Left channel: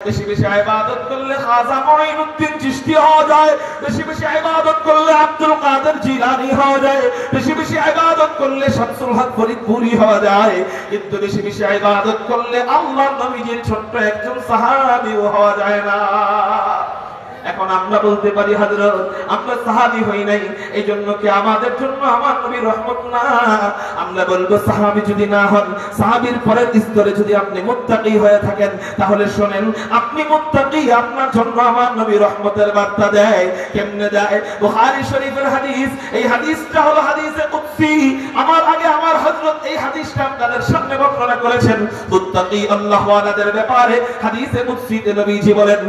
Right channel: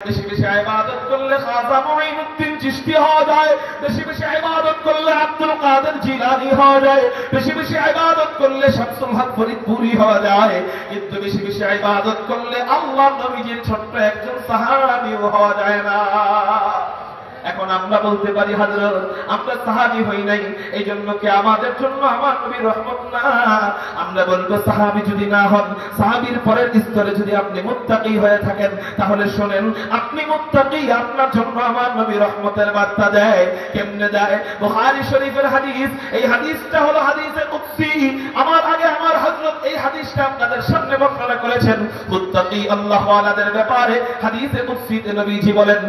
বেশি বেশি ইবাদত করলে খাজা মুঈনুদ্দিন চিশতি হওয়া যায়, বেশি বেশি ইবাদত করলে আব্দুল কাদের জিলানী হওয়া যায়, বেশি বেশি ইবাদত করলে শামসুল হক ফরিদপুরি হওয়া যায়, কিন্তু বেশি বেশি ইবাদত করলে আল্লাহর নবীজির ছোট্ট একজন সাহাবীও হওয়া যায় না। এখন আমরা বলতে পারি হযরত আমরা সাহাবী হই নাই, এই জন্য কি আমাদের জন্য আমার নবী রহমত না? আমরা বলবো সাহাবী যদি না হন, সাহাবীর পরের স্তরে যদি আপনি মুত্তাকি হয়ে থাকেন, তাহলে শুনেন আপনি মুত্তাকি, আপনার জন্য আমার নবী রহমতের বার্তা দেয়। কেমনে দেয়? বুখারী শরীফের হাদিস, এই হাদিসটা হলো হাদিসে কুদসি। আমার আগে আমার হযরত এই হাদিসটা আপনাদের সামনে বর্ণনা করেছেন মুত্তাকি আল্লাহ ওয়ালাদের ব্যাপারে। হাদিসে কুদসিতে নবীজি বলেন,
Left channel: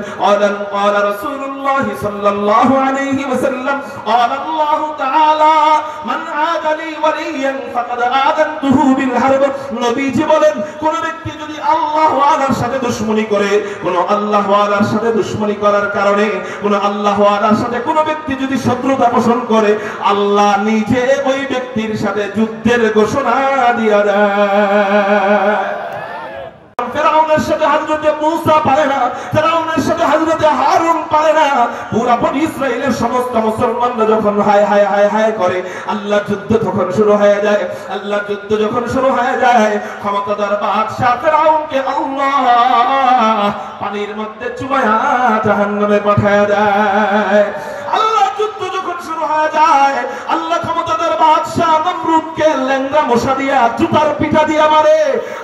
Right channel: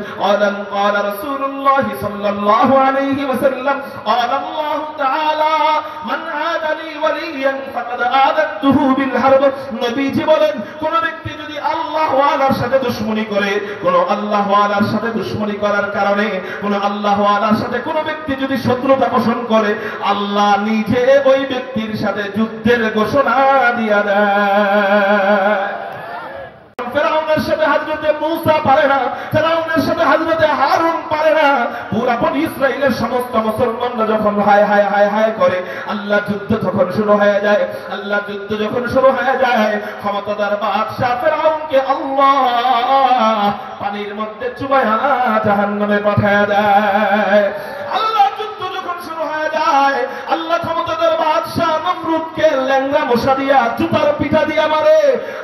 ক্বালা রাসূলুল্লাহ সাল্লাল্লাহু আলাইহি ওয়াসাল্লাম, ক্বালা আল্লাহু তাআলা মান আদা লি ওয়ালিয়ান ফাকাদ আদাতুহু বিল হারব। নবীজি বলেন, কোন ব্যক্তি যদি আল্লাহ ওয়ালার সাথে দুশমনি করে, কোন আল্লাহ ওয়ালার সাথে দুশমনি করার কারণে, কোন আল্লাহ ওয়ালার সাথে কোন ব্যক্তি যদি শত্রুতা পোষণ করে, আল্লাহ নিজে ওই ব্যক্তির সাথে যুদ্ধের ঘোষণা দিয়া দেয়। ফেরাউনের সাথে হযরতে মূসা পারে না, ফেরাউনের সাথে হযরতে হারুন পারে না। পুরা বনি ইসরাইলের সমস্ত মুসলমানরা যখন হায় হায় হায় হায় করে, আল্লাহ যুদ্ধ তখন শুরু হয়ে যায়। আল্লাহ যুদ্ধ যখন শুরু হয়ে যায়, ক্ষমতাদার বাদশা ফেরাউনকে আল্লাহ পানির মধ্যে চুবায়া জাহান্নামে পাঠায় দেয়। আল্লাহ যুদ্ধ যখন শুরু হয়ে যায়, আল্লাহ ক্ষমতাদার বাদশা নমরুদকে লেঙ্গা মশা দিয়া জুতার পিঠা দিয়া মারে।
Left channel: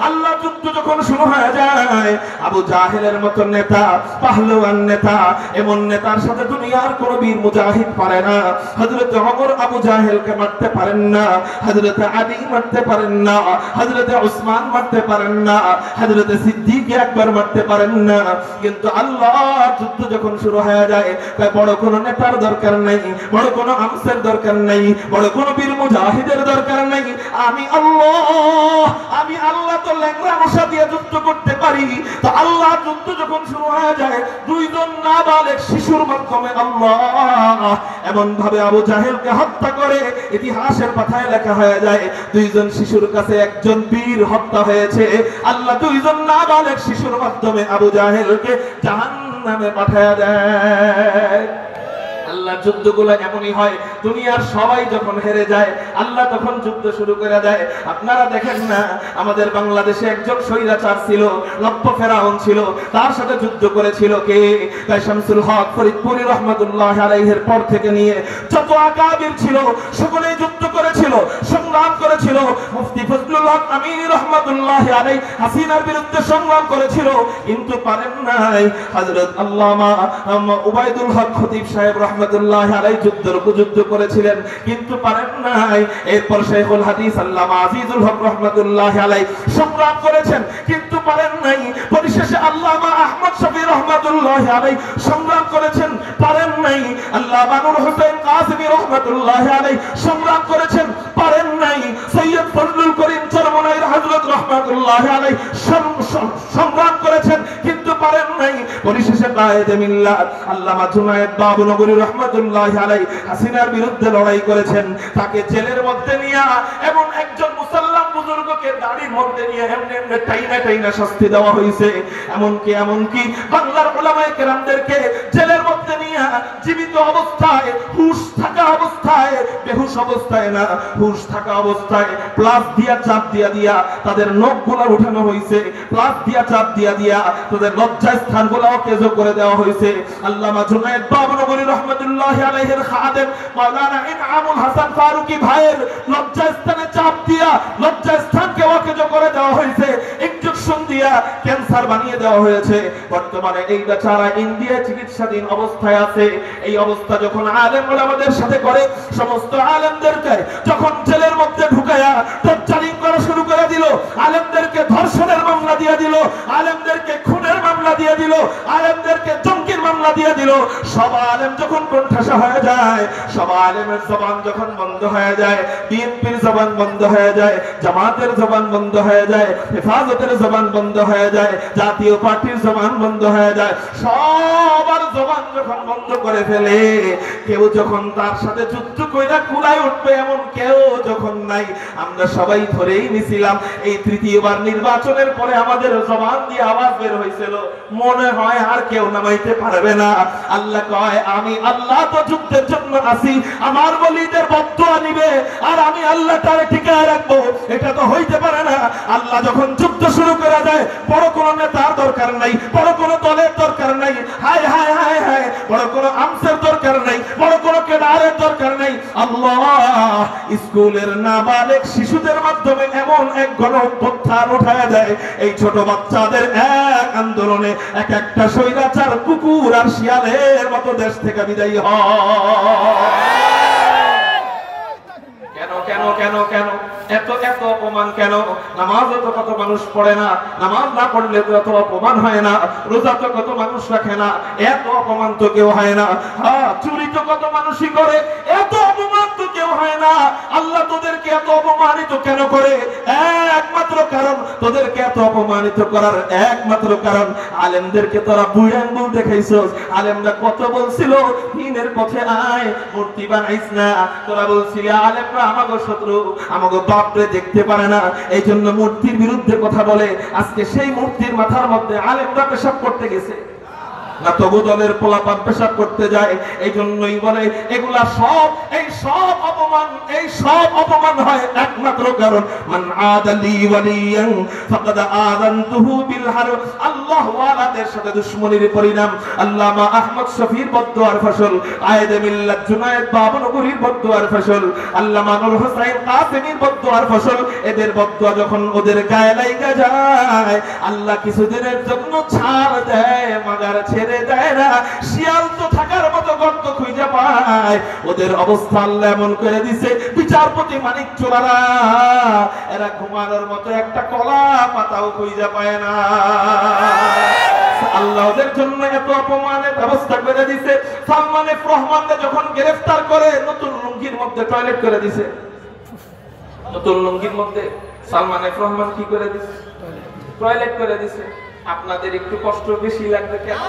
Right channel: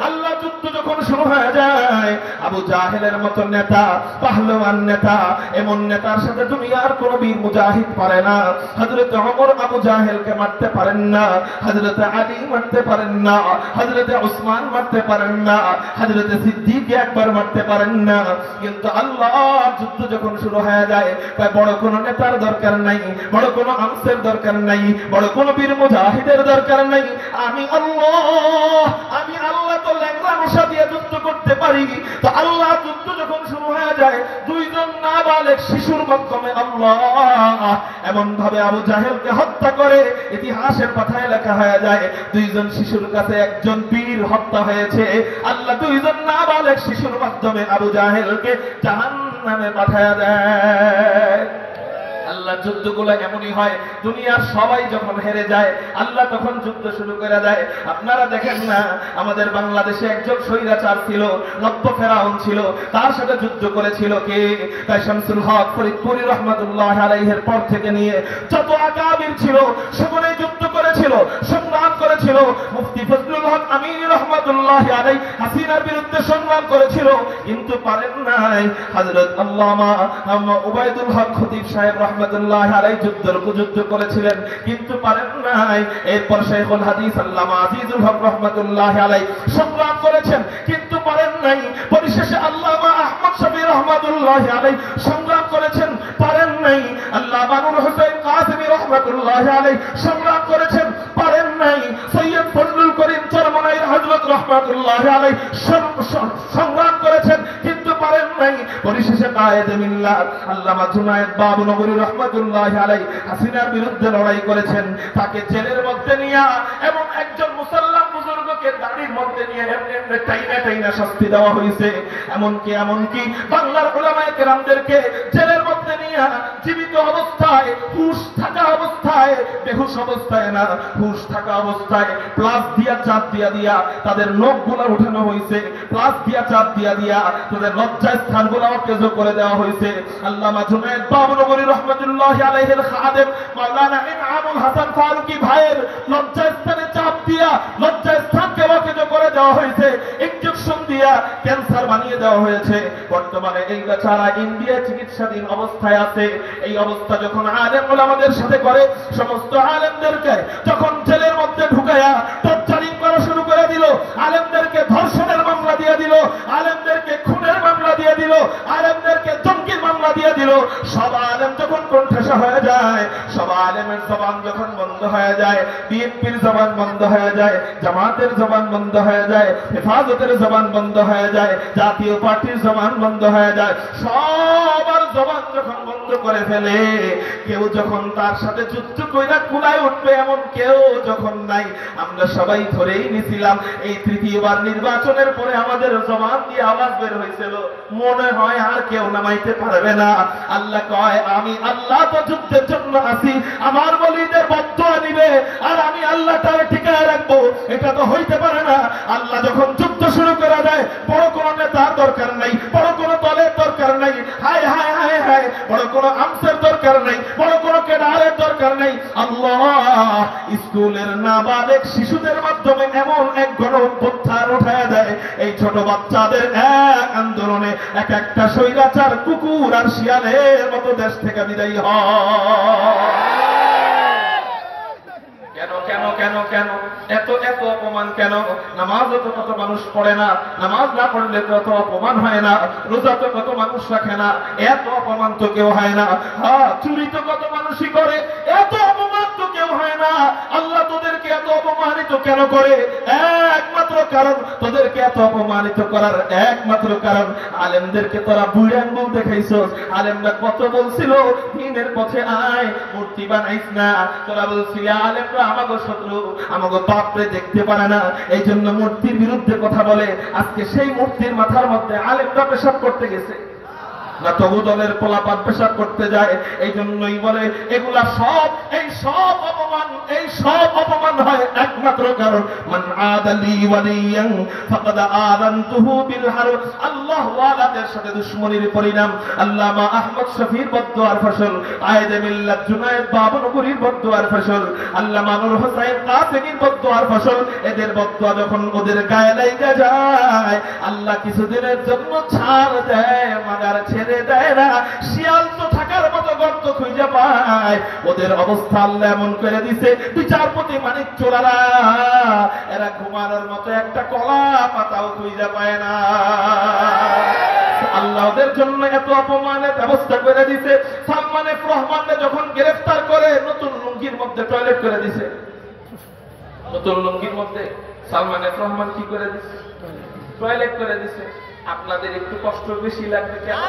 আল্লাহ যুদ্ধ যখন শুরু হয়ে যায়, আবু জাহেলের মতো নেতা, পাহলওয়ান নেতা, এমন নেতার সাথে দুনিয়ার কোন বীর মুজাহিদ পারে না। হযরত ওমর আবু জাহেলকে মারতে পারেন না, হযরত আলী মারতে পারেন না, হযরত উসমান মারতে পারেন না, হযরত সিদ্দিক একবার মারতে পারেন না। কিন্তু আল্লাহ যুদ্ধ যখন শুরু হয়ে যায়, তাই বড় কোন নেতার দরকার নাই, বড় কোন আমসের দরকার নাই, বড় কোন বীর মুজাহিদের দরকার নাই। আমি আল্লাহ তো ল্যাংড়া মশা দিয়ে যুদ্ধ করতে পারি। তো আল্লাহ যুদ্ধ যখন শুরু হয়ে যায়, দুইজন নাবালেগ শিশুর মাধ্যমে আল্লাহ এমন ভাবে আবু জাহেলকে হত্যা করে, ইতিহাসের পাতায় লেখা হয়ে যায় দুইজন শিশুর কাছে একজন বীর হত্যা হয়েছে। আল্লাহ দুইজন নাবালেগ শিশুর মাধ্যমে আবু জাহেলকে জাহান্নামে পাঠায় দেয়। আল্লাহ যুদ্ধগুলো এমনই হয়, দুনিয়ার সবাই যখন হেরে যায়, আল্লাহ তখন যুদ্ধ শুরু করে দেয়। আপনারা দেখেন না, আমাদের বাংলাদেশে একজন স্বৈরাচার ছিল, লক্ষ্য ফেরাউন ছিল, তার সাথে যুদ্ধ করেছিল কে? তাই শামসুল হক ফরিদপুরি রহমাতুল্লাহ আলাইহির পর থেকে নিয়ে যত আকাবির ছিল, সকলেই যুদ্ধ করেছিল, সংগ্রাম করেছিল। মুফতি ফজলুল হক আমিনী রহমাতুল্লাহ আলাইহি হাসিনার বিরুদ্ধে সংগ্রাম করেছিল, কিন্তু পারেন নাই। হযরত আল্লামা উবাইদুল হক খতিব সাহেব রহমাতুল্লাহ আলাইহি যুদ্ধের উপযুদ্ধ করেছিলেন, কিন্তু পারেন নাই। এরপর শাইখুল হাদিস আল্লামা আজিজুল হক রহমাতুল্লাহ আলাইহি সংগ্রাম করেছেন, কিন্তু পারেন নাই। পরিশেষে আল্লামা আহমদ শফি রহমাতুল্লাহ আলাইহি সংগ্রাম করেছেন, পারেন নাই। আল্লামা নূর হোসেন কাসেমী রহমাতুল্লাহ আলাইহি সংগ্রাম করেছেন, পারেন নাই। সৈয়দ ফজলুল করিম চরমনাই হযরত রহমাতুল্লাহ আলাইহি সংগ্রাম করেছেন, কিন্তু পারেন নাই। পরিশেষে কায়েদে মিল্লাত আল্লামা জুনায়েদ বাবুনগরী রহমাতুল্লাহ আলাইহি হাসিনার বিরুদ্ধে লড়াই করেছেন, তাকে জেলের মধ্যে নিয়ে এমন একজন মুসলমান বুজুর্গকে দাড়ির মধ্যে নিয়ে এমনি টাইনা টাইনা শাস্তি দেওয়া হয়েছে। এমনকি বাংলার উলামায়ে কেরামদেরকে জেলের মধ্যে নিয়ে জীবিত অবস্থায়, হুশ থাকা অবস্থায়, বেহুশ অবস্থায় না, হুশ থাকা অবস্থায় প্লাস দিয়া চাপ দিয়া তাদের নখগুলো উঠানো হয়েছে, প্লাস দিয়া চাপ দিয়া তাদের লজ্জা স্থানগুলোও কেজো করে দেওয়া হয়েছে। আল্লামা জুনায়েদ বাবুনগরী রহমাতুল্লাহ আলাইহির খাদেম মাওলানা ইনআমুল হাসান ফারুকী ভাইয়ের লজ্জা স্থানে চাপ দিয়া লজ্জা স্থানকে ওয়াকেজো করে দেওয়া হয়েছে, ইনজেকশন দিয়া ক্যান্সার বানিয়ে দেওয়া হয়েছে। বর্তমানে এই বেচারা ইন্ডিয়া চিকিৎসাধীন অবস্থায় আছে। এই অবস্থা যখন আলেম ওলামাদের সাথে করে, সমস্ত আলেমদেরকে যখন জেলের মধ্যে ঢুকায়া টর্চারিং করা শুরু করে দিল, আলেমদেরকে ধর্ষণের মামলা দিয়ে দিল, আলেমদেরকে খুনের মামলা দিয়ে দিল, আলেমদেরকে জঙ্গির মামলা দিয়ে দিল। সব আলেম যখন কোণঠাসা হয়ে যায়, সব আলেমের জবান যখন বন্ধ হয়ে যায়, বিএনপির জবান বন্ধ হয়ে যায়, জামাতের জবান বন্ধ হয়ে যায়, হেফাজতের জবান বন্ধ হয়ে যায়, জাতীয় পার্টির জবান বন্ধ হয়ে যায়, সব তার জবান যখন বন্ধ করে ফেলে, কেউ যখন তার সাথে যুদ্ধ কইরা কুলায় উঠবে এমন কেউ যখন নাই, আমরা সবাই ধরেই নিছিলাম এই তৃতীয়বার নির্বাচনের পরে আমাদের জবান দিয়ে আওয়াজ বের হয়েছিল, মনে হয় আর কেউ নামাইতে পারবে না। আল্লাহ কয়, আমি আল্লাহ তো যুদ্ধের জন্য আছি, আমার ওলিদের বদদুয়া নিবে আর আমি আল্লাহ তারে টিকায় রাখবো, এটা তো হইতে পারে না। আল্লাহ যখন যুদ্ধ শুরু করা যায়, বড় কোনো নেতার দরকার নাই, বড় কোনো দলের দরকার নাই, হায় হায় হায় হায়, বড় কোনো আমসের দরকার নাই, বড় কোনো কেডারের দরকার নাই। আল্লাহ স্কুলের নাবালেগ শিশুদের মাধ্যমে এমন এক গণঅভ্যুত্থান উঠায়া দেয়, এই ছোট বাচ্চাদের এক আন্দোলনে এক একটা স্বৈরাচার কুকুর আর শিয়ালের মতো দেশ থেকে বিদায়ী হয়। কেন কেন কেন কেন এত এত অপমান কেন? নামাজ তো কত মানুষ পড়ে না, নামাজ না পড়লে তো এত অপমান হয় না, রোজা তো কত মানুষ রাখে না, এত অপমান তো কেউ হয় না, হ্যাঁ চুরি তো কত মানুষই করে, এত অপমান তো কেউ হয় না। আল্লাহ তোদেরকে এত অপমানিত কেন করে? একমাত্র কারণ, তোদেরকে এত অপমানিত করার একমাত্র কারণ, আলেমদেরকে তোরা বুড়ান বউ দেখাইছস। আলেমরা কত বলছিল দ্বীনের পথে আয়, মূর্তি বানাইস না। তোরা বলছিলি আলেমরা আমাগো শত্রু, আমাগো বাপরে দেখতে পারে না, এই জন্য মূর্তির বিরুদ্ধে কথা বলে। আজকে সেই মূর্তির মাথার মধ্যে আলেমরা পেশাব করতে গেছে না, তবু দলের পোলাপান পেশাব করতে যায়। এই জন্যই বলে এগুলা সব, এই সব অপমান, এই সব অপমান হয় একমাত্র কারণ, মান আদালি ওয়ালিয়ান ফাকাদ আযানতুহু বিল হারব। আল্লাহ ওয়ালাদের সাথে দুশমনির পরিণাম। আল্লামা আহমদ শফির বদদুয়ার ফসল, কায়েদে মিল্লাত জুনায়েদ বাবনগরীর বদদুয়ার ফসল, আল্লামা নূর হোসেন কাসেমীর বদদুয়ার ফসল। এদের বদদুয়া যখন ওদের গায়ে লাগা যায়, আল্লাহ কিছুদিনের জন্য ছাড় দেয়, মাগার ছেড়ে দেয় না। শিয়াল তো থাকার মতো গর্ত খুঁজে পায়, ওদের অবস্থা আল্লাহ এমন করে দিছে, বিচারপতি মানিক চোরারা এরা ঘুমানোর মতো একটা কলা পাতাও খুঁজে পায় না। আল্লাহ ওদের জন্য এত অপমানের ব্যবস্থা করে দিছে। সালমান এফ রহমানকে যখন গ্রেফতার করে, নতুন লুঙ্গির মধ্যে টয়লেট করে দিছে। নতুন লুঙ্গির মধ্যে সালমান এফ রহমান কি করে দিছে? টয়লেট করে দিছে। আপনাদের একটু কষ্ট বেশি লাগবে কেন?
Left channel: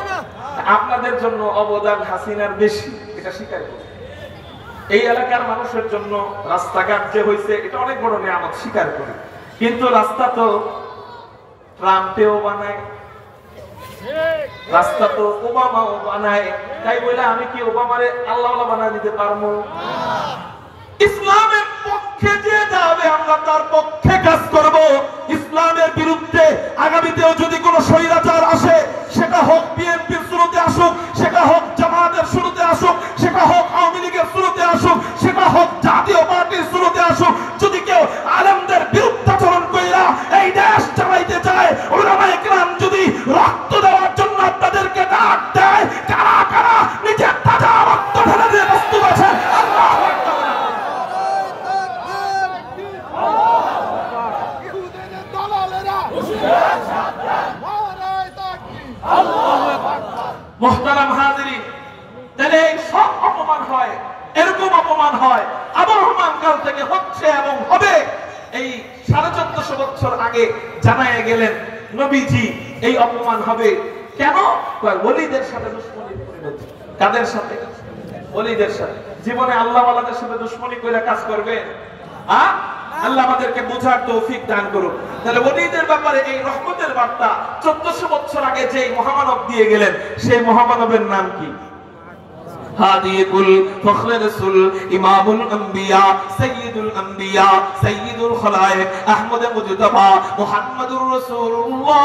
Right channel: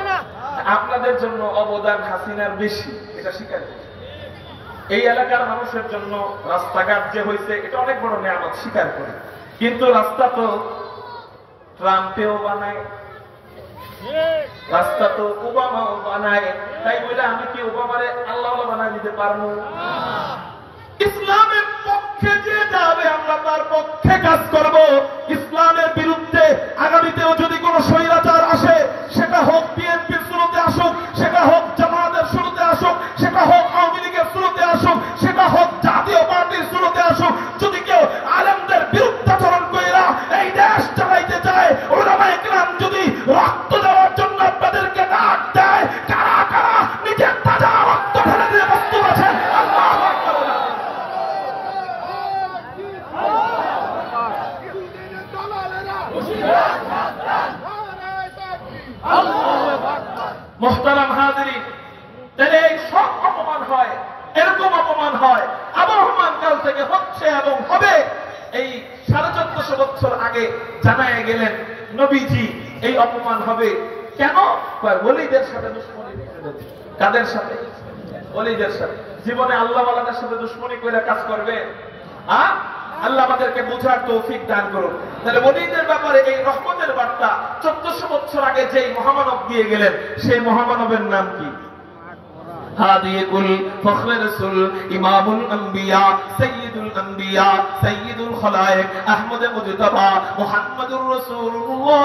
আপনাদের জন্য অবদান হাসিনার বেশি, এটা স্বীকার করি। এই এলাকার মানুষের জন্য রাস্তাঘাট যে হয়েছে, এটা অনেক বড় নিয়ামত, স্বীকার করি। কিন্তু রাস্তা তো ট্রাম্পেও বানায়, রাস্তা তো ওবামাও বানায়, তাই বলে আমি কি ওবামারে আল্লাহ বানায় দিতে পারবো? ইসলামের পক্ষে যে যাবে আমরা তার পক্ষে কাজ করব। ইসলামের বিরুদ্ধে আগামীতেও যদি কোনো স্বৈরাচার আসে, সেটা হোক বিএনপির শুরুতে আসুক, সেটা হোক জামাতের শুরুতে আসুক, সেটা হোক আওয়ামী লীগের শুরুতে আসুক, সেটা হোক জাতীয় পার্টির শুরুতে আসুক, যদি কেউ আলেমদের বিরুদ্ধাচরণ কইরা এই দেশ চালাইতে চায়, উলামায়ে কেরাম যদি রক্ত দেওয়ার জন্য আপনাদেরকে ডাক দেয়, কারা কারা নিজের তাজা রক্ত ঢেলে দিয়ে প্রস্তুত আছেন? আল্লাহু আকবার। মুহতারাম হাজিরিন, তাহলে এই সব অপমান হয়, এরকম অপমান হয়, আবহমান কাল থেকে হচ্ছে এবং হবে। এই 1450 বছর আগে জানায় গেলেন নবীজি এই অপমান হবে কেন? ওলিদের সাথে দুশমনি করেছে। কাদের সাথে? ওলিদের সাথে। জীবনে আল্লাহ ওয়ালাদের সাথে দুশমনি করে কাজ করবে? আল্লাহ আমাদেরকে বুঝার তৌফিক দান করুন। তাহলে ওলিদের ব্যাপারে এই রহমতের বার্তা 1400 বছর আগে যে মহামানব দিয়ে গেলেন, সেই মহামানবের নাম কি? হাদিকুল ফখর রাসূল, ইমামুল আম্বিয়া, সাইয়্যিদুল আম্বিয়া, সাইয়্যিদুল খলায়েক, আহমদ মুজতবা, মুহাম্মাদুর রাসূলুল্লাহ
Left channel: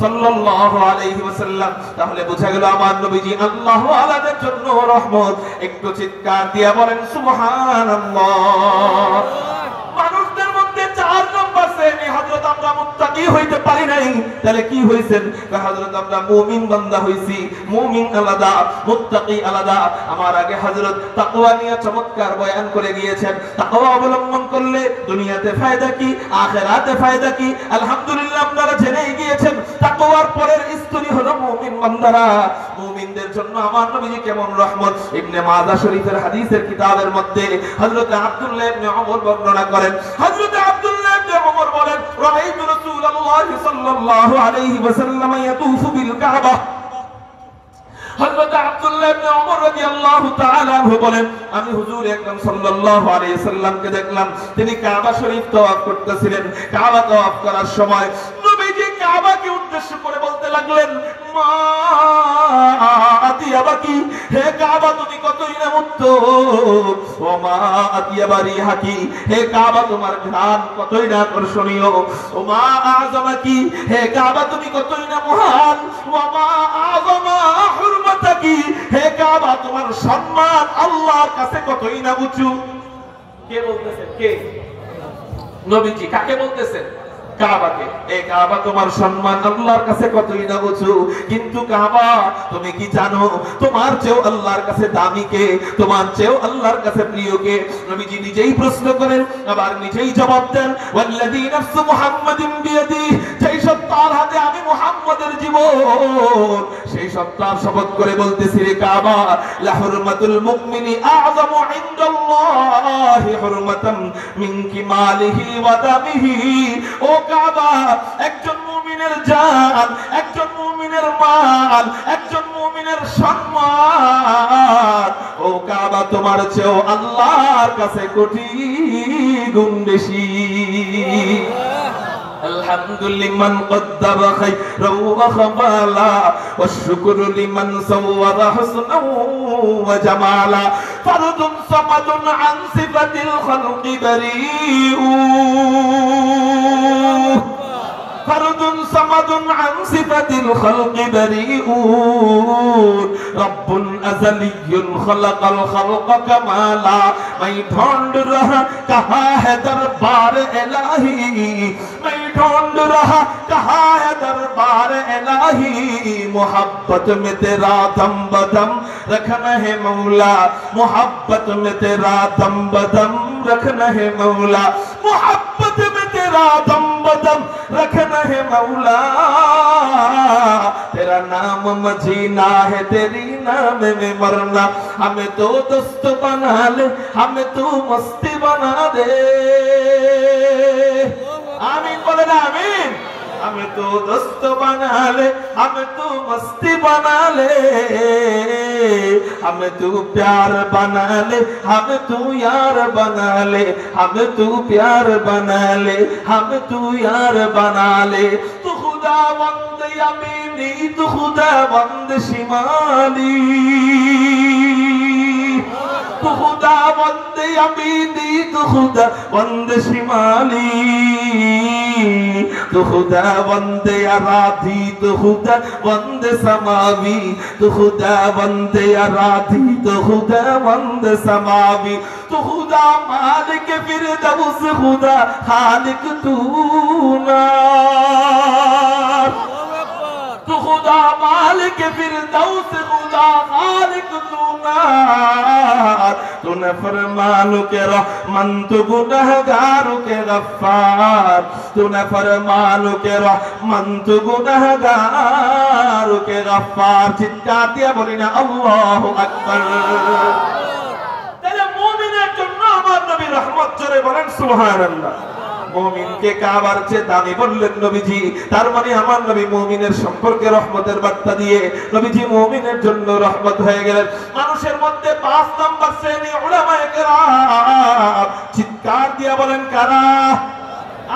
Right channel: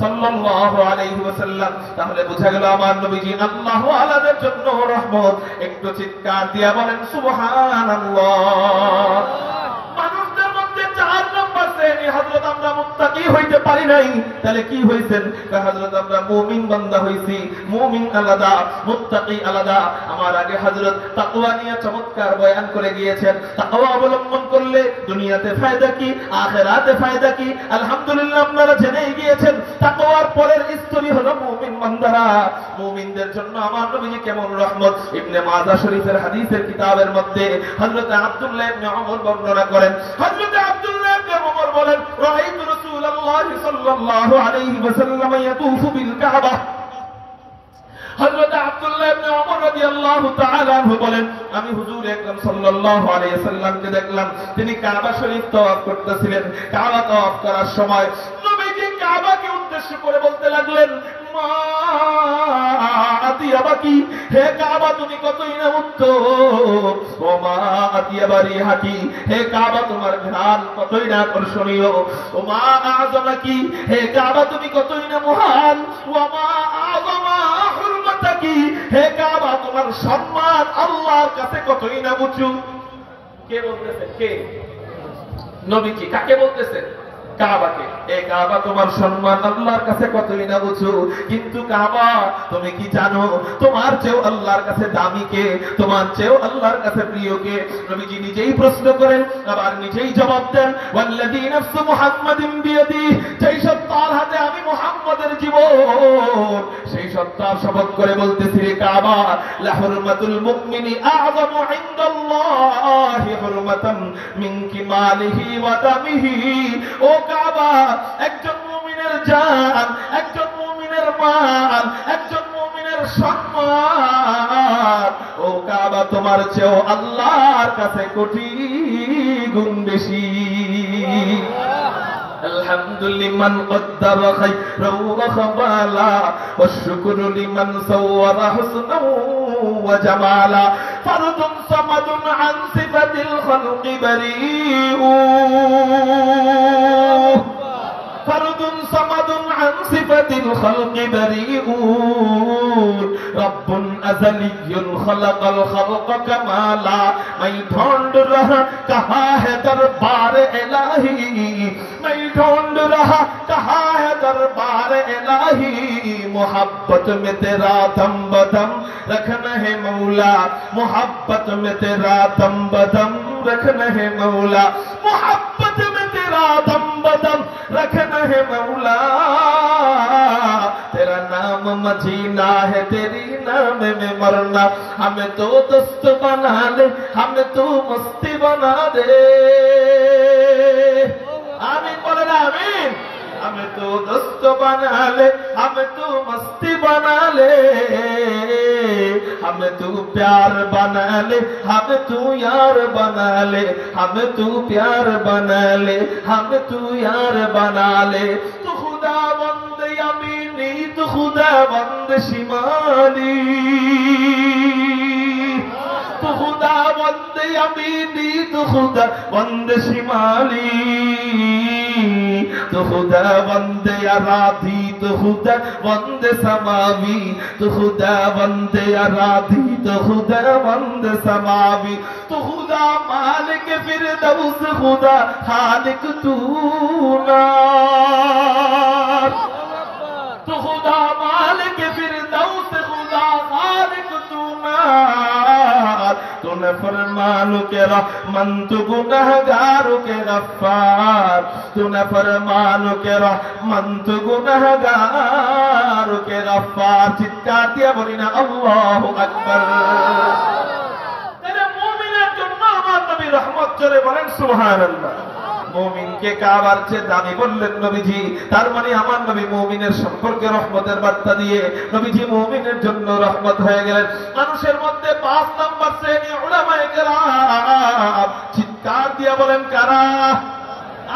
সাল্লাল্লাহু আলাইহি ওয়াসাল্লাম। তাহলে বোঝা গেল আমার নবীজি আল্লাহ ওয়ালাদের জন্য রহমত। একটু চিৎকার দিয়ে বলেন সুবহানাল্লাহ। মানুষদের মধ্যে 4 নম্বর শ্রেণী হযরত আমরা মুত্তাকি হইতে পারি নাই। তাহলে কি হইছেন? হযরত আমরা মুমিন বান্দা হইছি। মুমিন আলাদা, মুত্তাকি আলাদা। আমার আগে হযরত তাকওয়া নিয়ে চমৎকার বয়ান করে গিয়েছেন। তাকওয়া অবলম্বন করলে দুনিয়াতে ফায়দা কি, আখিরাতে ফায়দা কি, আলহামদুলিল্লাহ আপনারা জেনেই গিয়েছেন। তাকওয়ার পরের স্তরই হলো মুমিন বান্দারা। মুমিনদের জন্য আমার নবীজি কেমন রহমত। ইবনে মাজাহ শরীফের হাদিসের কিতাবের মধ্যে হযরত আব্দুল্লাহ ইবনে ওমর বর্ণনা করেন। হযরত আব্দুল্লাহ ইবনে ওমর বলেন, রাআইতু রাসূল রাসূলুল্লাহ সাল্লাল্লাহু আলাইহি ওয়াসাল্লাম ইয়াতুফু বিল কাবা। হযরত আব্দুল্লাহ ইবনে ওমর রাদিয়াল্লাহু তাআলা আনহু বলেন, আমি হুজুর আকরাম সাল্লাল্লাহু আলাইহি ওয়াসাল্লামকে দেখলাম তিনি কাবা শরীফ তওয়াফ করতেছিলেন। কাবা তওয়াফ করার সময় নবীজি কাবাকে উদ্দেশ্য করে বলতে লাগলেন, মা আতিয়াবাকি, হে কাবা তুমি কতই না উত্তম, ও মা আতিয়াবারি হাকি, হে কাবা তোমার ঘ্রাণ কতই না আকর্ষণীয়, ও মা আযমাকি, হে কাবা তুমি কতই না মহান, ও মা আযমা হুরমাতাকি, হে কাবা তোমার সম্মান আল্লাহর কাছে কতই না উঁচু। কে বলতেছেন? কে? নবীজি। কাকে বলতেছেন? কাবাকে। এই কাবা তোমার সম্মান আল্লাহর কাছে কতই না উঁচু, কিন্তু কাবা তুমি কি জানো তোমার চেয়েও আল্লাহর কাছে দামি কে, তোমার চেয়েও আল্লাহর কাছে প্রিয় কে? নবীজি নিজেই প্রশ্ন করেন, আবার নিজেই জবাব দেন, ওয়াল্লাযী নাফসু মুহাম্মাদিন বিয়াদি, যেই সত্তার হাতে আমি মুহাম্মদের জীবন, সেই সত্তার শপথ করে বলতেছি রে কাবা, লা হুরমাতুল মুমিনি আযমু ইনদাল্লাহি হুরমাতাম মিন কিমালিহি ওয়া দামিহি। ও কাবা, একজন মুমিনের জান, একজন মুমিনের মাল, একজন মুমিনের সম্মান, ও কাবা তোমার চেয়েও আল্লাহর কাছে কোটি গুণ বেশি। الحمد لمن قدر خيرا وخبالا والشكر لمن صور حسنا وجمالا فرد صمد عن صفة الخلق بريء فرد صمد عن صفة الخلق بريء رب أزلي خلق الخلق كمالا मैं ढूंढ रहा कहाँ है दरबार इलाही मैं ढूंढ रहा कहाँ है दरबार इलाही मोहब्बत में तेरा दम बदम रखना है मौला मोहब्बत में तेरा दम बदम रखना है मौला मोहब्बत में तेरा दम बदम रखना है मौला तेरा नाम मदीना है तेरी नाम में मरना हमें तो दोस्त बना ले हमें तू मस्ती बना दे आमीन बोले ना आमीन हमें तो दोस्त बना ले हमें तू मस्ती बना ले हमें तू प्यार बना ले हमें तू यार बना ले हमें तू प्यार बना ले हमें तू यार बना ले तू खुदावंद यमीनी तू खुदावंद शिमाली तू खुदावंद यमीनी तू खुदावंद शिमाली तू खुदावंद अराधी तू खुदावंद समावी तू खुदावंद अराधी तू खुदावंद समावी तू खुदा मालिक फिरदौस खुदा खालिक तू ना तू खुदा मालिक फिरदौस खुदा खालिक तू ना तू न फरमानो के रहमान तू गुनहगारों के गफ्फार तू न फरमानो के रहमान तू गुनहगारों के गफ्फार चित्कार दिया बोली ना अल्लाहु अकबर तेरे मोमिনের জন্য আমার নবী রহমত জোরে বলেন সুবহানাল্লাহ মুমিনকে কাবার চেয়ে দামি বললেন নবীজি তার মানে আমার নবী মুমিনের সম্পর্কে রহমতের বার্তা দিয়ে নবীজি মুমিনের জন্য রহমত হয়ে গেলেন মানুষের মধ্যে 5 নাম্বার শ্রেণী উলামায়ে কেরাম চিৎকার দিয়ে বলেন কারা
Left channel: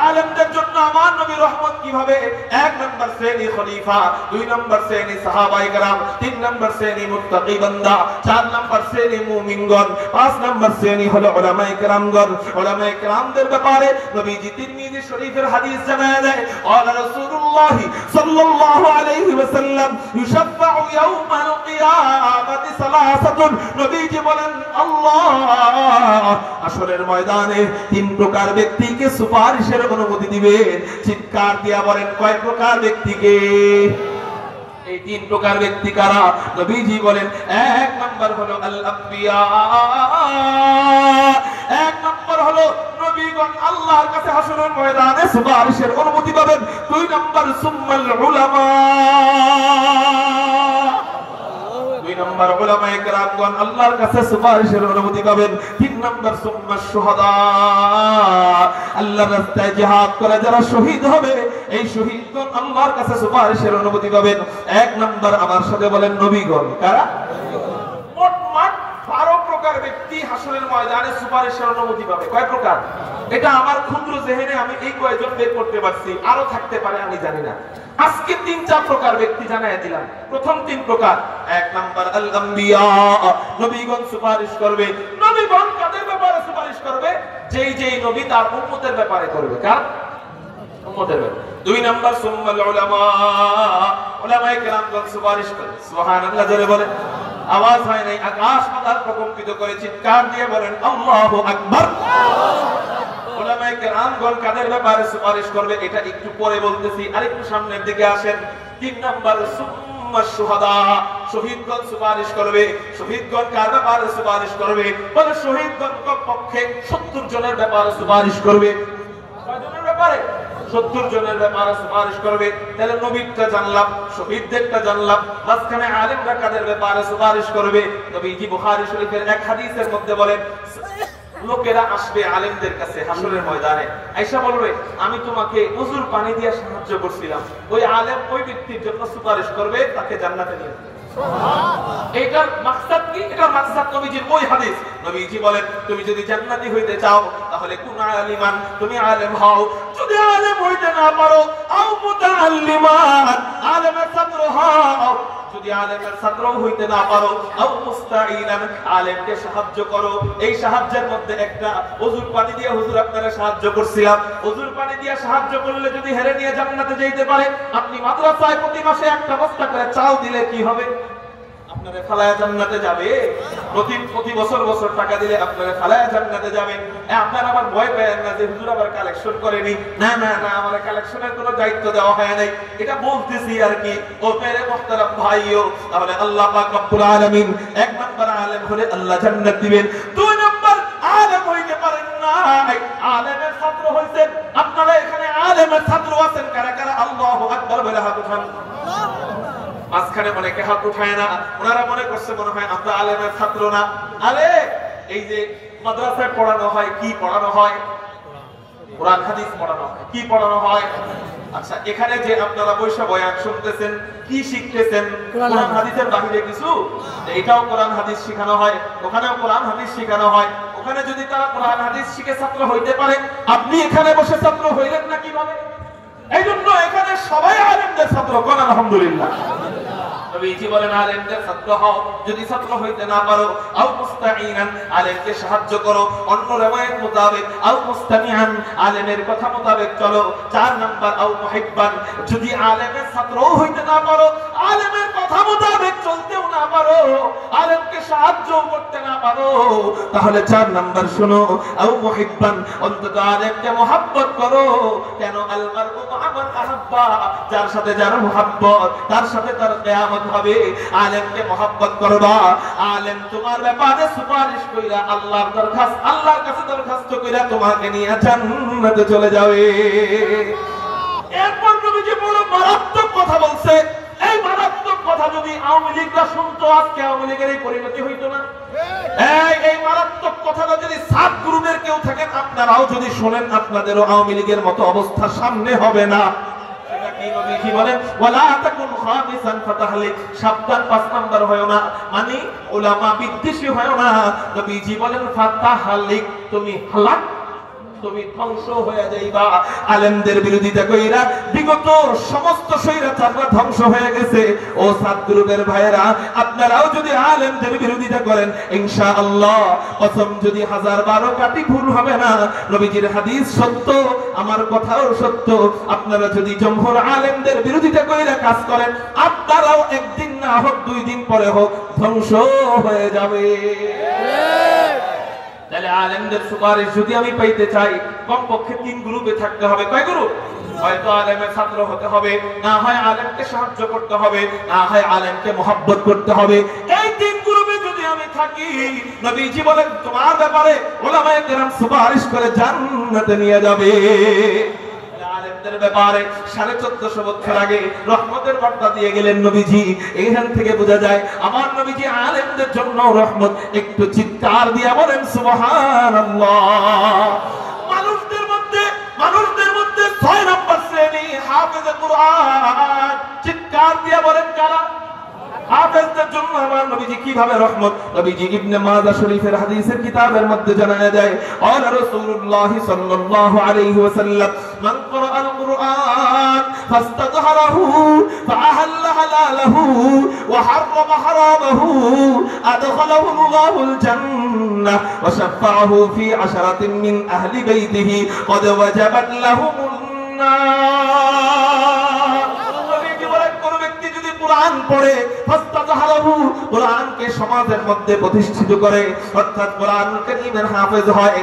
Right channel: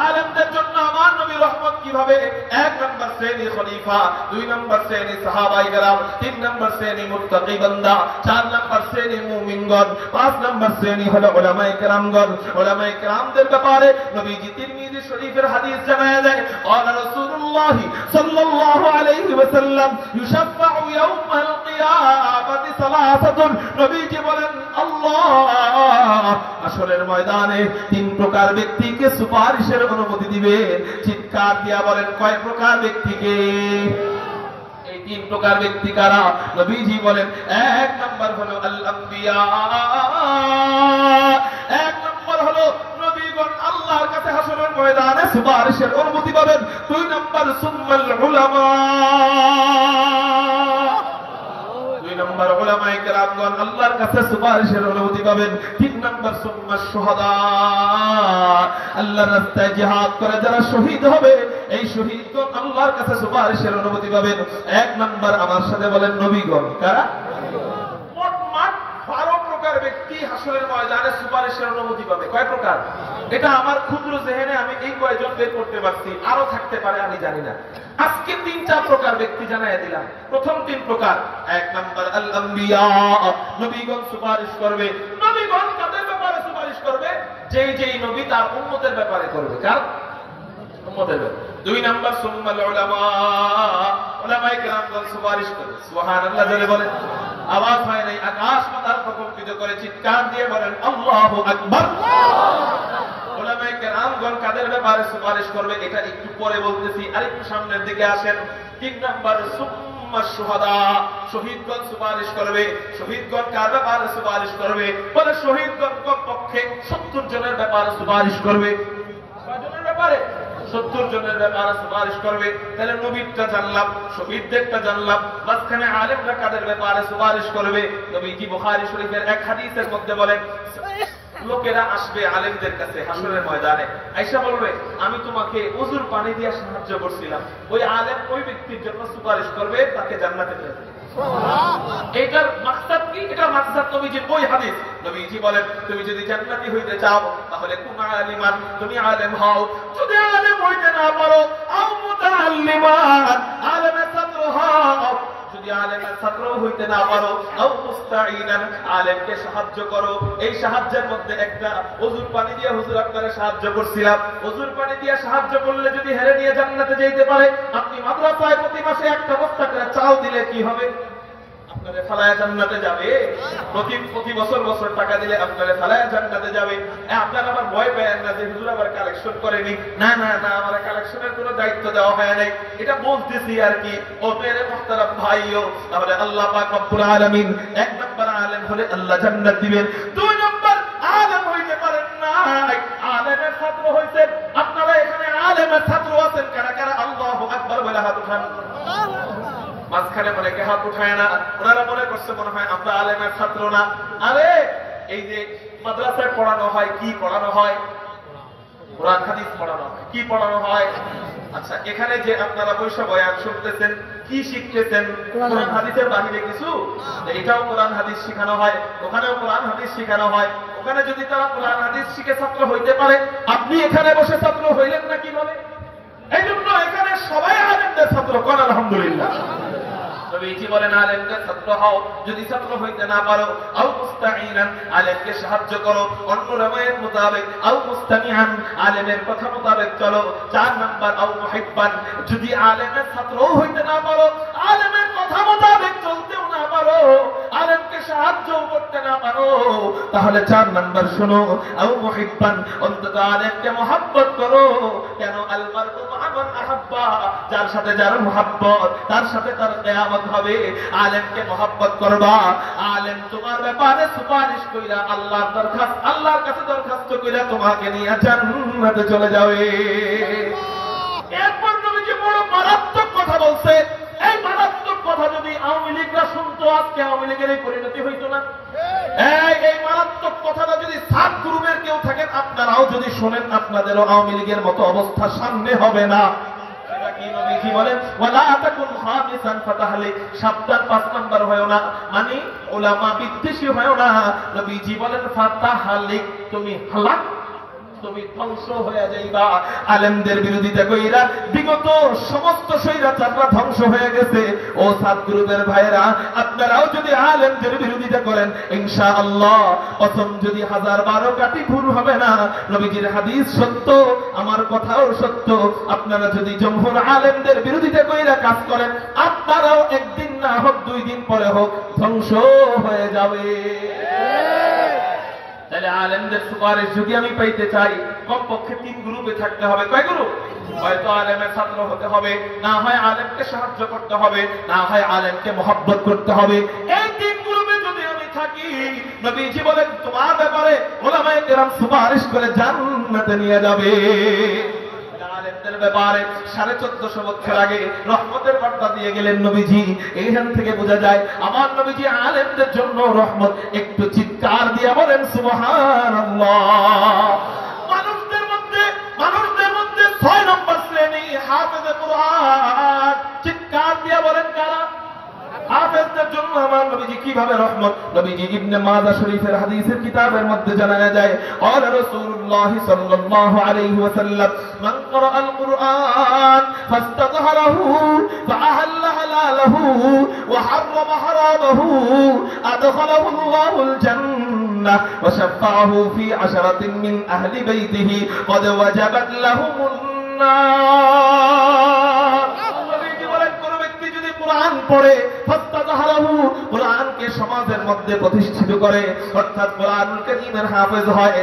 আলেমদের জন্য আমার নবী রহমত কিভাবে 1 নাম্বার শ্রেণী খলিফা 2 নাম্বার শ্রেণী সাহাবায়ে কেরাম 3 নাম্বার শ্রেণী মুত্তাকি বান্দা 4 নাম্বার শ্রেণী মুমিনগণ 5 নাম্বার শ্রেণী হলো উলামায়ে কেরামগণ উলামায়ে কেরামদের ব্যাপারে নবীজি তিরমিজি শরীফের হাদিস জানায় দেয় قال رسول الله صلى الله عليه وسلم يشفع يوم القيامه ثلاثه নবীজি বলেন আল্লাহ আসরের ময়দানে 3 প্রকার ব্যক্তিকে সুপারিশের অনুমতি দিবেন চিৎকার দিয়া বলেন কয় প্রকার ব্যক্তিকে এই 3 প্রকার ব্যক্তি কারা নবীজি বলেন 1 নাম্বার হলো আল আম্বিয়া 1 নাম্বার হলো নবীগণ আল্লাহর কাছে হাসরের ময়দানে সুপারিশের অনুমতি পাবেন 2 নাম্বার সুম্মাল উলামা 2 নাম্বার উলামায়ে কেরামগণ আল্লাহর কাছে সুপারিশের অনুমতি পাবেন 3 নাম্বার সুম্মা শুহাদা, আল্লাহর রাস্তায় জিহাদ করে যারা শহীদ হবে এই শহীদগণ আল্লাহর কাছে সুপারিশের অনুমতি পাবেন। এক নাম্বার আমার সাথে বলেন নবীগণ। কারা? মোট 12 প্রকার ব্যক্তি হাসরের ময়দানে সুপারিশের অনুমতি পাবে। কয় প্রকার? এটা আমার ক্ষুদ্র জেহেনে আমি এই কয়েকজন বের করতে পারছি, আরো থাকতে পারে আমি জানি না। আজকে 3-4 প্রকার ব্যক্তি জানাই দিলাম। প্রথম 3 প্রকার। এক নাম্বার আল আম্বিয়া, নবীগণ সুপারিশ করবে। নবীগণ কাদের ব্যাপারে সুপারিশ করবে? যেই নবী তার উম্মতের ব্যাপারে করবে। কার? উম্মতের ব্যাপারে। 2 নাম্বার সুম্মাল উলামা, উলামায়ে কেরামগণ সুপারিশ করবে। সুবহানাল্লাহ জোরে বলেন। আওয়াজ হয় নাই, আকাশ পাতাল প্রকম্পিত করে চিৎকার দিয়ে বলেন আল্লাহু আকবার। উলামায়ে কেরামগণ কাদের ব্যাপারে সুপারিশ করবে এটা একটু পরে বলতেছি, আরেকটু সামনের দিকে আসেন। 3 নাম্বার সুম্মা শুহাদা, শহীদগণ সুপারিশ করবে। শহীদগণ কার ব্যাপারে সুপারিশ করবে? বলে শহীদগণ কমপক্ষে 70 জনের ব্যাপারে সুপারিশ করবে। কয় জনের ব্যাপারে? 70 জনের ব্যাপারে সুপারিশ করবে। তাহলে নবীরটা জানলাম, শহীদদেরটা জানলাম, মাঝখানে আলেমরা কাদের ব্যাপারে সুপারিশ করবে? নবীজি বুখারী শরীফের এক হাদিসের মধ্যে বলেন লোকেরা আসবে আলেমদের কাছে হাসরের ময়দানে, আয়েশা বলবে আমি তোমাকে ওযুর পানি দিয়ে সাহায্য করছিলাম। ওই আলেম ওই ব্যক্তির জন্য সুপারিশ করবে, তাকে জান্নাতে নিয়ে যাবে। এটার মাকসাদ কি? এটার মাকসাদ নবীজির ওই হাদিস। নবীজি বলেন তুমি যদি জান্নাতি হইতে চাও তাহলে কুন আলিমান, তুমি আলেম হও। যদি আলেম হইতে না পারো আও মুতাআল্লিমান, আলেমের ছাত্র হও। যদি আলেমের ছাত্র হইতে না পারো আও মুস্তাঈনান, আলেমকে সাহায্য করো। এই সাহায্যের মধ্যে একটা ওযুর পানি দিয়ে হুজুর আপনারা সাহায্য করছিলাম, ওযুর পানি দিয়ে সাহায্য করলে যদি হেরে নিয়ে জান্নাতে যেতে পারে, আপনি মাদ্রাসায় প্রতি মাসে একটা বস্তা করে চাল দিলে কি হবে? আপনারে ফালায়া জান্নাতে যাবে। প্রতি বছর টাকা দিলে আপনারে ফালায়া জান্নাতে যাবে। আপনারা আবার ভয় পেয়েন না যে হুজুর আবার কালেকশন করেনি। না না না, আমার কালেকশনের কোনো দায়িত্ব দেওয়া হয় নাই, এটা বলতেছি আর কি। ও মেরে মুহতারাম ভাইও, তাহলে আল্লাহ পাক রব্বুল আলামিন 1 নাম্বার আলেম হলে আল্লাহ জান্নাত দিবেন। 2 নাম্বার আলেম হইতে পারেন না, আলেমের ছাত্র হইছেন। আপনারা এখানে আলেমের ছাত্র আছেন কারা কারা? আল্লাহু আকবার বলে হাত উঠান। মাঝখানে অনেকে হাত উঠায় না, ওনারা মনে করছে মনে হয় আমরা আলেমের ছাত্র না। আরে এই যে মাদ্রাসায় পড়ানো হয়, কি পড়ানো হয়? কোরআন হাদিস পড়ানো হয়। কি পড়ানো হয়? আচ্ছা, এখানে যে আপনারা বৈশা বয়ান শুনতেছেন, কি শিখতেছেন? কোরআন হাদিসের বাহিরে কিছু? এটাও কোরআন হাদিস শেখানো হয়, ওখানেও কোরআন হাদিস শেখানো হয়। ওখানে যদি তারা কোরআন হাদিস শিখে ছাত্র হইতে পারে, আপনি এখানে বসে ছাত্র হইলেন না কিভাবে? এই জন্য এখানে সবাই আলেমদের ছাত্র। কোন আলহামদুলিল্লাহ। নবীজি বলেন আলেমদের ছাত্র হও। যদি ছাত্র হইতে না পারো আও মুস্তাঈনান, আলেমকে সাহায্য করো। অন্য রামায়ের মোতাবেক আও মুস্তামিআন, আলেমের কথা মোতাবেক চলো। 4 নাম্বার আও মুহিব্বান, যদি আলেমের ছাত্রও হইতে না পারো, আলেমের কথা মোতাবেক চলতেও না পারো, আলেমকে সাহায্য করতে না পারো, তাহলে 4 নাম্বার শোনো আও মুহিব্বান, অন্তত আলেমকে মহব্বত করো। কেন? আল মারউ মা মান আহাব্বা, যার সাথে যার মহব্বত তার সাথে তার কিয়ামত হবে। আলেমকে মহব্বত করবা, আলেম তোমার ব্যাপারে সুপারিশ কইরা আল্লাহর কাছে দরখাস্ত কইরা তোমাকে নিয়ে জান্নাতে চলে যাবে। এরপর নবীজি বড় মারাত্মক কথা বলছে। এই মারাত্মক কথা যদি আওয়ামী লীগরা শুনতো, আজকে আওয়ামী লীগের এই পরিণতি হইতো না। এই মারাত্মক কথাটা যদি সাত গ্রুপের কেউ থাকেন, আপনারাও যদি শোনেন, আপনাদেরও আওয়ামী লীগের মতো অবস্থা সামনে হবে না। নবীজি বলেন ওয়ালা তাকুন খামিসান ফাতাহলিক, সাবধান 5 নাম্বার হয়ো না, মানে উলামা বিদ্বেষী হয়ো না। নবীজি বলেন ফাতাহলিক, তুমি হালাক, তুমি ধ্বংস হয়ে যাইবা। আলেমদের বিরোধিতা কইরা বিগত সমস্ত স্বৈরাচাররা ধ্বংস হয়ে গেছে। ও সাত গ্রুপের ভাইরা, আপনারাও যদি আলেমদের বিরোধিতা করেন, ইনশাআল্লাহ কসম যদি 1012 কাটি ভুল হবে না। নবীজির হাদিস সত্য, আমার কথাও সত্য। আপনারা যদি জমহুর আলেমদের বিরোধিতা কইরা কাজ করেন, আপনারাও একদিন না হোক 2 দিন পরে হোক ধ্বংস হয়ে যাবে। তাহলে আলেমদের সুপারিশ যদি আমি পাইতে চাই, কমপক্ষে 3 গ্রুপে থাকতে হবে। কয় গ্রুপ? হয়তো আলেমের ছাত্র হতে হবে, না হয় আলেমকে সাহায্য করতে হবে, না হয় আলেমকে মহব্বত করতে হবে। এই 3 গ্রুপে যদি আমি থাকি, নবীজি বলেন তোমার ব্যাপারে উলামায়ে কেরাম সুপারিশ করে জান্নাতে নিয়ে যাবে। আলেমদের ব্যাপারে 1450 বছর আগে রহমতের বার্তা দিয়ে গেলেন নবীজি। এইখান থেকে বোঝা যায় আমার নবীজি আলেমদের জন্য রহমত। একটু চিৎকার দিয়ে বলেন সুবহানাল্লাহ। মানুষদের মধ্যে 6 নম্বর শ্রেণী হাফেজে কুরআন। চিৎকার দিয়ে বলেন কারা? হাফেজদের জন্য আমার নবীজি কিভাবে রহমত। নবীজি ইবনে মাজাহ শরীফের হাদিসের কিতাবের মধ্যে জানা যায় ক্বালা রাসূলুল্লাহ সাল্লাল্লাহু আলাইহি ওয়াসাল্লাম মান ক্বারাআল কুরআন ফাস্তাযহারাহু ফাআহাল্লা হালালাহু ওয়া হাররামা হারামাহু আদখালাহু আল্লাহুল জান্নাহ ওয়া শাফাআহু ফি 'আশরাতিন মিন আহলি বাইতিহি ক্বাদ ওয়াজাবাত লাহুমুন নার। কুরআন পড়ে ফাস্তাযহারাহু, কুরআনকে সমাজের মধ্যে প্রতিষ্ঠিত করে, অর্থাৎ কুরআনুল কারীমের হাফেজ হয়,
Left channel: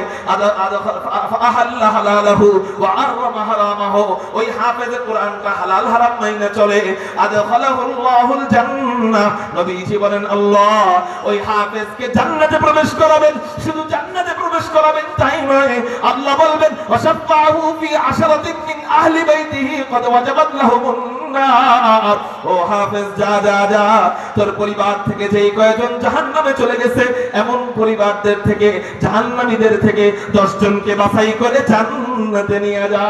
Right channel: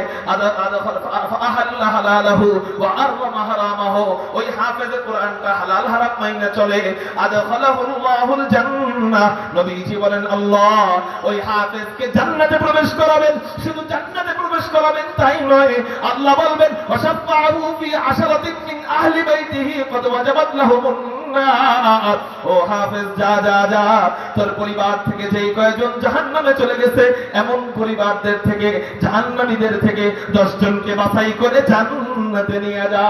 আহাল্লা হালালাহু ওয়া আররামা হারামাহু, ওই হাফেজে কুরআনটা হালাল হারাম মাইনা চলে, আদখালাহুল্লাহুল জান্নাহ। নবীজি বলেন আল্লাহ ওই হাফেজকে জান্নাতে প্রবেশ করাবেন। শুধু জান্নাতে প্রবেশ করাবেন তাই নয়, আল্লাহ বলবেন ওয়াশাফাহু ফি 'আশরাতিন মিন আহলি বাইতিহি ক্বাদ ওয়াজাবাত লাহুমুন নার। ও হাফেজ যা যা যা, তোর পরিবার থেকে যেই কয়েকজন জাহান্নামে চলে গেছে এমন পরিবারদের থেকে, জাহান্নামীদের থেকে 10 জনকে বাছাই করে জান্নাতে নিয়ে যা।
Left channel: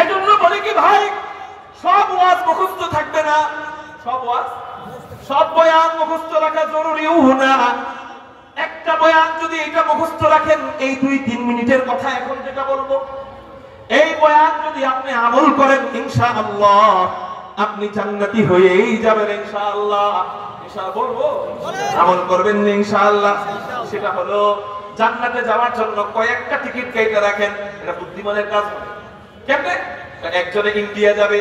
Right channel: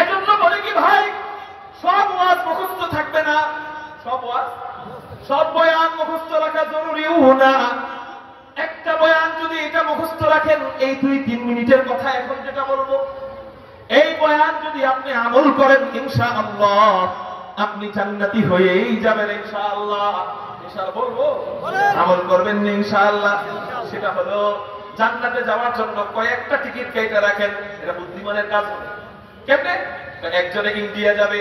এজন্য বলে কি ভাই, সব ওয়াজ মুখস্থ থাকবে না, সব বয়ান মুখস্থ রাখা জরুরিও না। একটা বয়ান যদি এটা মুখস্থ রাখেন, এই 2-3 মিনিটের কথা এখন যেটা বলবো, এই বয়ান যদি আপনি আমল করেন ইনশাআল্লাহ আপনি জান্নাতি হয়েই যাবেন ইনশাআল্লাহ। ইনশাআল্লাহ বলবো, আমল করবেন ইনশাআল্লাহ। সেটা হলো জান্নাতে যাওয়ার জন্য কয়েকটা টিকিট কেটে রাখেন। এটা বুদ্ধিমানের কাজ। কেমনে? একজনে ইন্ডিয়া যাবে,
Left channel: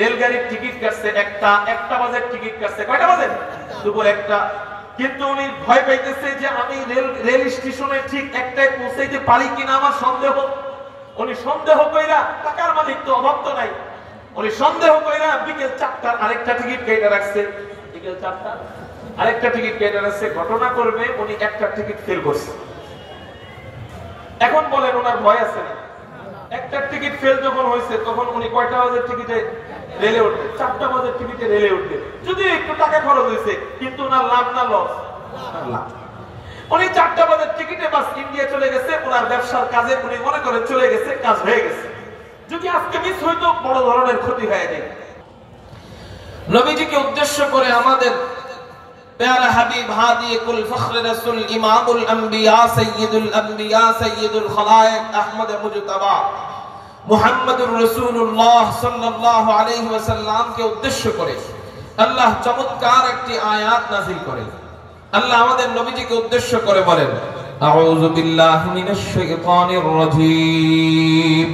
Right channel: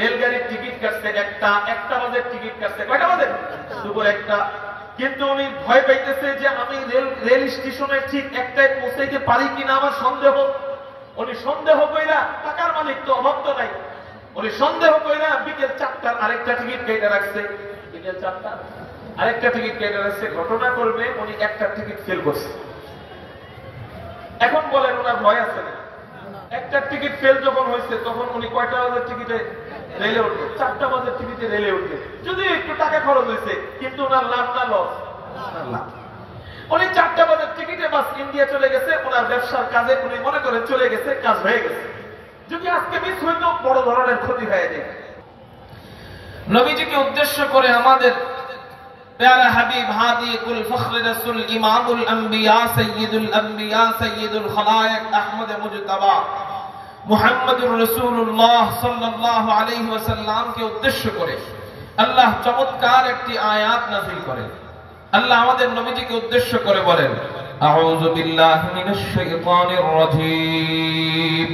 রেলগাড়ির টিকিট কাটছে একটা বাজে টিকিট কাটছে। কয়টা বাজে? দুপুর 1টা। কিন্তু উনি ভয় পাইতেছে যে আমি রেল স্টেশনে ঠিক 1টায় পৌঁছাইতে পারি কিনা, আমার সন্দেহ। উনি সন্দেহ কইরা, টাকার মালিক তো, অভাব তো নাই, উনি সন্দেহ কইরা বিকেল 4টার আরেকটা টিকিট কেটে রাখছে। বিকেল 4টা আরেকটা টিকিট কেটে রাখছে। ঘটনা করবে উনি একটা টিকিট ফেল করছে। এখন বলেন ওনার ভয় আছে না? একটা টিকিট ফেল যখন হয়েছে তখন উনি কয়টা বাজে টিকিটে রেলে উঠবে? 4টা বাজে টিকিটে রেলে উঠবে। যদি একটু টাকা খরচ হয়েছে, কিন্তু ওনার লাভ না লস? লাভ। উনি 4টা বাজে টিকিটে বাস ইন্ডিয়া চলে গেছে, ওনার ব্যবসার কাজে উনি মনে করেন চলে গেছে, কাজ হয়ে গেছে। যদি আজকে মিস হইতো বড় ধরনের ক্ষতি হয়ে যায়। নবীজিকে উদ্দেশ্য করে আমাদের প্যারা হাবিব হাদি কুল ফখর রাসূল ইমামুল আম্বিয়া সাইয়্যিদুল খালায়েক আহমদ মুজতাবা মুহাম্মদুর রাসূলুল্লাহ সাল্লাল্লাহু আলাইহি ওয়াসাল্লামকে উদ্দেশ্য করে আল্লাহ চমৎকার একটি আয়াত নাযিল করেন। আল্লাহ আমাদের নবীজিকে উদ্দেশ্য করে বলেন, আউযু বিল্লাহি মিনাশ শাইতানির রাজীম,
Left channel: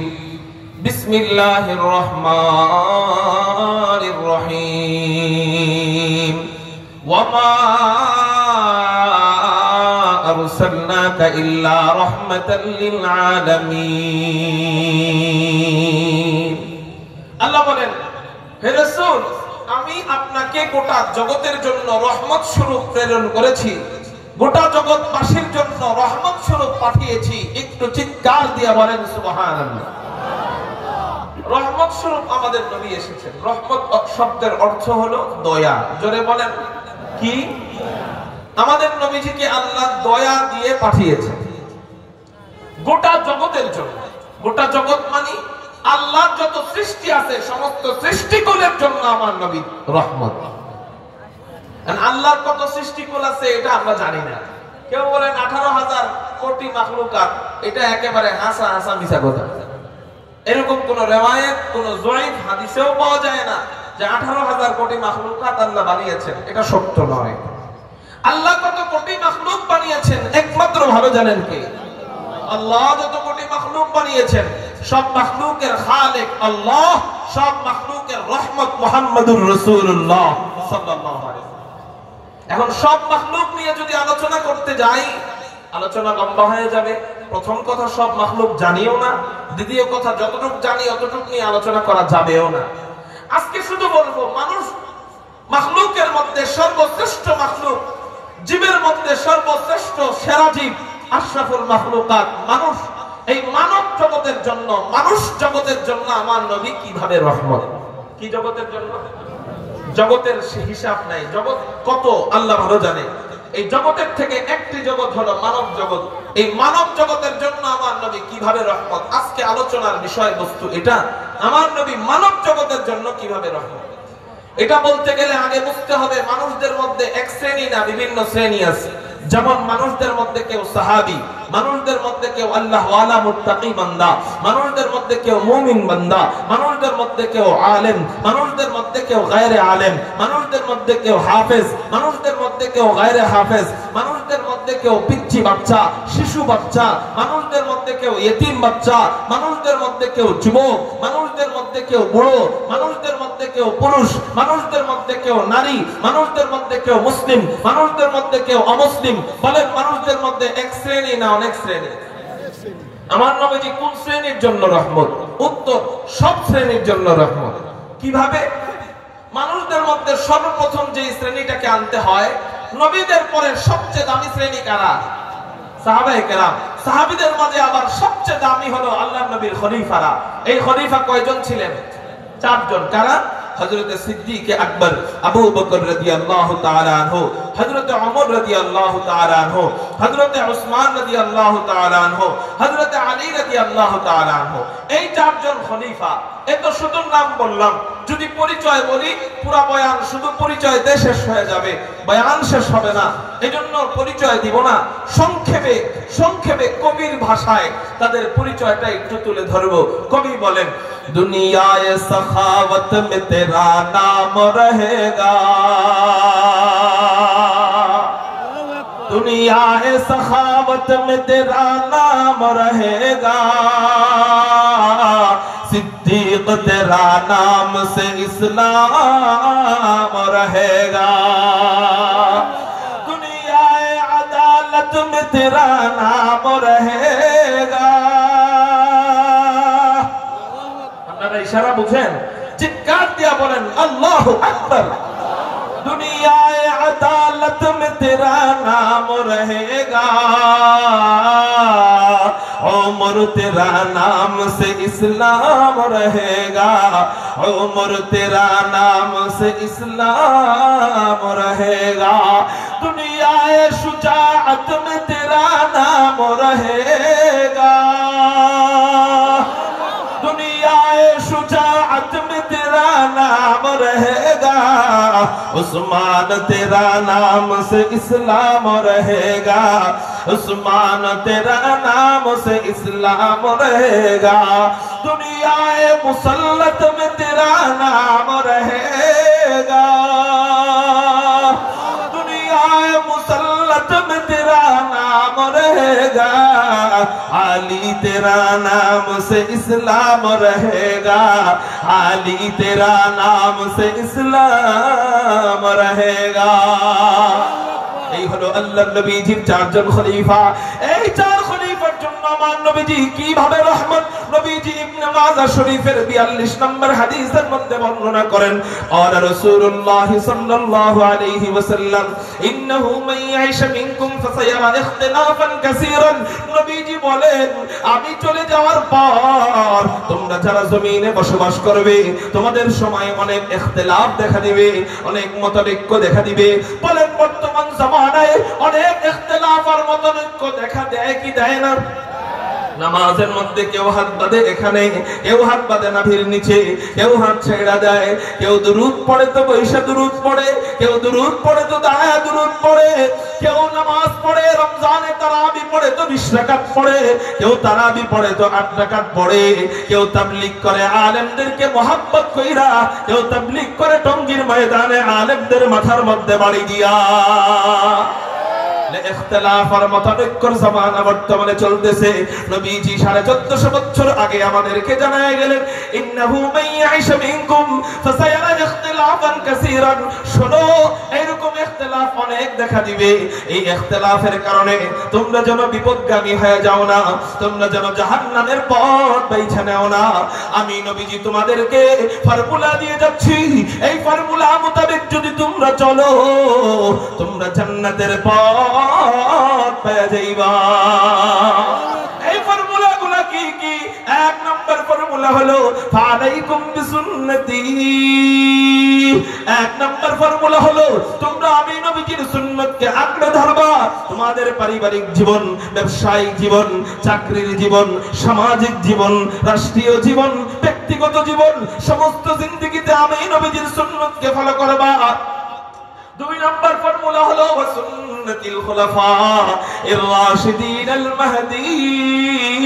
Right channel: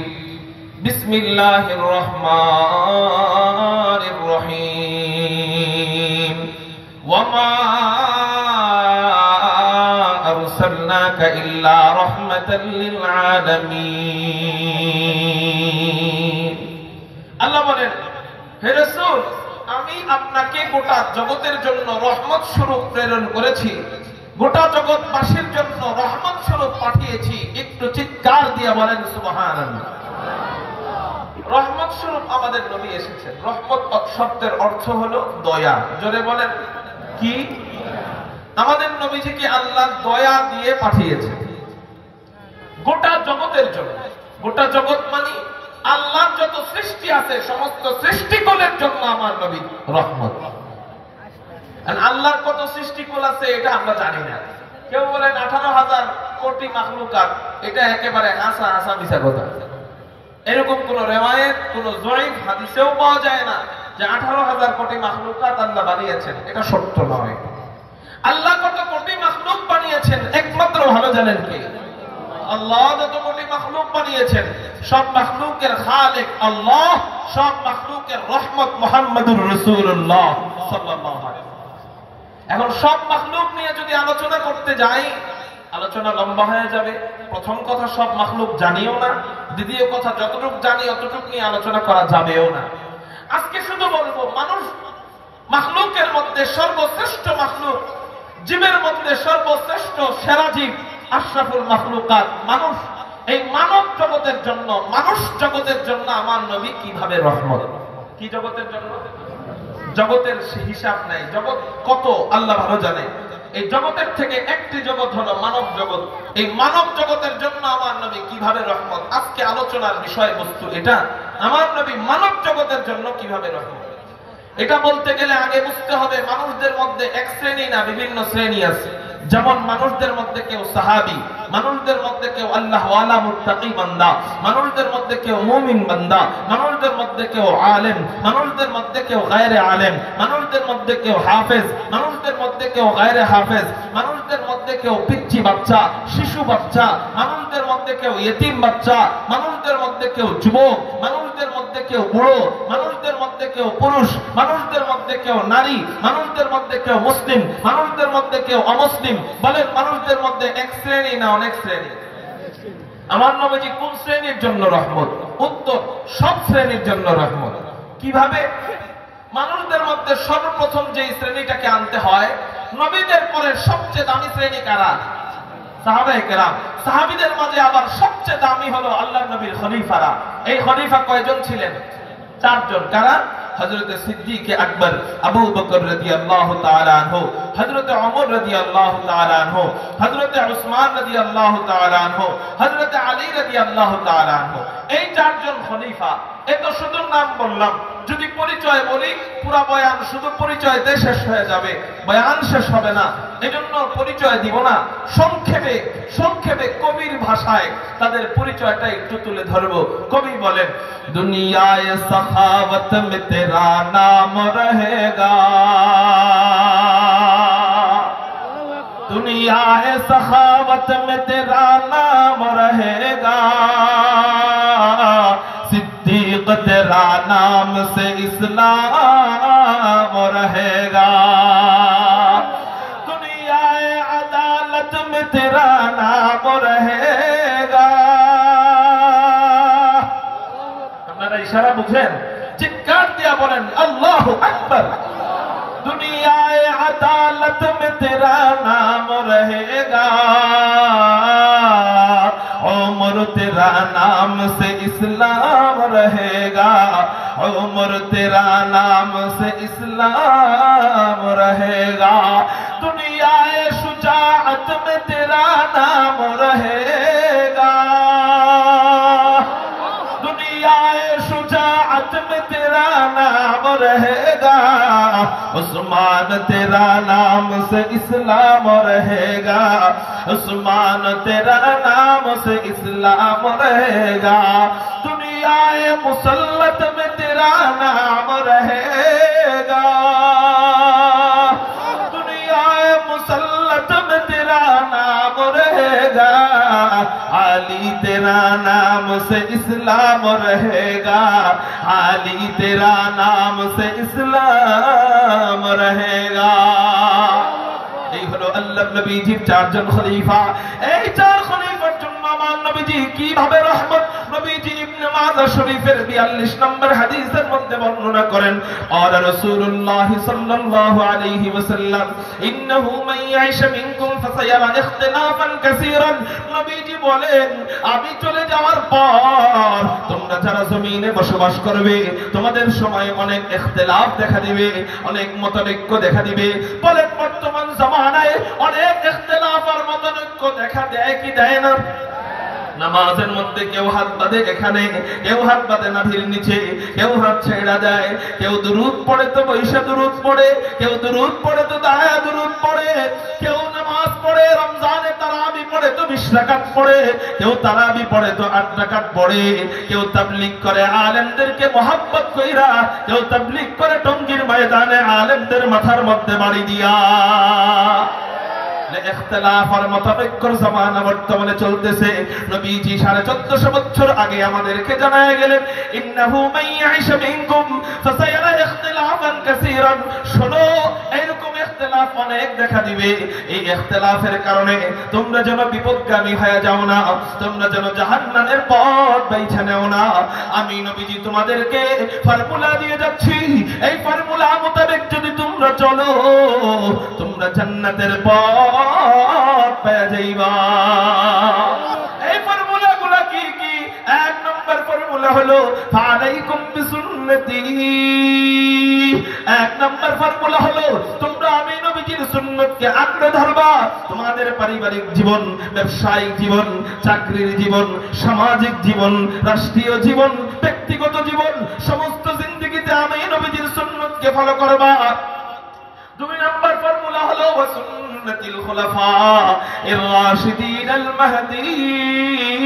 বিসমিল্লাহির রহমানির রহিম, ওয়ামা আরসালনাকা ইল্লা রাহমাতাল লিল আলামিন। আল্লাহ বলেন, হে রাসূল, আমি আপনাকে গোটা জগতের জন্য রহমত স্বরূপ প্রেরণ করেছি, গোটা জগৎবাসীর জন্য রহমত স্বরূপ পাঠিয়েছি। একটু চিৎকার দিয়ে বলেন সুবহানাল্লাহ। রহমত স্বরূপ আমাদের নবী এসেছেন। রহমত শব্দের অর্থ হলো দয়া। জোরে বলেন কি? আমাদের নবীজিকে আল্লাহ দয়া দিয়ে পাঠিয়েছেন গোটা জগতের জন্য। গোটা জগৎ মানে আল্লাহর যত সৃষ্টি আছে সমস্ত সৃষ্টিকুলের জন্য আমার নবী রহমত। আল্লাহর কত সৃষ্টিকুল আছে এটা আমরা জানি না। কেউ বলেন 18,000 কোটি মাখলুকাত, এটা একেবারে হাসা হাসা মিছা কথা। এরকম কোন রিওয়ায়াত, কোন যঈফ হাদিসেও পাওয়া যায় না যে 18,000 কোটি মাখলুকাত আল্লাহ বানিয়েছেন। এটা সত্য নয়। আল্লাহ কত কোটি মাখলুক বানিয়েছেন একমাত্র ভালো জানেন কে? আল্লাহ। যত কোটি মাখলুক বানিয়েছেন সব মাখলুকের খালিক আল্লাহ, সব মাখলুকের রহমত মুহাম্মদুর রাসূলুল্লাহ সাল্লাল্লাহু আলাইহি ওয়াসাল্লাম। এখন সব মাখলুক নিয়ে যদি আলোচনা করতে যাই, আলোচনা লম্বা হয়ে যাবে। প্রথম কথা, সব মাখলুক জানিও না। দ্বিতীয় কথা, যতটুকু জানি অতটুকু নিয়ে আলোচনা করা যাবেও না। আজকে শুধু বলবো, মানুষ মাখলুকের মধ্যে সর্বশ্রেষ্ঠ মাখলুক, জীবের মধ্যে সর্বশ্রেষ্ঠ সেরা জীব, আশরাফুল মাখলুকাত মানুষ। এই মানব জগতের জন্য, মানুষ জগতের জন্য আমার নবী কিভাবে রহমত। কি জগতের জন্য? জগতের হিসাব নাই, জগৎ কত আল্লাহ ভালো জানে। এই জগতের থেকে একটি জগৎ হলো মানব জগৎ। এই মানব জগতের জন্য আমার নবী কিভাবে রহমত। আজকে আলোচনার বিষয়বস্তু এটা, আমার নবী মানব জগতের জন্য কিভাবে রহমত। এটা বলতে গেলে আগে বুঝতে হবে মানুষদের মধ্যে এক শ্রেণী না, বিভিন্ন শ্রেণী আছে। যেমন মানুষদের মধ্যে কেউ সাহাবী, মানুষদের মধ্যে কেউ আল্লাহ ওয়ালা মুত্তাকি বান্দা, মানুষদের মধ্যে কেউ মুমিন বান্দা, মানুষদের মধ্যে কেউ আলেম, মানুষদের মধ্যে কেউ গায়রে আলেম, মানুষদের মধ্যে কেউ হাফেজ, মানুষদের মধ্যে কেউ গায়রে হাফেজ, মানুষদের মধ্যে কেউ পিচ্চি বাচ্চা, শিশু বাচ্চা, মানুষদের মধ্যে কেউ ইতিম বাচ্চা, মানুষদের মধ্যে কেউ যুবক, মানুষদের মধ্যে কেউ বুড়ো, মানুষদের মধ্যে কেউ পুরুষ, মানুষদের মধ্যে কেউ নারী, মানুষদের মধ্যে কেউ মুসলিম, মানুষদের মধ্যে কেউ অমুসলিম। বলেন মানুষদের মধ্যে এক শ্রেণী না অনেক শ্রেণী? আমার নবীজি কোন শ্রেণীর জন্য রহমত? উত্তর, সব শ্রেণীর জন্য রহমত। কিভাবে? মানুষদের মধ্যে সর্বপ্রথম যে শ্রেণীটাকে আনতে হয়, নবীদের পরে সবচেয়ে দামি শ্রেণী কারা? সাহাবায়ে কেরাম। সাহাবীদের মাঝে আবার সবচেয়ে দামি হলো আল্লাহর নবীর খলিফারা। এই খলিফা কয়জন ছিলেন? 4 জন। কারা? হযরত সিদ্দিক আকবর আবু বকর রাদিয়াল্লাহু তাআলা আনহু, হযরত ওমর রাদিয়াল্লাহু তাআলা আনহু, হযরত উসমান রাদিয়াল্লাহু তাআলা আনহু, হযরত আলী রাদিয়াল্লাহু তাআলা আনহু। এই 4 জন খলিফা। এত শুধু নাম বললাম, যদি পরিচয় বলি পুরো বয়ান শুধু পরিচয় দিয়ে শেষ হয়ে যাবে, বয়ান শেষ হবে না। এজন্য পরিচয় দিব না, সংক্ষেপে সংক্ষেপে কবির ভাষায় তাদের পরিচয়টা একটু তুলে ধরবো। কবি বলেন, দুনিয়ায়ে সখাওয়াত মে তেরা নাম রহেগা, দুনিয়ায়ে সখাওয়াত মে তেরা নাম রহেগা, सिद्दीक तेरा नाम से इस्लाम रहेगा, दुनियाए अदालत में तेरा नाम रहेगा। আপনারা ইশারা বুঝেন? চিৎকার দিয়া বলেন আল্লাহু আকবার। दुनियाए अदालत में तेरा नाम रहेगा, उम्र तेरा नाम से इस्लाम रहेगा, उम्र तेरा नाम से इस्लाम रहेगा, दुनियाए शुजाअत में तेरा नाम रहेगा, दुनियाए शुजाअत में तेरा नाम रहेगा, उस्मान तेरा नाम से इस्लाम रहेगा, उस्मान तेरा नाम से इस्लाम रहेगा, दुनियाए मुसल्लत में तेरा नाम रहेगा, दुनियाए मुसल्लत में तेरा नाम रहेगा, अली तेरा नाम से इस्लाम रहेगा, अली तेरा नाम से इस्लाम रहेगा। এই হলো আল্লাহর নবীজির 4 জন খলিফা। এই 4 খলিফার জন্য আমার নবীজি কিভাবে রহমত। নবীজি ইবনে মাজাহ শরীফের 42 নম্বর হাদিসের মধ্যে বর্ণনা করেন, ক্বালা রাসূলুল্লাহ সাল্লাল্লাহু আলাইহি ওয়াসাল্লাম, ইন্নাহু মান ইয়াইশ মিনকুম ফাসায়ারা ইখতিলাফান কাসীরান। নবীজি বলেন, আমি চলে যাওয়ার পর তোমরা যারা জমিনে বসবাস করবে, তোমাদের সময় অনেক ইখতিলাফ দেখা দিবে, অনেক মতানৈক্য দেখা দিবে। বলেন বর্তমান জামানায় অনেক ইখতিলাফ আর মতানৈক্য দেখা দেয় কি দেয় না? নামাজের মধ্যে কেউ হাত বাঁধে এখানে, কেউ হাত বাঁধে নাভির নিচে, কেউ হাত ছেড়া দেয়, কেউ দুরূদ পড়ে তো বৈশা দুরূদ পড়ে, কেউ দুরূদ পড়ে তো দাঁড়ায় দুরূদ পড়ে, কেউ নামাজ পড়ে রমজানে তারাবি পড়ে তো 20 রাকাত পড়ে, কেউ তারাবি পড়ে তো 8 রাকাত পড়ে, কেউ তাবলীগ করে আলেমদেরকে মোহাব্বত কইরা, কেউ তাবলীগ করে টঙ্গীর ময়দানে আলেমদের মাথার মধ্যে বাড়ি দিয়া। ইখতিলাফ আর মতানৈক্যর জামানা বর্তমানে চলতেছে। নবীজি 1450 বছর আগে আমাদেরকে জানায় গেলেন, ইন্নাহু মান ইয়াইশ মিনকুম ফাসায়ারা ইখতিলাফান কাসীরান। শোনো, এরকম ইখতিলাফ অনেক দেখা দিবে। এই ইখতিলাফের কারণে তোমরা যেন বিপদগামী হয়ে যাও না, তোমরা যেন জাহান্নামের পথ বেছে নাও না। আমি নবীজি তোমাদেরকে ফর্মুলা দিয়ে যাচ্ছি, এই ফর্মুলা মোতাবেক যদি তোমরা চলো, তোমরা জান্নাতের পথ পেয়ে যাইবা। এই ফর্মুলাগুলো হলো ফালাইকুম বিসুন্নতি। এক নম্বর ফর্মুলা হলো তোমরা আমি নবীজির সুন্নতকে আঁকড়ে ধরবা। তোমাদের পারিবারিক জীবন, ব্যবসায়িক জীবন, চাকরির জীবন, সামাজিক জীবন, রাষ্ট্রীয় জীবন, ব্যক্তিগত জীবন, সমস্ত জিন্দেগিতে আমি নবীজির সুন্নতকে ফলো করবা। দুই নম্বর ফর্মুলা হলো সুন্নাতুল খুলাফা এর রাশিদিন আল মাহদীন।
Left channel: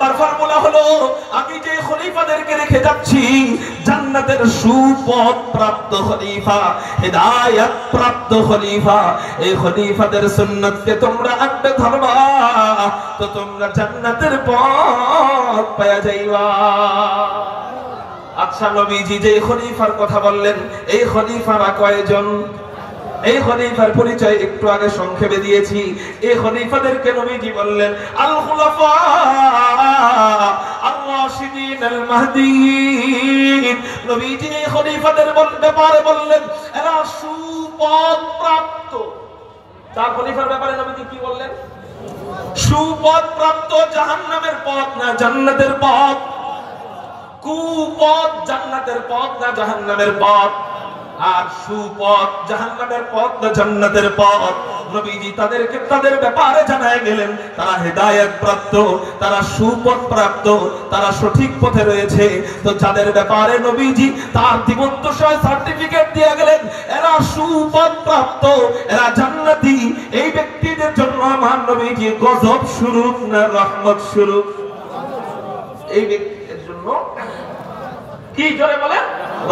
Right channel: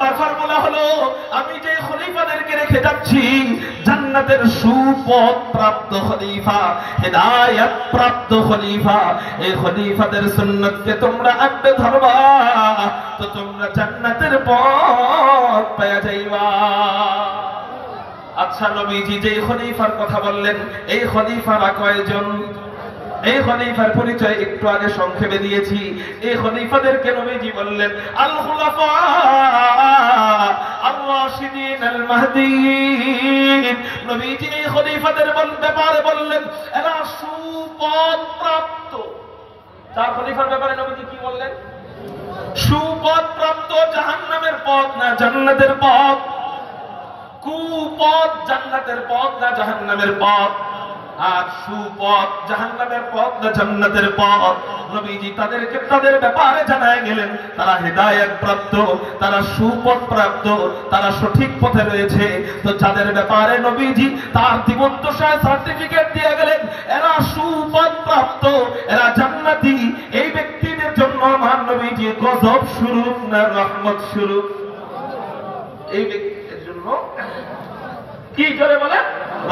তার ফর্মুলা হলো আমি যে খলিফাদেরকে রেখে যাচ্ছি জান্নাতের সুপথ প্রাপ্ত খলিফা, হেদায়েত প্রাপ্ত খলিফা, এই খলিফাদের সুন্নতকে তোমরা আঁকড়ে ধরবা তো তোমরা জান্নাতের পথ পেয়ে যাইবা। আচ্ছা, নবীজি যে খলিফার কথা বললেন এই খলিফারা কয়জন? এই খলিফার পরিচয় একটু আগে সংক্ষেপে দিয়েছি। এই খলিফাদেরকে নবীজি বললেন আল খুলাফা আর রাশিদিন আল মাহদীন। নবীজি এই খলিফাদের ব্যাপারে বললেন এরা সুপথ প্রাপ্ত। চার খলিফার ব্যাপারে নবীজি কি বললেন? সুপথ প্রাপ্ত, জাহান্নামের পথ না জান্নাতের পথ, কুপথ জান্নাতের পথ না জাহান্নামের পথ, আর সুপথ জাহান্নামের পথ না জান্নাতের পথ। নবীজি তাদেরকে তাদের ব্যাপারে জানায় গেলেন তারা হেদায়েত প্রাপ্ত, তারা সুপথ প্রাপ্ত, তারা সঠিক পথে রয়েছে। তো যাদের ব্যাপারে নবীজি তার জীবদ্দশায় সার্টিফিকেট দিয়ে গেলেন এরা সুপথ প্রাপ্ত, এরা জান্নাতি, এই ব্যক্তিদের জন্য আমার নবীজি গজব স্বরূপ না রহমত স্বরূপ? এই ব্যক্তিদের জন্য কি করে বলেন?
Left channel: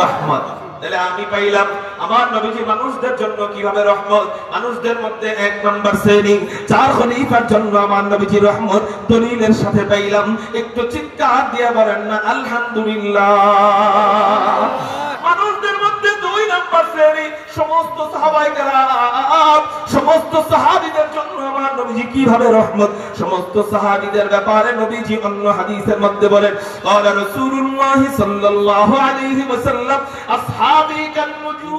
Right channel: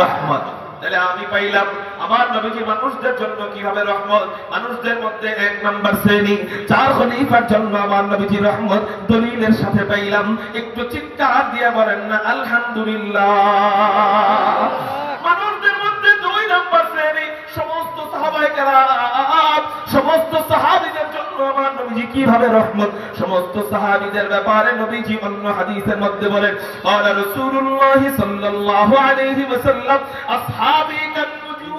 রহমত। তাহলে আমি পাইলাম আমার নবীজি মানুষদের জন্য কিভাবে রহমত। মানুষদের মধ্যে এক নম্বর শ্রেণী চার খলিফার জন্য আমার নবীজি রহমত দলিলের সাথে পাইলাম। একটু চিৎকার দিয়ে বলেন না আলহামদুলিল্লাহ। মানুষদের মধ্যে দুই নম্বর শ্রেণী সমস্ত সাহাবায়ে কেরাম, সমস্ত সাহাবীদের জন্য আমার নবীজি কিভাবে রহমত। সমস্ত সাহাবীদের ব্যাপারে নবীজি অন্য হাদিসের মধ্যে বলেন ক্বালা রাসূলুল্লাহ সাল্লাল্লাহু আলাইহি ওয়াসাল্লাম আসহাবী কান নুজুম।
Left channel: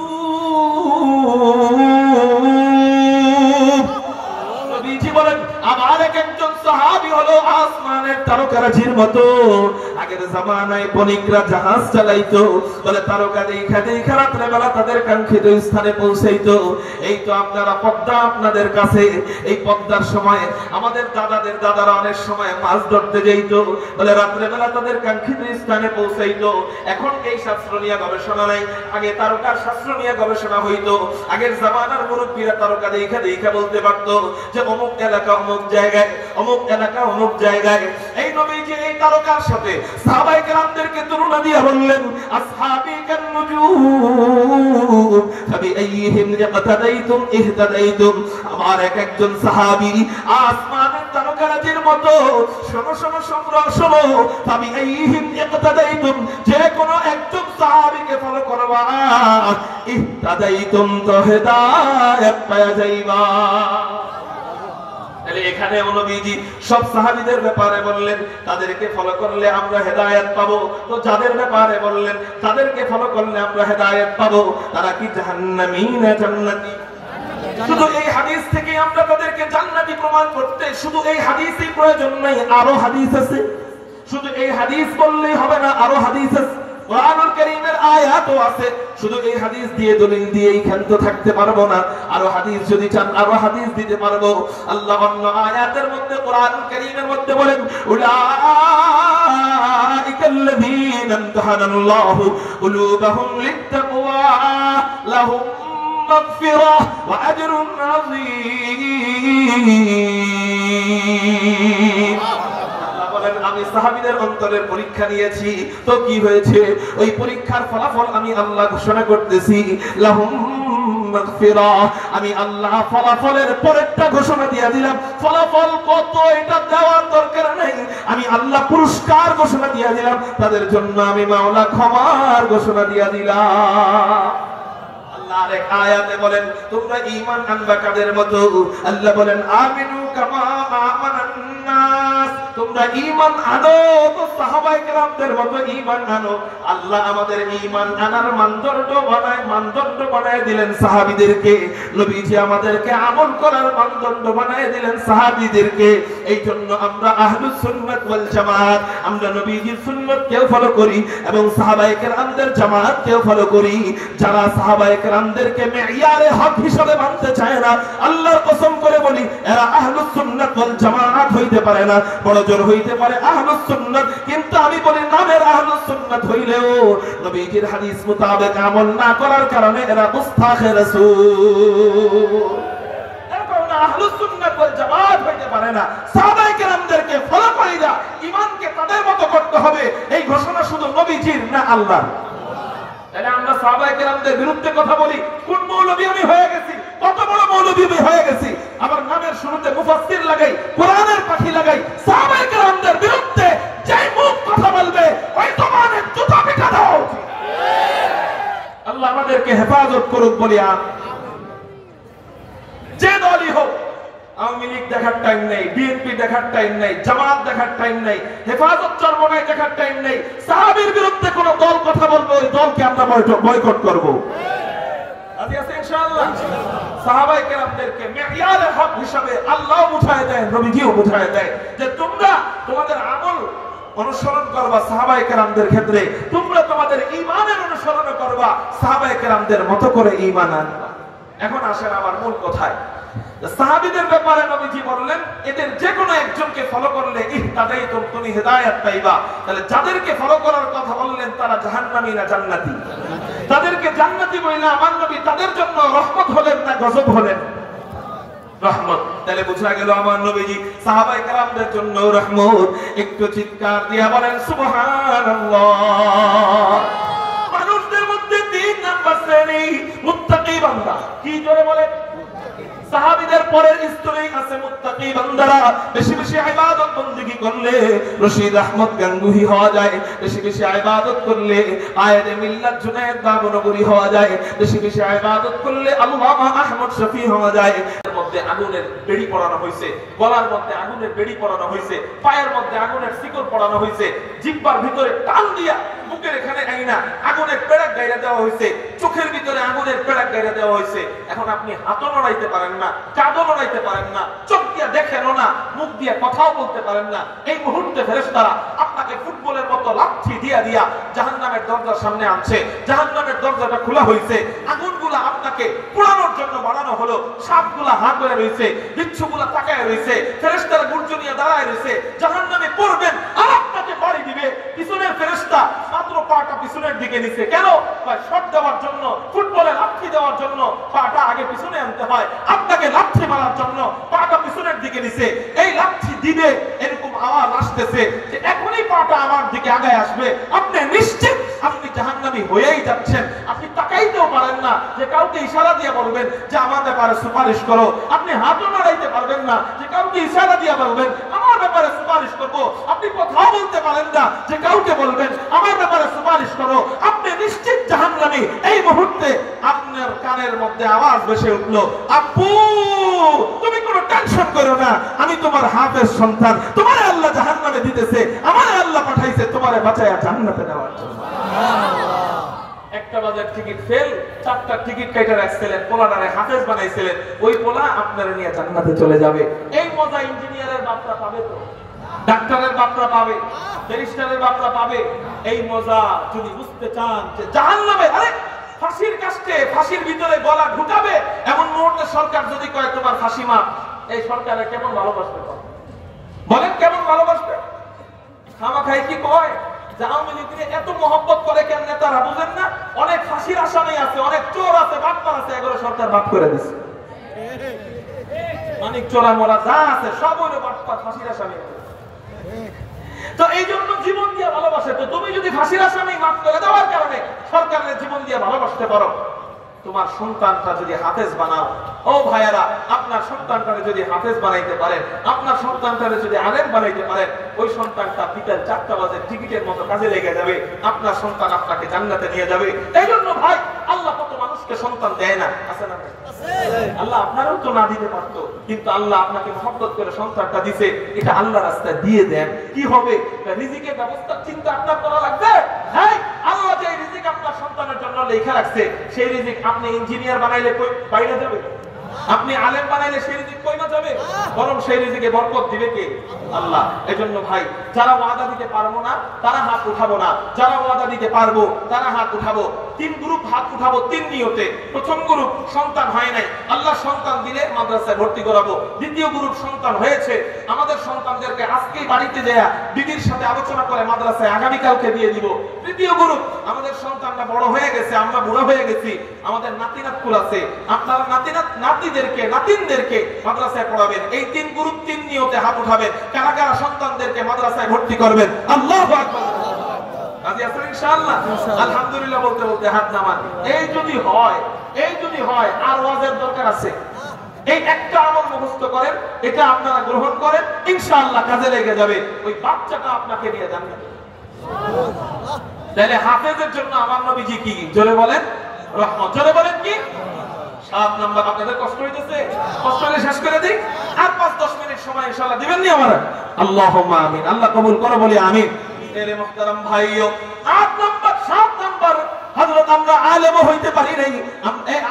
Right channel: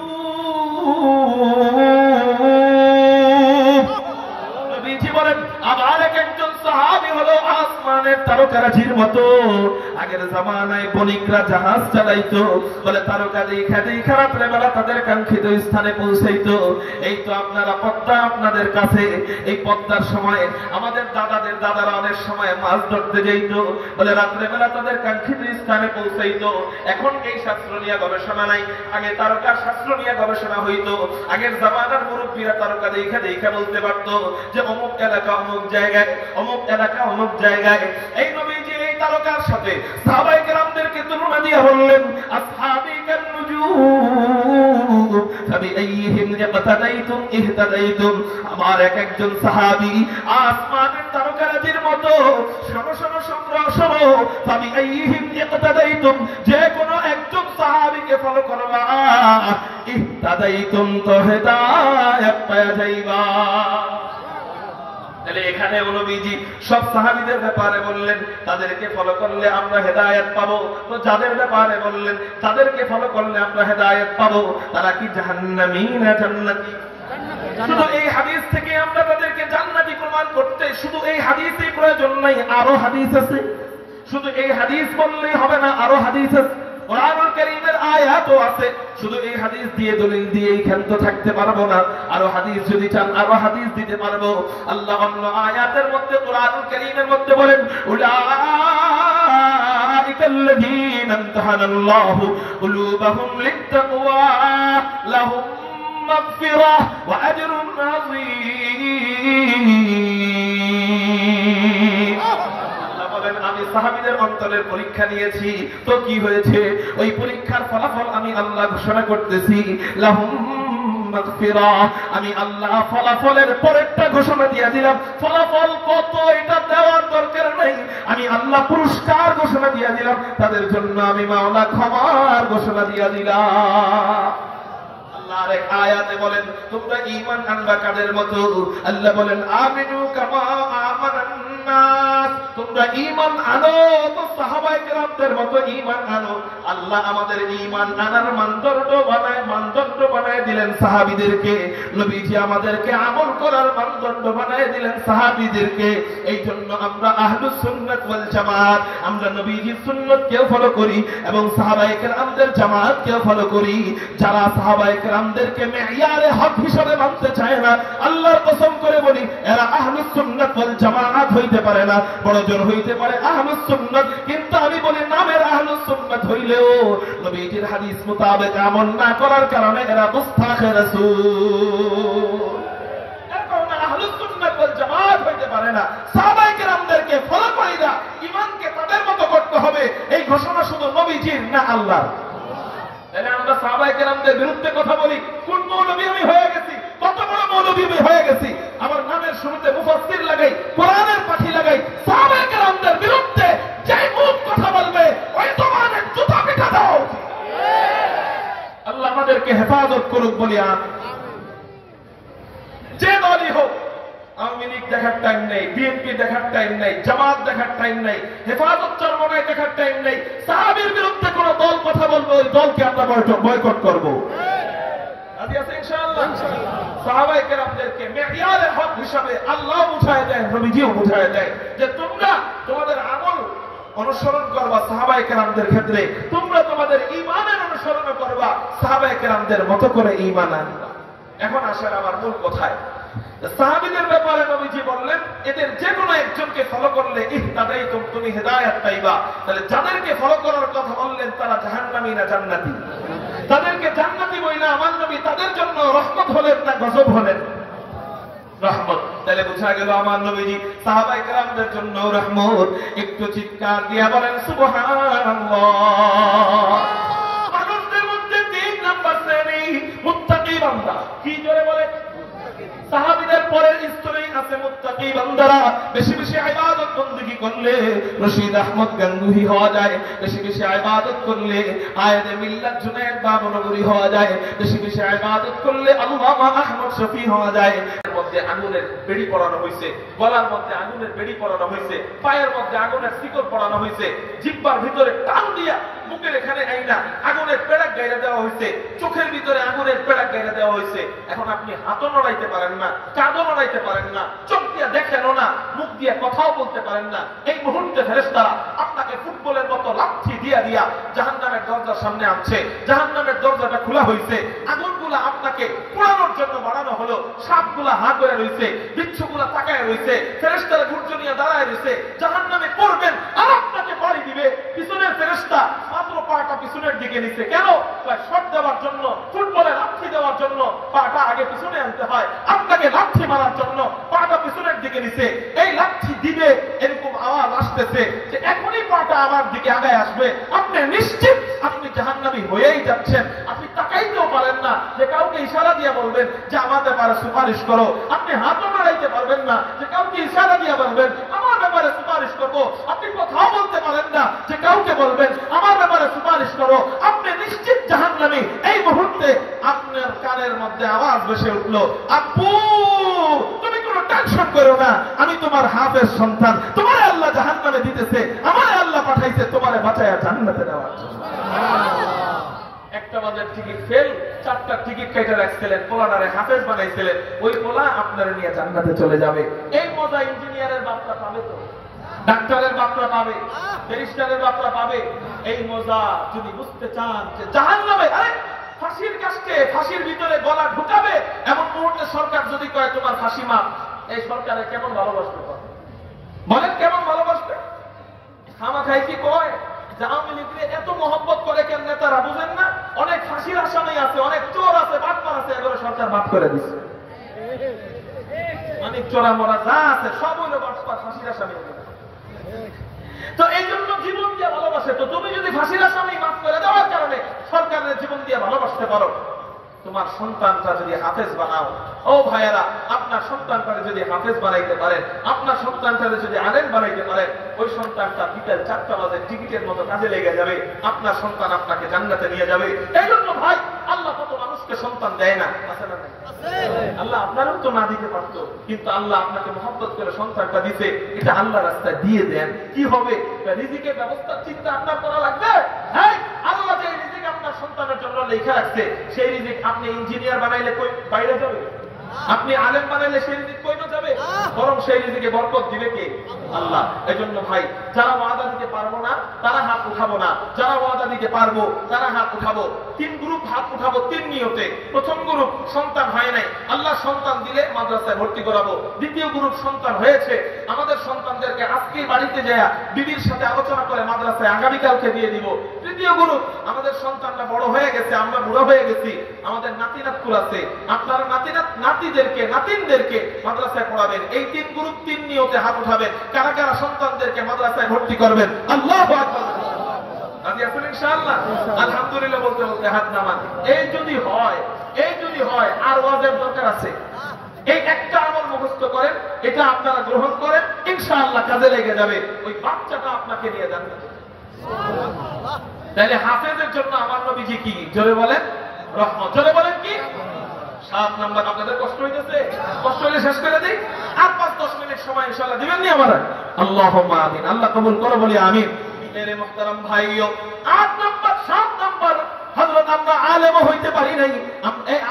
নবীজি বলেন আমার একজন সাহাবী হলো আসমানের তারকারাজির মতো। আগের জামানায় বণিকরা জাহাজ চালাইতো, বলে তারকা দেখা দেখা রাত্রে বেলা তাদের কাঙ্ক্ষিত স্থানে পৌঁছাইতো। এই তো আপনারা পদ্মা আপনাদের কাছে, এই পদ্মার সময় আমাদের দাদারা অনেক সময় মাছ ধরতে যাইতো, বলে রাত্রে বেলা তাদের কাঙ্ক্ষিত স্থানে পৌঁছাইতো। এখন এই শাস্ত্র নিয়ে গবেষণা নাই, আগে তারকার শাস্ত্র নিয়ে গবেষণা হইতো। আগের জামানার মুরব্বীরা তারকা দেখা দেখা বলতে পারতো যে অমুক এলাকা অমুক জায়গায়, অমুক এলাকা অমুক জায়গায়। এই নবীজি এই তারকার সাথে সাহাবায়ে কেরামদেরকে তুলনা দিয়ে বললেন আসহাবী কান নুজুম ফাবিআইহিম ইকতাদাইতুম ইহতাদাইতুম। আমার একজন সাহাবী আসমানের তারকারাজির মতো। শোনো শোনো শোনো, ফাবিআইহিম ইকতাদাইতুম, যে কোনো একজন সাহাবীকে ফলো করবা ইহতাদাইতুম তো হেদায়েত পাওয়া যাইবা। তাহলে এখানে নবীজি সব সাহাবীদের ব্যাপারে বললেন তাদেরকে ফলো করলে আমরা হেদায়েত পাবো। তো যাদের ব্যাপারে বললেন তাদেরকে ফলো করলে আমরা হেদায়েত পাবো, তারা কি জাহান্নামী না জান্নাতি? শুধু এই হাদিস থেকে আমরা তাদেরকে জান্নাতি প্রমাণ করতে শুধু এই হাদিসই প্রয়োজন নাই, আরো হাদিস আছে। শুধু এই হাদিস বললেই হবে না, আরো হাদিস আছে। কোরআনুল কারীমের আয়াতও আছে। শুধু এই হাদিস দিয়ে দলিল দিয়েই ক্ষান্ত থাকতে পারবো না, আরো হাদিস যদি চান আরো হাদিস দিতে পারবো। আল্লাহ অন্য আয়াতের মধ্যে কোরআনুল কারীমের মধ্যে বলেন উলাইকাল্লাযীনা ইমতাহানাল্লাহু কুলুবাহুম লিত্তাকওয়া লাহুম মাগফিরাহ ওয়া আজরুন আযীম। আমি সাহাবীদের অন্তরের পরীক্ষা নিয়েছি, তো কি হয়েছে? ওই পরীক্ষার ফলাফল আমি আল্লাহ ঘোষণা করতেছি লাহুম মাগফিরাহ। আমি আল্লাহ ফলাফলের পরেরটা ঘোষণা দিয়ে দিলাম। ফলাফল কত এটা দেওয়ার দরকার নাই, আমি আল্লাহ পুরস্কার ঘোষণা দিয়ে দিলাম। তাদের জন্য আমি মাওলা ক্ষমার ঘোষণা দিয়ে দিলাম। আল্লাহর এক আয়াতে বলেন তোমরা ঈমান আনবা কাদের মতো? আল্লাহ বলেন আমিনু কামা আমানান নাস, তোমরা ঈমান আনো, সাহাবায়ে কেরামদের মতো ঈমান আনো। আল্লাহ আমাদের ঈমান আনার মানদণ্ড বানায় দিলেন সাহাবীদেরকে। নবীজি আমাদেরকে আমল করার মানদণ্ড বানায় দিলেন সাহাবীদেরকে। এই জন্য আমরা আহলুস সুন্নাত ওয়াল জামাত, আমরা নবীজির সুন্নতকেও ফলো করি এবং সাহাবায়ে কেরামদের জামাতকেও ফলো করি। যারা সাহাবায়ে কেরামদেরকে মেয়ারে হক হিসাবে মানতে চায় না, আল্লাহর কসম করে বলি এরা আহলুস সুন্নাত ওয়াল জামাত হইতে পারে না। বড় জোর হইতে পারে আহলুস সুন্নাত, কিন্তু আমি বলি নামের আহলুস সুন্নাত হইলেও নবীজির হাদিস মোতাবেক আমল না করার কারণে এরা মুস্তাখে রাসূল, এরা আহলুস সুন্নাত ওয়াল জামাত হইতে পারে না। সাহাবায়ে কেরামদেরকে ফলো করি না, ঈমানকে তাদের মতো করতে হবে, এই ঘোষণা শুধু নবীজির না আল্লাহর। তাহলে আমরা সাহাবায়ে কেরামদের বিরুদ্ধে কথা বলি, কোন মৌলবী আমি হয়ে গেছি, কত বড় মৌলবী আমি হয়ে গেছি, আবার নামের শুরুতে মুফাসসির লাগাই, কোরআনের পাখি লাগাই। সাহাবায়ে কেরামদের বিরুদ্ধে যে মুখ কথা বলবে ওই জবানের জুতা পিটা দাও। আল্লাহ আমাদেরকে হেফাজত করুক বলি আমিন। যে দলই হোক, আওয়ামী লীগ দেখার টাইম নেই, বিএনপি দেখার টাইম নেই, জামাত দেখার টাইম নেই, হেফাজত চরমনাই দেখার টাইম নেই। সাহাবীর বিরুদ্ধে কোন দল কথা বলবে ওই দলকে আমরা বয়কট করব। রাজি আছেন ইনশাআল্লাহ? সাহাবায়ে কেরামদেরকে মেয়ারে হক হিসাবে আল্লাহ বুঝায় দেয়, নবীজিও বুঝায় দেয় যে তোমরা তোমাদের আমল অনুসরণ করবা সাহাবায়ে কেরামদের ক্ষেত্রে, তোমরা তোমাদের ঈমানের অনুসরণ করবা সাহাবায়ে কেরামদের মতো করে ঈমান আনবা। এখন আসেন আমার মূল কথায়। সাহাবীদের ব্যাপারে নবীজি বললেন এদের যে কোনো একজনকে ফলো করলে ইহতাদাইতুম, তুমি হেদায়েত পাইবা। তাহলে যাদেরকে ফলো করার কথা বললেন তারা জাহান্নামী না জান্নাতি? তাদেরকে জান্নাতি বইলা আমার নবী তাদের জন্য রহমত হলেন না গজব হলেন? রহমত। তাহলে বোঝা গেল আমার নবীজি সাহাবায়ে কেরামদের জন্য রহমত। একটু চিৎকার দিয়া বলেন সুবহানাল্লাহ। মানুষদের মধ্যে 3 নাম্বার শ্রেণী মুত্তাকি বান্দা। কি জোরে বলে? সাহাবীদের পরের স্তরেই আছে মুত্তাকি বান্দারা। বেশি বেশি ইবাদত বندگی করলে রশিদ আহমদ গাঙ্গুহি হওয়া যায়, বেশি বেশি ইবাদত করলে আয়েদে মিল্লাত জুনায়েদ বাবনগরী হওয়া যায়, বেশি বেশি ইবাদত করলে আল্লামা আহমদ শফি হওয়া যায়। এর মধ্যে আগুনের বেড়ি পড়ানো হয়েছে, গলার মধ্যে আগুনের বেড়ি পড়ানো হয়েছে, পায়ের মধ্যে আগুনের শিকল পড়ানো হয়েছে, জিহ্বার ভিতরে টান দিয়া মুখের এখানে আইনা আগুনের পেড়াক গাইরা দেওয়া হয়েছে, চোখের ভিতরে আগুনের পেড়াক গাইরা দেওয়া হয়েছে। এখন আপনি হাতও নড়াইতে পারেন না, কাঁধও নড়াইতে পারেন না, চোখ দিয়ে দেখেনও না, মুখ দিয়ে কথাও বলতে পারেন না। এই মুহূর্তে ফেরেশতারা আপনাকে ফুটবলের মতো লাথি দিয়া দিয়া জাহান্নামের দরজার সামনে আনছে। জাহান্নামের দরজাটা খোলা হয়েছে, আগুনগুলা আপনাকে পোড়ানোর জন্য বানানো হলো। সাপগুলা হাত ধরে রয়েছে, বিচ্ছুগুলা তাকায় রয়েছে, ফেরেশতারা গুর্জনিয়া দাঁড়ায় রয়েছে। জাহান্নামে পড়বেন আর আপনাকে বাড়ি দিবে। পিছনের ফেরেশতা মাত্র পাটা পিছনের দিকে নিছে, কেন? শট দেওয়ার জন্য, ফুটবলে লাথি দেওয়ার জন্য পাটা আগে পিছনে আনতে হয়। আপনাকে লাথি মারার জন্য পাটা পিছনের দিকে নিছে। এই লাথি দিবে এরকম আওয়াজ আসতেছে যে এখনই পাটা আমার দিকে আগায় আসবে। আপনি নিশ্চিত আপনি জাহান্নামী হয়েই যাচ্ছেন। আপনি তাকাইতেও পারেন না যে কাউকে ইশারা দিয়ে বলবেন যে আমার ব্যাপারে সুপারিশ করো। আপনি হাতও নাড়াইতে পারবেন না যে কাউকে ইশারা দিয়ে বলবেন আমার ব্যাপারে সুপারিশ করবো। আপনি কথাও বলতে পারেন না যে কাউকে বলবেন আমার ব্যাপারে সুপারিশ করো। আপনি নিশ্চিত জাহান্নামী। এই মুহূর্তে আপনার কানের মধ্যে আওয়াজ ভেসে উঠলো, আব্বু তুমি কোনো টেনশন করো না, আমি তোমার হাফেজ সন্তান, তোমারে আল্লাহ জাহান্নামে দিতেছে, আমারে আল্লাহ পাঠাইছে তোমারে বাঁচায়া জান্নাতে দেওয়ার জন্য। একটা বাজার টিকিট ফেল, 4টা টিকিট কেটে রাখছিলেন, পোলাটারে হাফেজ বানাইছিলেন, ওই পোলা আপনারে নিয়ে জান্নাতে চলে যাবে। এই মজা ইঞ্জিনিয়ারের বাপরা পাবে তো, ডাক্তারের বাপরা পাবে, ব্যারিস্টারের বাপরা পাবে। এই মজা যদি বুঝতে চান যে জাহান্নামে আরে ফাঁসির কাস্টে, ফাঁসির ভিতরে গলা ঢুকাবে, এমন মুহূর্তে সরকার যদি কয় তোমার ফাঁসি মাপ, এই সরকারে কেমন ভালোবাসবে? বলেন কেমন ভালোবাসবে? খামাখাই কি কয় যে আওয়ামী লীগকে এত মহব্বত করে কেন নেতারা, বুঝেন না? অনেক ফাঁসির আসামি আছে, অনেক চোর আছে, বাটপার আছে, এগুলো সরকার মাফ করে দিচ্ছে। মানিক চোরা মোরা যা আছে সব হইলো বাটপার, ফাঁসির আসামি। তো এই জন্য জীবন দিয়ে ভালোবাসে। তো তুমি যদি ফাঁসির আসামি মাফ করে দেওয়ার কারণে সরকারের জীবন দিয়ে ভালোবাসতে পারো, তোমার সন্তানটা যদি হাফেজ বানাও, ও ভাইয়েরা, আপনার সন্তানটা যদি হাফেজ বানাইতে পারেন, আপনার সন্তানটা যদি আলেম বানাইতে পারেন, ওই সন্তানটা বিকাল 4টা বাজে টিকিটের মতো কাজে লেগে যাবে। আপনার সন্তান আপনাকে জান্নাতে নিয়ে যাবে। এই জন্য ভাই, আল্লাহ কত মানুষকে মানুষকে সন্তান দেয় না, আছে না? আল্লাহ আপনারও তো না দিতে পারতো, কিন্তু আল্লাহ আপনাকে মহব্বত করে সন্তানটা দিছে, এটা আল্লাহ রাস্তা দিয়ে দেন। কি হবে? রিজিকের ব্যবস্থার চিন্তা আপনার করা লাগবে। হ্যাঁ, আল্লাহ যে রিজিক আপনার সন্তানের জন্য লেখা রাখছে, সেই রিজিক আপনি ইঞ্জিনিয়ার বানাইলে কই বাইরে যাবে? আপনি আলেম বানাইলে সেই রিজিক কই না যাবে? বরং সেই রিজিকে বরকত দিবে কে? আল্লাহ। এজন্য ভাই, যারা ওয়াদা দিতে পারবো না তারা হাত উঠাবো না, যারা ওয়াদা দিতে পারবো তারা হাত উঠাবো। 3 গ্রুপ হাত উঠাবো 3 নিয়তে। প্রথম গ্রুপ সন্তান হয় নাই, আল্লাহ সন্তান দিলে মাদ্রাসায় ভর্তি করাবো। দ্বিতীয় গ্রুপ সন্তান হয়েছে, আমাদের সন্তানদেরকে আজকেই বাড়িতে যায় বিবির সাথে আলোচনা করে মাদ্রাসায় আগামীকালকে দিয়ে দিব। তৃতীয় গ্রুপ, আমাদের সন্তানটা বড় হয়ে গেছে, আমরা বুড়ো হয়ে গেছি, আমাদের নাতিনাতকুল আছে, আপনারা নাতিদেরকে নাতিনদেরকে মাদ্রাসায় পড়াবেন। এই 3 গ্রুপ 3 নিয়তে হাত উঠাবেন। কারা কারা সন্তানদেরকে মাদ্রাসায় ভর্তি করবেন? আল্লাহু আকবার। রাজি আছেন ইনশাআল্লাহ? আলহামদুলিল্লাহ বলতে বলতে হাত নামান। এই যদি হয় আর ওয়াজের দরকার আছে। এই একটা আমল মুখস্থ করেন, এটা আপনারা গ্রহণ করেন, ইনশাআল্লাহ কাজে লেগে যাবে। ওই বাচ্চাটা আপনাকে নিয়ে জান্নাতে। তাহলে হাফেজের জন্য আমার নবীজি কি? জোরে বলেন রহমত। জোরে বলেন কি? 7 নাম্বার। আপনাদের কষ্ট হইতেছে? কষ্ট হলে শেষ করে দিই। আর 5-10 মিনিট সময় ইনশাআল্লাহ দিবেন নি আমারে? আল্লাহুম্মা আমিন। আল্লাহ কবুল করো, বলি আমিন। মেরে মুহতারাম ভাইও, 8 নাম্বার 7 নাম্বার, হযরত আমরা আলেম হইতে পারি নাই।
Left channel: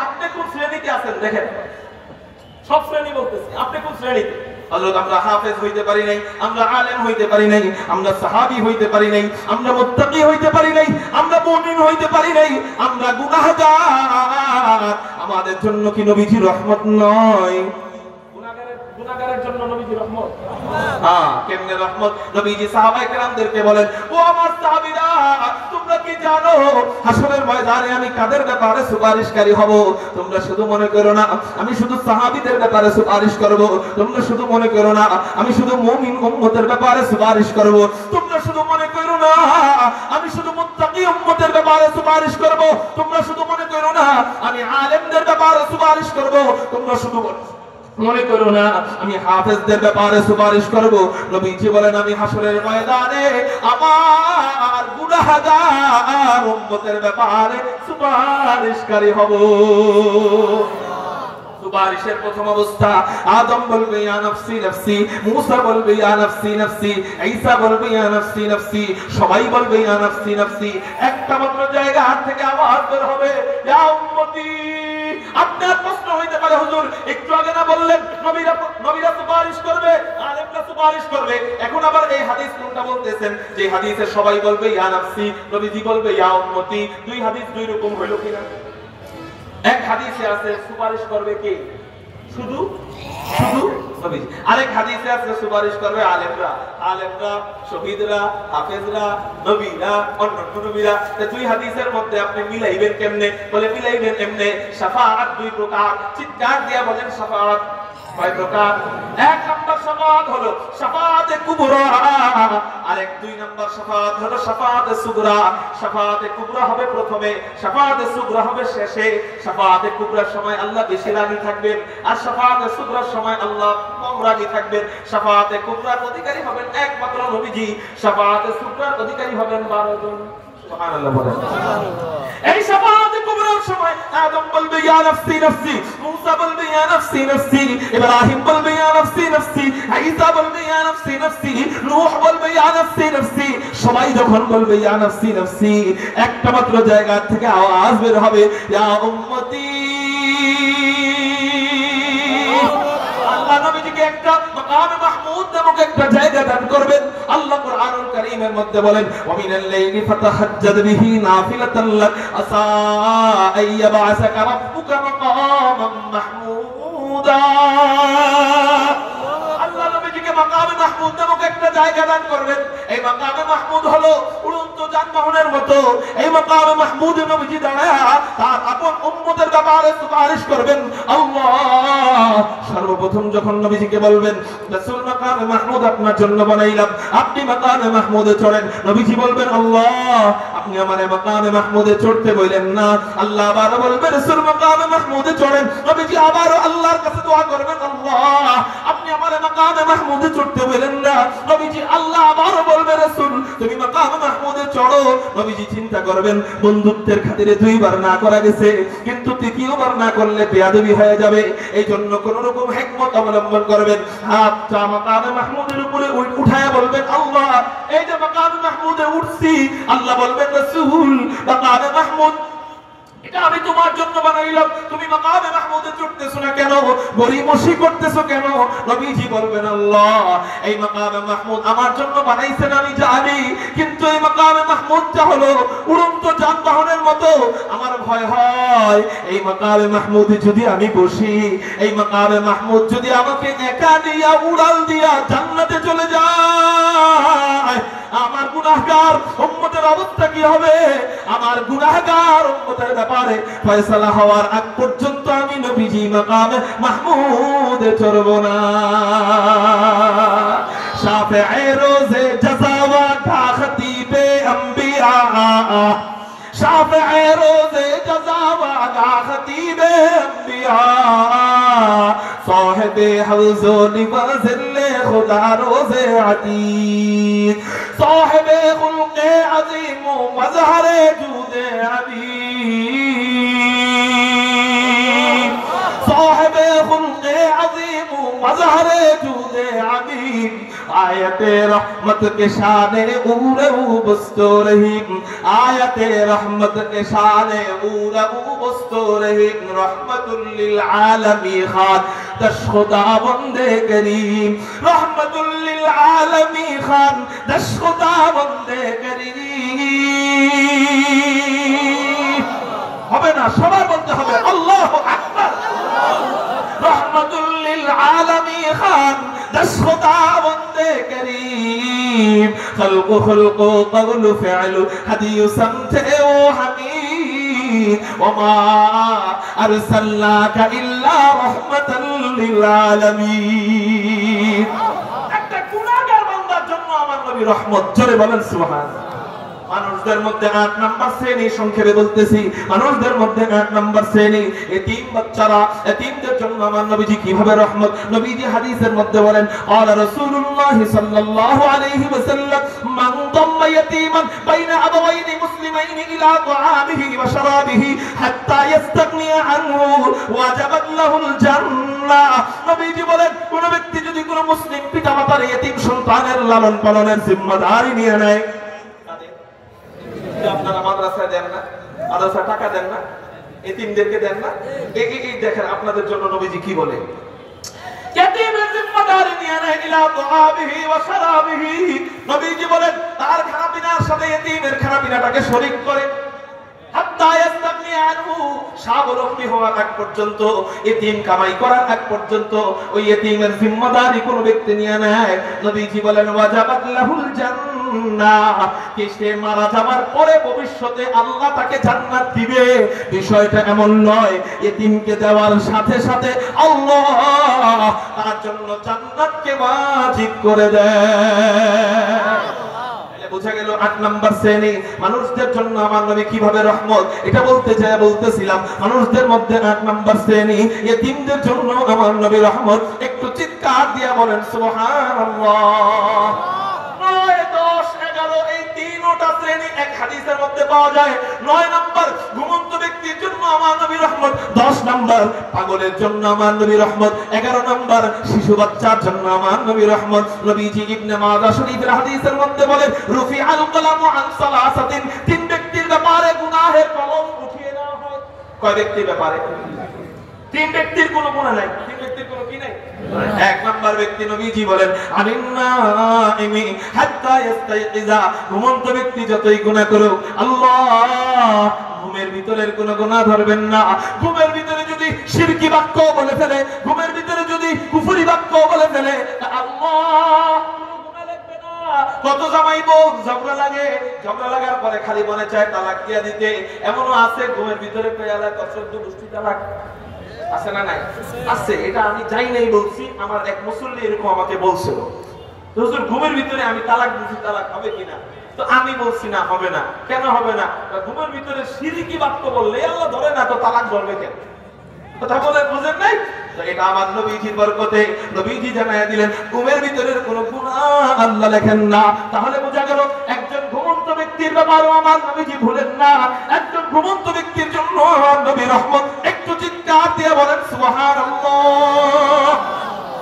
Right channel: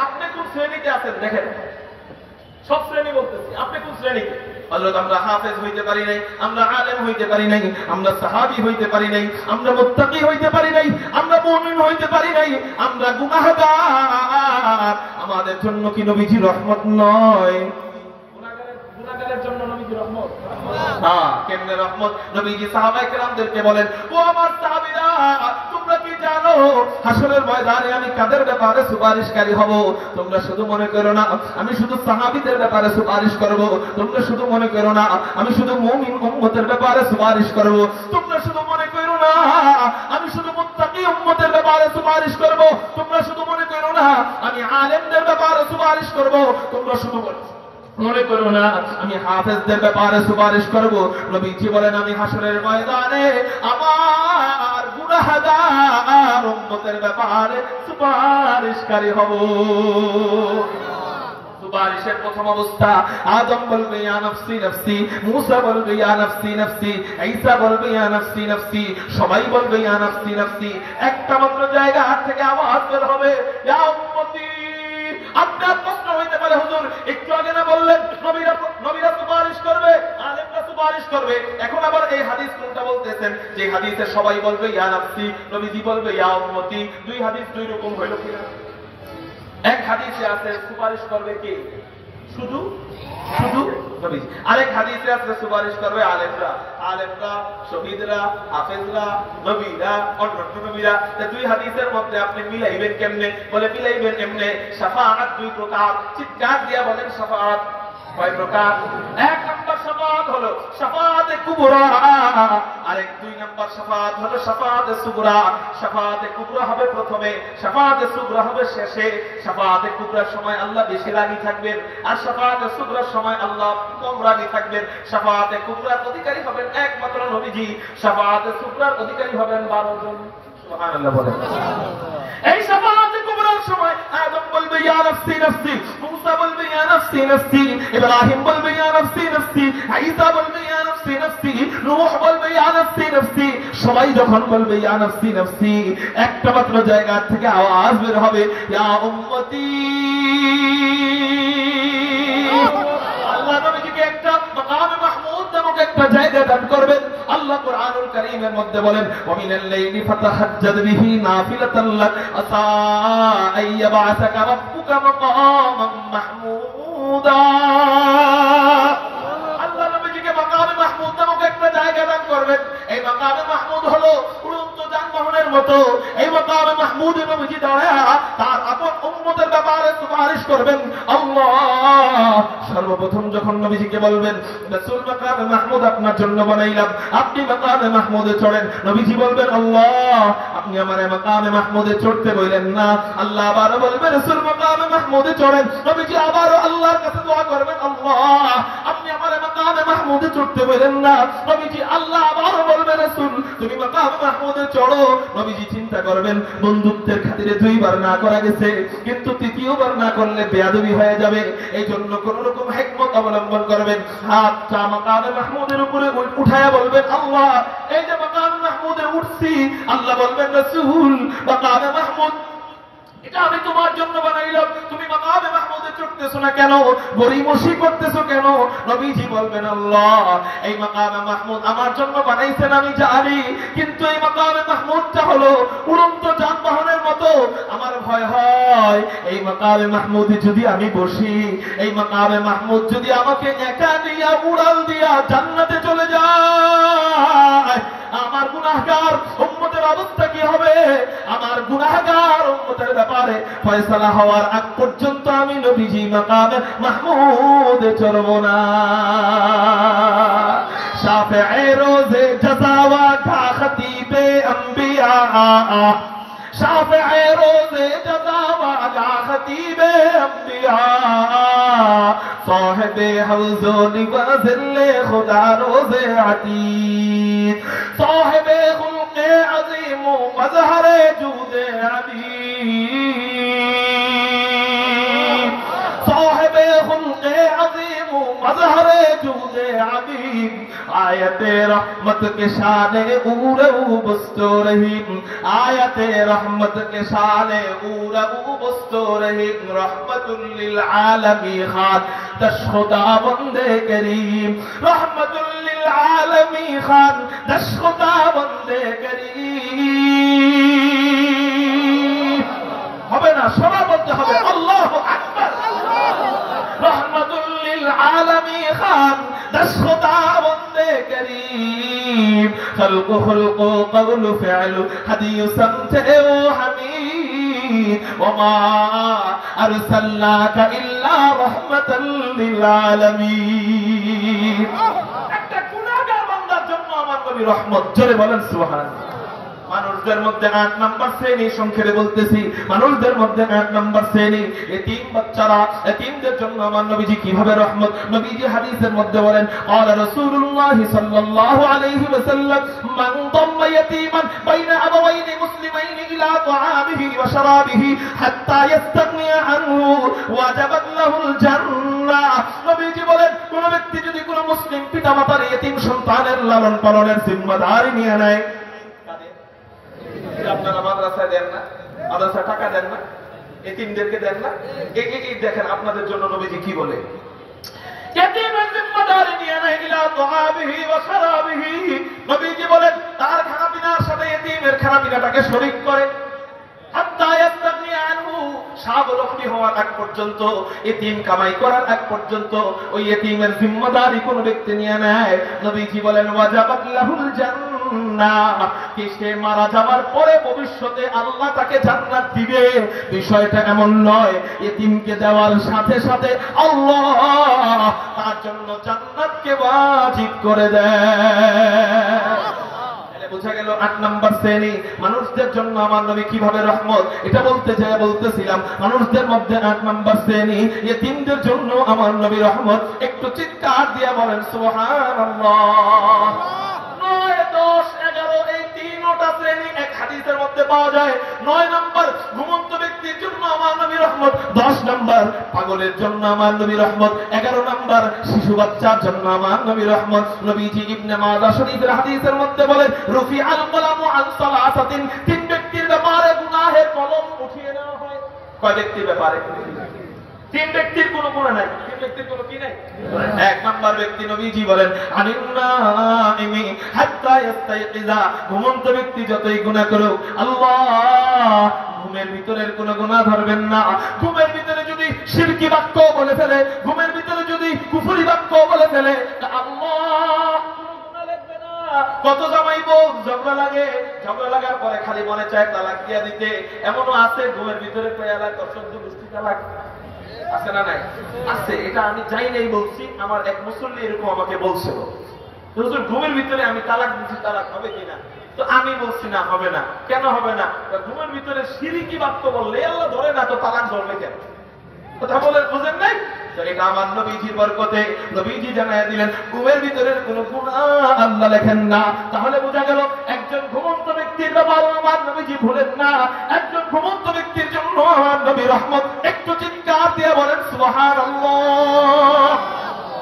আপনি কোন শ্রেণীতে আছেন দেখেন, সব শ্রেণী বলতেছি, আপনি কোন শ্রেণীতে? হযরত আমরা হাফেজ হইতে পারি নাই, আমরা আলেম হইতে পারি নাই, আমরা সাহাবী হইতে পারি নাই, আমরা মুত্তাকি হইতে পারি নাই, আমরা মুমিন হইতে পারি নাই, আমরা গুনাহগার। আমাদের জন্য কি নবীজি রহমত নয়? গুনাহগারের জন্য নবীজি রহমত। হ্যাঁ, কেমনে রহমত? নবীজি সাহাবায়ে কেরামদেরকে বলেন, ও আমার সাহাবীরা, তোমরা কি জানো হাসরের ময়দানে আমি কাদের ব্যাপারে সুপারিশকারী হব? তোমরা শুধু মনে করো না আমি শুধু সাহাবীদের ব্যাপারে সুপারিশ করব, তোমরা শুধু মনে করো না আমি শুধু মুমিন উম্মতের ব্যাপারে সুপারিশ করব, তোমরা শুধু মনে করো না আমি শুধু মুত্তাকি উম্মতের ব্যাপারে সুপারিশ করব, তোমরা শুধু মনে করো না আমি আলেমদের ব্যাপারে সুপারিশ করব, তোমরা শুধু মনে করো না আমি হাফেজদের ব্যাপারে সুপারিশ করব। নবীজি বলেন, আমি হাসরের ময়দানে আমার গুনাহগার উম্মতের ব্যাপারে সুপারিশকারী হব। সুপারিশের প্রথম অবস্থা, আদম বলবে ইয়া নফসি নফসি, মুসা বলবে ইয়া নফসি নফসি, ঈসা বলবে ইয়া নফসি নফসি, সবাই বলবে ইয়া নফসি নফসি। একটা মাত্র জায়গা হাত থেকে আওয়াজ বের হবে, ইয়া উম্মতি। আপনার প্রশ্ন হইতে পারে, হুজুর একটু আগে না বললেন নবীরা সুপারিশ করবে, আলেমরা সুপারিশ করবে, এখন আবার এই হাদিস কোনটা বলতেছেন যে হাদিসে সবাই বলবে ইয়া নফসি, নবীজি বলবে ইয়া উম্মতি? 2 হাদিস 2 রকম হইল কিনা? এক হাদিসে আছে সুপারিশ করবে কে? শুধু নবীজি। আরেক হাদিসে আছে সুপারিশ করবে আলেমরা, শহীদরা, হাফেজরা, নবীরা, অন্যান্য নবীরা। 2 হাদিসের মধ্যে আপনি মিলাইবেন কেমনে? বলে মিলাইবেন এমনে, শাফাআত 2 প্রকার। চিৎকার দিয়া বলেন শাফাআত কয় প্রকার? 1 নাম্বার শাফাআত হলো শাফাআতে কুবরা, আরেক 2 নাম্বার শাফাআত হলো শাফাআতে সুগরা। শাফাআতে কুবরা হবে প্রথমে, শাফাআতে সুগরা হবে শেষে। শাফাআতে কুবরার সময় আল্লাহ বেশি রাগী থাকবেন, আর শাফাআতে সুগরার সময় আল্লাহ কম রাগী থাকবেন। শাফাআতে কুবরার অধিকারী হবেন একমাত্র নবীজি, শাফাআতে সুগরার অধিকারী হবেন 12 জন। সুবহানাল্লাহ বলেন। এই শাফাআতে কুবরার সময় আদম বলবে ইয়া নফসি নফসি, মুসা বলবে ইয়া নফসি নফসি, ইব্রাহিম বলবে ইয়া নফসি নফসি, ঈসা বলবে ইয়া নফসি নফসি, নূহ বলবে ইয়া নফসি নফসি। সবাই যখন বলবে ইয়া নফসি নফসি, একটা মাত্র জায়গা থেকে আওয়াজ বের হবে, ইয়া উম্মতি। আল্লাহ নবীজিকে একটা মাকামে মাহমুদ নামক একটা জায়গা দান করবেন। আল্লাহ কুরআনুল কারীমের মধ্যে বলেন, ওয়া মিনাল লাইলি ফাতাহাজ্জাদ বিহি নাফিলাতান লাক আসা আইয়াবাসাকা রাব্বুকা মাকামান মাহমুদা। আল্লাহ নবীজিকে মাকামে মাহমুদ নামক একটা জায়গা দান করবেন। এই মাকামে মাহমুদ হলো উড়ন্ত যানবাহনের মতো। এই মাকামে মাহমুদে নবীজি দাঁড়ায়া তার আপন উম্মতের ব্যাপারে সুপারিশ করবেন। আল্লাহ সর্বপ্রথম যখন নবীজিকে বলবেন, রাসূল মাকামে মাহমুদ আপনার জন্য বানাইলাম, আপনি মাকামে মাহমুদে চড়েন। নবীজি বলবেন, আল্লাহ আপনি আমারে মাকামে মাহমুদে চড়তে বলেন না। আল্লাহ আবার বলবেন, রাসূল মাকামে মাহমুদে চড়েন। নবীজি আবারও আল্লাহর কাছে দোয়া করবেন, আল্লাহ আপনি আমারে মাকামে মাহমুদে চড়তে বলেন না। নবীজি আল্লাহ আবারও বলবে, রাসূল তুমি মাকামে মাহমুদে চড়ো। নবীজি চিন্তা করবেন, বন্ধুত্বের খাতিরে 2 বার না করা গেছে, কিন্তু দ্বিতীয়বার না করলে বেয়াদবি হয়ে যাবে। এই জন্য কোন রকম হিকমত অবলম্বন করবেন। হাতটা মাকামে মাহমুদের উপরে উঠায়া বলবেন, আল্লাহ এই যে মাকামে মাহমুদে উঠছি, আল্লাহ বলবেন রাসূল মাকামে মাহমুদ এটা আমি তোমার জন্য বানাইলাম, তুমি মাকামে মাহমুদে চড়তেছো না কেন, গরিমসি করতেছো কেন? নবীজি বলবেন, আল্লাহ এই মাকামে মাহমুদ আমার জন্য বানাইছেন আমি জানি, কিন্তু এই মাকামে মাহমুদটা হলো উড়ন্ত যানবাহনের মতো। আমার ভয় হয় এই মাকামে মাহমুদে যদি আমি বসি, এই মাকামে মাহমুদ যদি আমাকে একা দিয়া উড়াল দিয়া জান্নাতে চলে যায়, আমার গুনাহগার উম্মতের অবস্থা কি হবে? আমার গুনাহগার উম্মতের ব্যাপারে ফয়সালা হওয়ার আগ পর্যন্ত আমি নবীজি মাকামে মাহমুদে চড়ব না। শাফিঈ রোজে জাযা ওয়া খতিবে আম্বিয়া, শাফিঈ রোজে জাযা ওয়া খতিবে আম্বিয়া, সাহেবে হওজ লিবাজিল্লে খুদা রোজে আতীক, সাহেবে খুলকে আযীম ওয়া জহরে জুদে আবীব, সাহেবে খুলকে আযীম ওয়া জহরে জুদে আবীব, आयते रहमत के शाने उरऊ बस्तो रहीम, आयते रहमत के शाने उरऊ बस्तो रहीम, रहमतुल लिल आलमी खान दश खुदा बंदे करीम, रहमतुल लिल आलमी खान दश खुदा बंदे करीम। হবে না, সবার বলতে হবে আল্লাহু আকবার। रहमतुल लिल आलमी खान दस खुदा बंदे करीम, खल्क़ खुल्क़ क़ौल फ़िअल हदीय समते ओ हमीद, वमा अरसलनाका इल्ला रहमतल लिल आलमीन। একটা গুনাহগার বান্দার জন্য আমার নবী রহমত। জোরে বলেন সুবহানাল্লাহ। মানুষদের মধ্যে 8 নাম্বার শ্রেণী, সংক্ষেপে বলতেছি, মানুষদের মধ্যে 8 নাম্বার শ্রেণী এতিম বাচ্চারা। এতিমদের জন্য আমার নবীজি কিভাবে রহমত? নবীজি হাদিসের মধ্যে বলেন, قال رسول الله صلى الله عليه وسلم من ضم يتيما بين ابوين مسلمين الى طعامه وشرابه حتى يستغني عنه وجبت له الجنه। নবীজি বলেন, কোন ব্যক্তি যদি কোন মুসলিম পিতামাতার এতিম সন্তানের লালন পালনের জিম্মাদারি নিয়ে নেয়, আপনারা মাদ্রাসায় দেন না, মাদ্রাসায় টাকা দেন না, এতিমদেরকে দেন না, এই দেখেন আপনাদের জন্য নবীজি কি বলে, এতিমের জিম্মাদারি নিয়ে নেয় ইলা তুআবিহি ওয়া শারাবিহি। নবীজি বলেন তার খানাপিনার সাথে এতিমের খানাপিনাটাকে শরীক করে, হাত্তা ইয়াস্তাগনি আনহু, স্বাবলম্বী হওয়ার আগ পর্যন্ত, এতিম কামাই করার আগ পর্যন্ত ওই এতিমের জিম্মাদারি কোন ব্যক্তি নিয়ে নেয়, নবীজি বলেন ওয়াজাবাত লাহুল জান্নাহ, সে মারা যাওয়ার পরে ভবিষ্যতে আল্লাহ তাকে জান্নাত দিবে। বিষয়টা এমন নয় এতিমকে দেওয়ার সাথে সাথে আল্লাহ তার জন্য জান্নাতকে ওয়াজিব করে দেয়। বুঝা গেল 8 নাম্বার শ্রেণী মানুষদের জন্য আমার নবী কিভাবে রহমত। এটা বলতে চাই, বলতেছিলাম মানুষদের মধ্যে 8 নাম্বার শ্রেণী এতিমদের জন্য আমার নবী রহমত। একটু চিৎকার দিয়ে বলেন সুবহানাল্লাহ। 9, 10, 11 এই তিনটা শ্রেণী এক হাদিসের মধ্যে পাওয়া যায়। 9 নাম্বার ঘুমন্ত ব্যক্তির জন্য আমার নবী রহমত, 10 নাম্বার পাগলের জন্য আমার নবী রহমত, 11 নাম্বার শিশু বাচ্চার জন্য আমার নবী রহমত। নবীজি ইবনে মাজাহ শরীফের হাদিসের মধ্যে বলেন রুফি আল কলামু আন সালাসাতিন, 3 ব্যক্তির ব্যাপারে গুনাহের কলম উঠিয়ে দেওয়া হয়। কয় ব্যক্তির ব্যাপারে? 3 ব্যক্তির কোনো গুনাহ নাই। 3 ব্যক্তির কোনো কি নাই? 1 নাম্বার ব্যক্তি নবীজি বলেন আনিন্নাইমি হাত্তা ইস্তাইকিযা, ঘুমন্ত ব্যক্তি যতই গুনাহ করুক আল্লাহ ঘুমের ভিতরের কোনো গুনাহ ধরবেন না। ঘুমের ভিতরে যদি শিরকি বাক্য বলে ফেলে, ঘুমের ভিতরে যদি কুফরি বাক্য বলে ফেলে, আল্লাহ কোনো গুনাহ লিখবে না। কত জামাই বউ ঝগড়া লাগে, ঝগড়া লাগার পরে খালি মনে চায় তালাক দিয়ে দিতে। এমনও আছে ঘুমের ভিতরে পেয়ালা তসদ্দ গোষ্ঠী তালাক আছে না নাই? আছে। এটা আমি যাই নাই বলছি, আমার এক মুসল্লি এরকম আমাকে বলছিল, হুজুর ঘুমের ভিতরে আমি তালাক দিছি, তালাক হবে কিনা? তো আমি বলছি না, হবে না। কেন হবে না? ঘুমের ভিতরে শিরকি বাক্য বললে আল্লাহ ধরে না, তো তালাক ধরবে কেন? কথা বলে বুঝেন নাই? তো এটা আমার নবীজির বরকতে নবীজি জানায় দিলেন ঘুমের ভিতরের কোনো গুনাহ আল্লাহ লেখেন না। তাহলে বোঝা গেল একজন ঘুমন্ত ব্যক্তির ব্যাপারও আমার নবীজি ভুলেন না। একজন ঘুমন্ত ব্যক্তির জন্য আমার নবী রহমত। চিৎকার দিয়ে বলেন সুবহানাল্লাহ।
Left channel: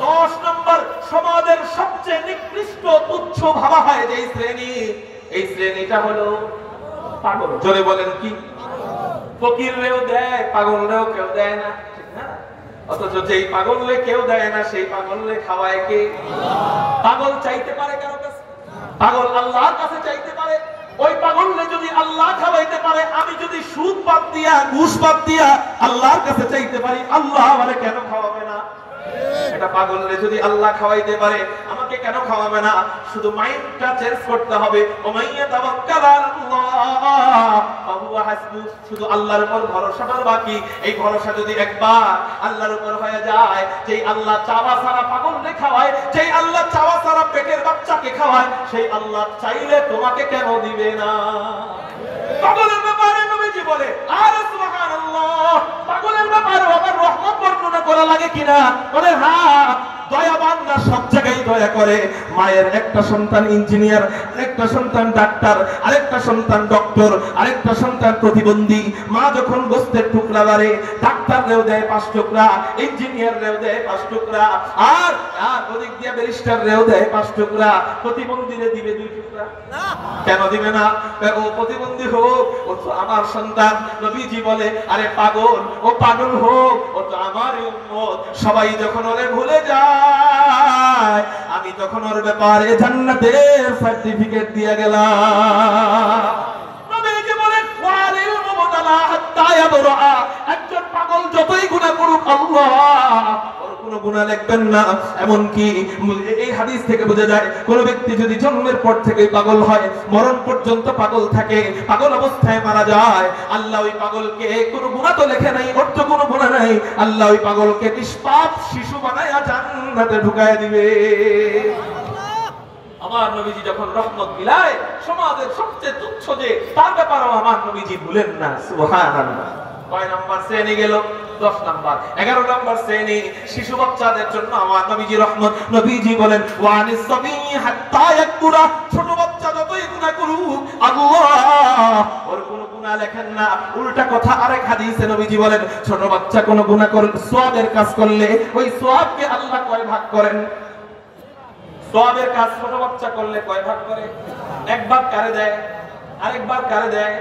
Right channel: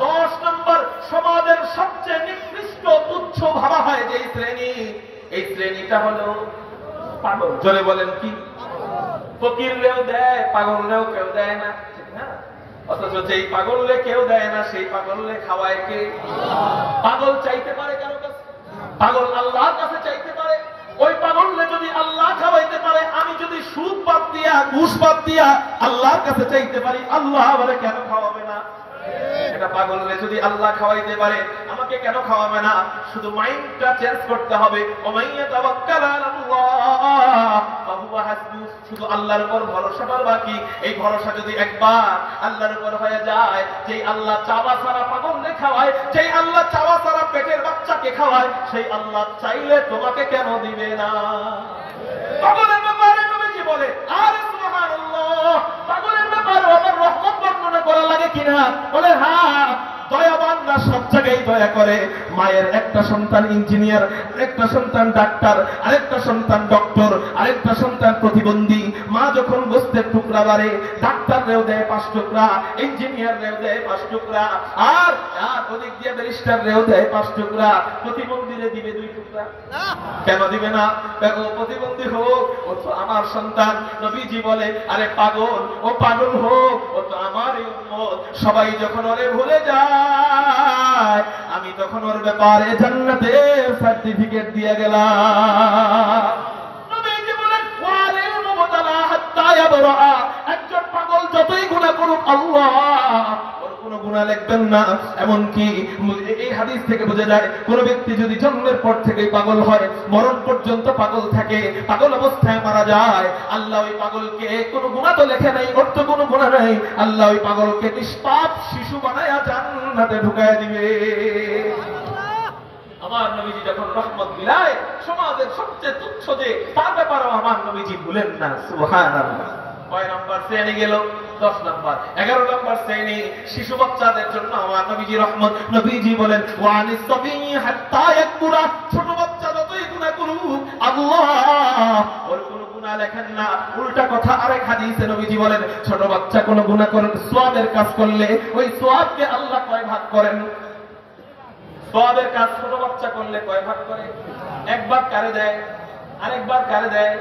10 নম্বর, সমাজের সবচেয়ে নিকৃষ্ট তুচ্ছ ভাবা হয় যে শ্রেণী, এই শ্রেণীটা হলো পাগল। জোরে বলেন কি? ফকিররেও দেয়, পাগলরেও কেউ দেয় না, ঠিক না? অথচ যেই পাগলরে কেউ দেয় না সেই পাগলরে খাওয়ায় কে? পাগল চাইতে পারে কারো কাছে? পাগল আল্লাহর কাছে চাইতে পারে। ওই পাগলরে যদি আল্লাহ খাওয়াইতে পারে, আমি যদি সুদ বাদ দিয়া ঘুষ বাদ দিয়া আল্লাহর কাছে চাইতে পারি, আল্লাহ আমারে কেন খাওয়াবে না? এটা পাগলরে যদি আল্লাহ খাওয়াইতে পারে, আমাকে কেন খাওয়াবে না? শুধু মাইন্ডটা চেঞ্জ করতে হবে। ওমাইয়া তাওয়াক্কাল আলাল্লাহ ফাহুয়া হাসবু। শুধু আল্লাহর উপর ভরসাটা বাকি। এই ভরসা যদি একবার আল্লাহর উপর হয়ে যায়, যেই আল্লাহ চাওয়া সারা পাগলরে খাওয়ায়, যেই আল্লাহ চাওয়া সারা পেটের বাচ্চাকে খাওয়ায়, সেই আল্লাহ চাইলে তোমাকে কেন দিবে না? পাগলের ব্যাপারে নবীজি বলে, আরে সুবহানাল্লাহ, পাগলের ব্যাপারে আমার রহমত বর্ণনা করা লাগে কিনা? বলে হ্যাঁ, দয়াবানরা সব জায়গায় দয়া করে। মায়ের একটা সন্তান ইঞ্জিনিয়ার, আরেকটা সন্তান ডাক্তার, আরেকটা সন্তান ডক্টর, আরেকটা সন্তান প্রতিবন্ধী। মা যখন গোস্তের টুকরা বাড়ে, ডাক্তাররেও দেয় 5 টুকরা, ইঞ্জিনিয়াররেও দেয় 5 টুকরা, আর ওদিক দিয়ে ব্যারিস্টাররেও দেয় 5 টুকরা, প্রতিবন্ধীরে দিবে 2 টুকরা। কেন দিবে না? ও প্রতিবন্ধী হোক, ও তো আমার সন্তান। নবীজি বলে, আরে পাগল, ও পাগল হোক, ও তো আমারই উম্মত। সবাই যখন ওরে ভুলে যায়, আমি তখন ওর ব্যাপারে জান্নাতের সার্টিফিকেট দিয়ে গেলাম। নবীজি বলেন, ওয়ালিল মুবতালা হাত্তা ইয়াবরা। একজন পাগল যতই গুনাহ করুক, আল্লাহ ওর কোনো গুনাহ লিখবেন না। এমন কি এই হাদিস থেকে বোঝা যায়, কোন ব্যক্তি যদি জন্মের পর থেকে পাগল হয়, মরণ পর্যন্ত পাগল থাকে, পাগল অবস্থায় মারা যায়, আল্লাহ ওই পাগলকে কোনো গুনাহ তো লেখে নাই, ওর তো কোনো গুনাহ নাই, আল্লাহ ওই পাগলকে নিষ্পাপ শিশু বানায়া জান্নাতে ঢুকায় দিবে। আমার নবীজি যখন রহমত বিলায়, সমাজের সবচেয়ে তুচ্ছ যে, তার ব্যাপারেও আমার নবীজি ভুলেন না। সুবহানাল্লাহ। কয় নাম্বার শ্রেণী গেল? 10 নাম্বার। 11 নাম্বার শ্রেণী শিশু বাচ্চাদের জন্য আমার নবীজি রহমত। নবীজি বলেন, ওয়ানিস সাবী হাত্তা ইয়াকুরা। ছোট বাচ্চা যতই গুনাহ করুক, আল্লাহ ওর কোনো গুনাহ লেখেন না। উল্টা কথা আরেক হাদিসে নবীজি বলেন, ছোট বাচ্চা কোনো গুনাহ করে সওয়াবের কাজ করলে, ওই সওয়াবকে আল্লাহ কয় ভাগ করেন? সওয়াবের কাজ ছোট বাচ্চা করলে কয় ভাগ করে? একবার কারে দেয়, আরেকবার কারে দেয়?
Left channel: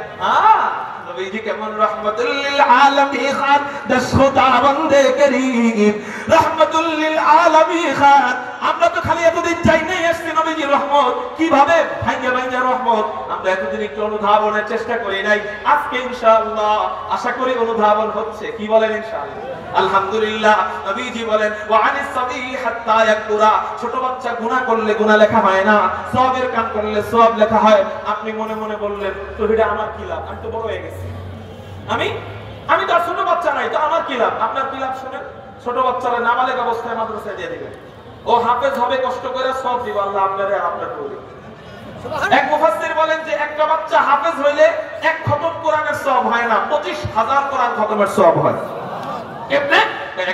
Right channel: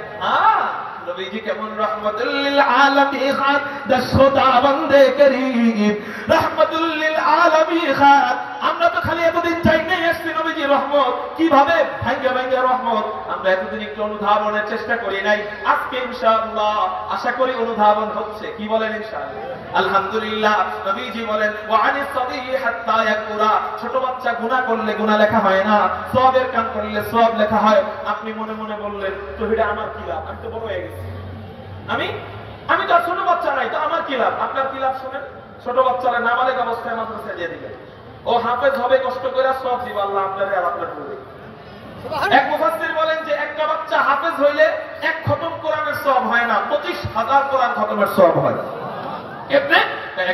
নবীজি কেমন রহমাতুল লিল আলামিন খান, দশখোতা বন্দে করিম, রহমাতুল লিল আলামিন খান। আমরা তো খালি এতদিন চাই নাই আসছি নবীজি রহমত, কিভাবে ভাঙ্গা ভাঙ্গা রহমত, আমরা এতদিন একটু অনুধাবনের চেষ্টা করি নাই। আজকে ইনশাআল্লাহ আশা করি অনুধাবন হচ্ছে। কি বলেন? ইনশাআল্লাহ, আলহামদুলিল্লাহ। নবীজি বলেন, ওয়ানিস সাবী হাত্তা ইয়াকুরা। ছোট বাচ্চা গুনাহ করলে গুনাহ লেখা হয় না, সওয়াবের কাম করলে সওয়াব লেখা হয়। আপনি মনে মনে বললেন, তো এটা আমার কি লাভ? আমি তো বড় হয়ে গেছি, আমি তো ছোট বাচ্চা নাই, তো আমার কি লাভ? আপনার কি লাভ? শুনেন, ছোট বাচ্চারা নাবালেগ অবস্থায় মাদ্রাসায় দিয়ে দিবেন, ও হাফেজ হবে, কষ্ট করে সব দিব আল্লাহ আপনারে আর আপনার করে। এক মুফাসসির বলেন যে একটা বাচ্চা হাফেজ হইলে 1 খতম কোরআনের সওয়াব হয় না, 25,000 কোরআন খতমের সওয়াব হয়। কেমনে?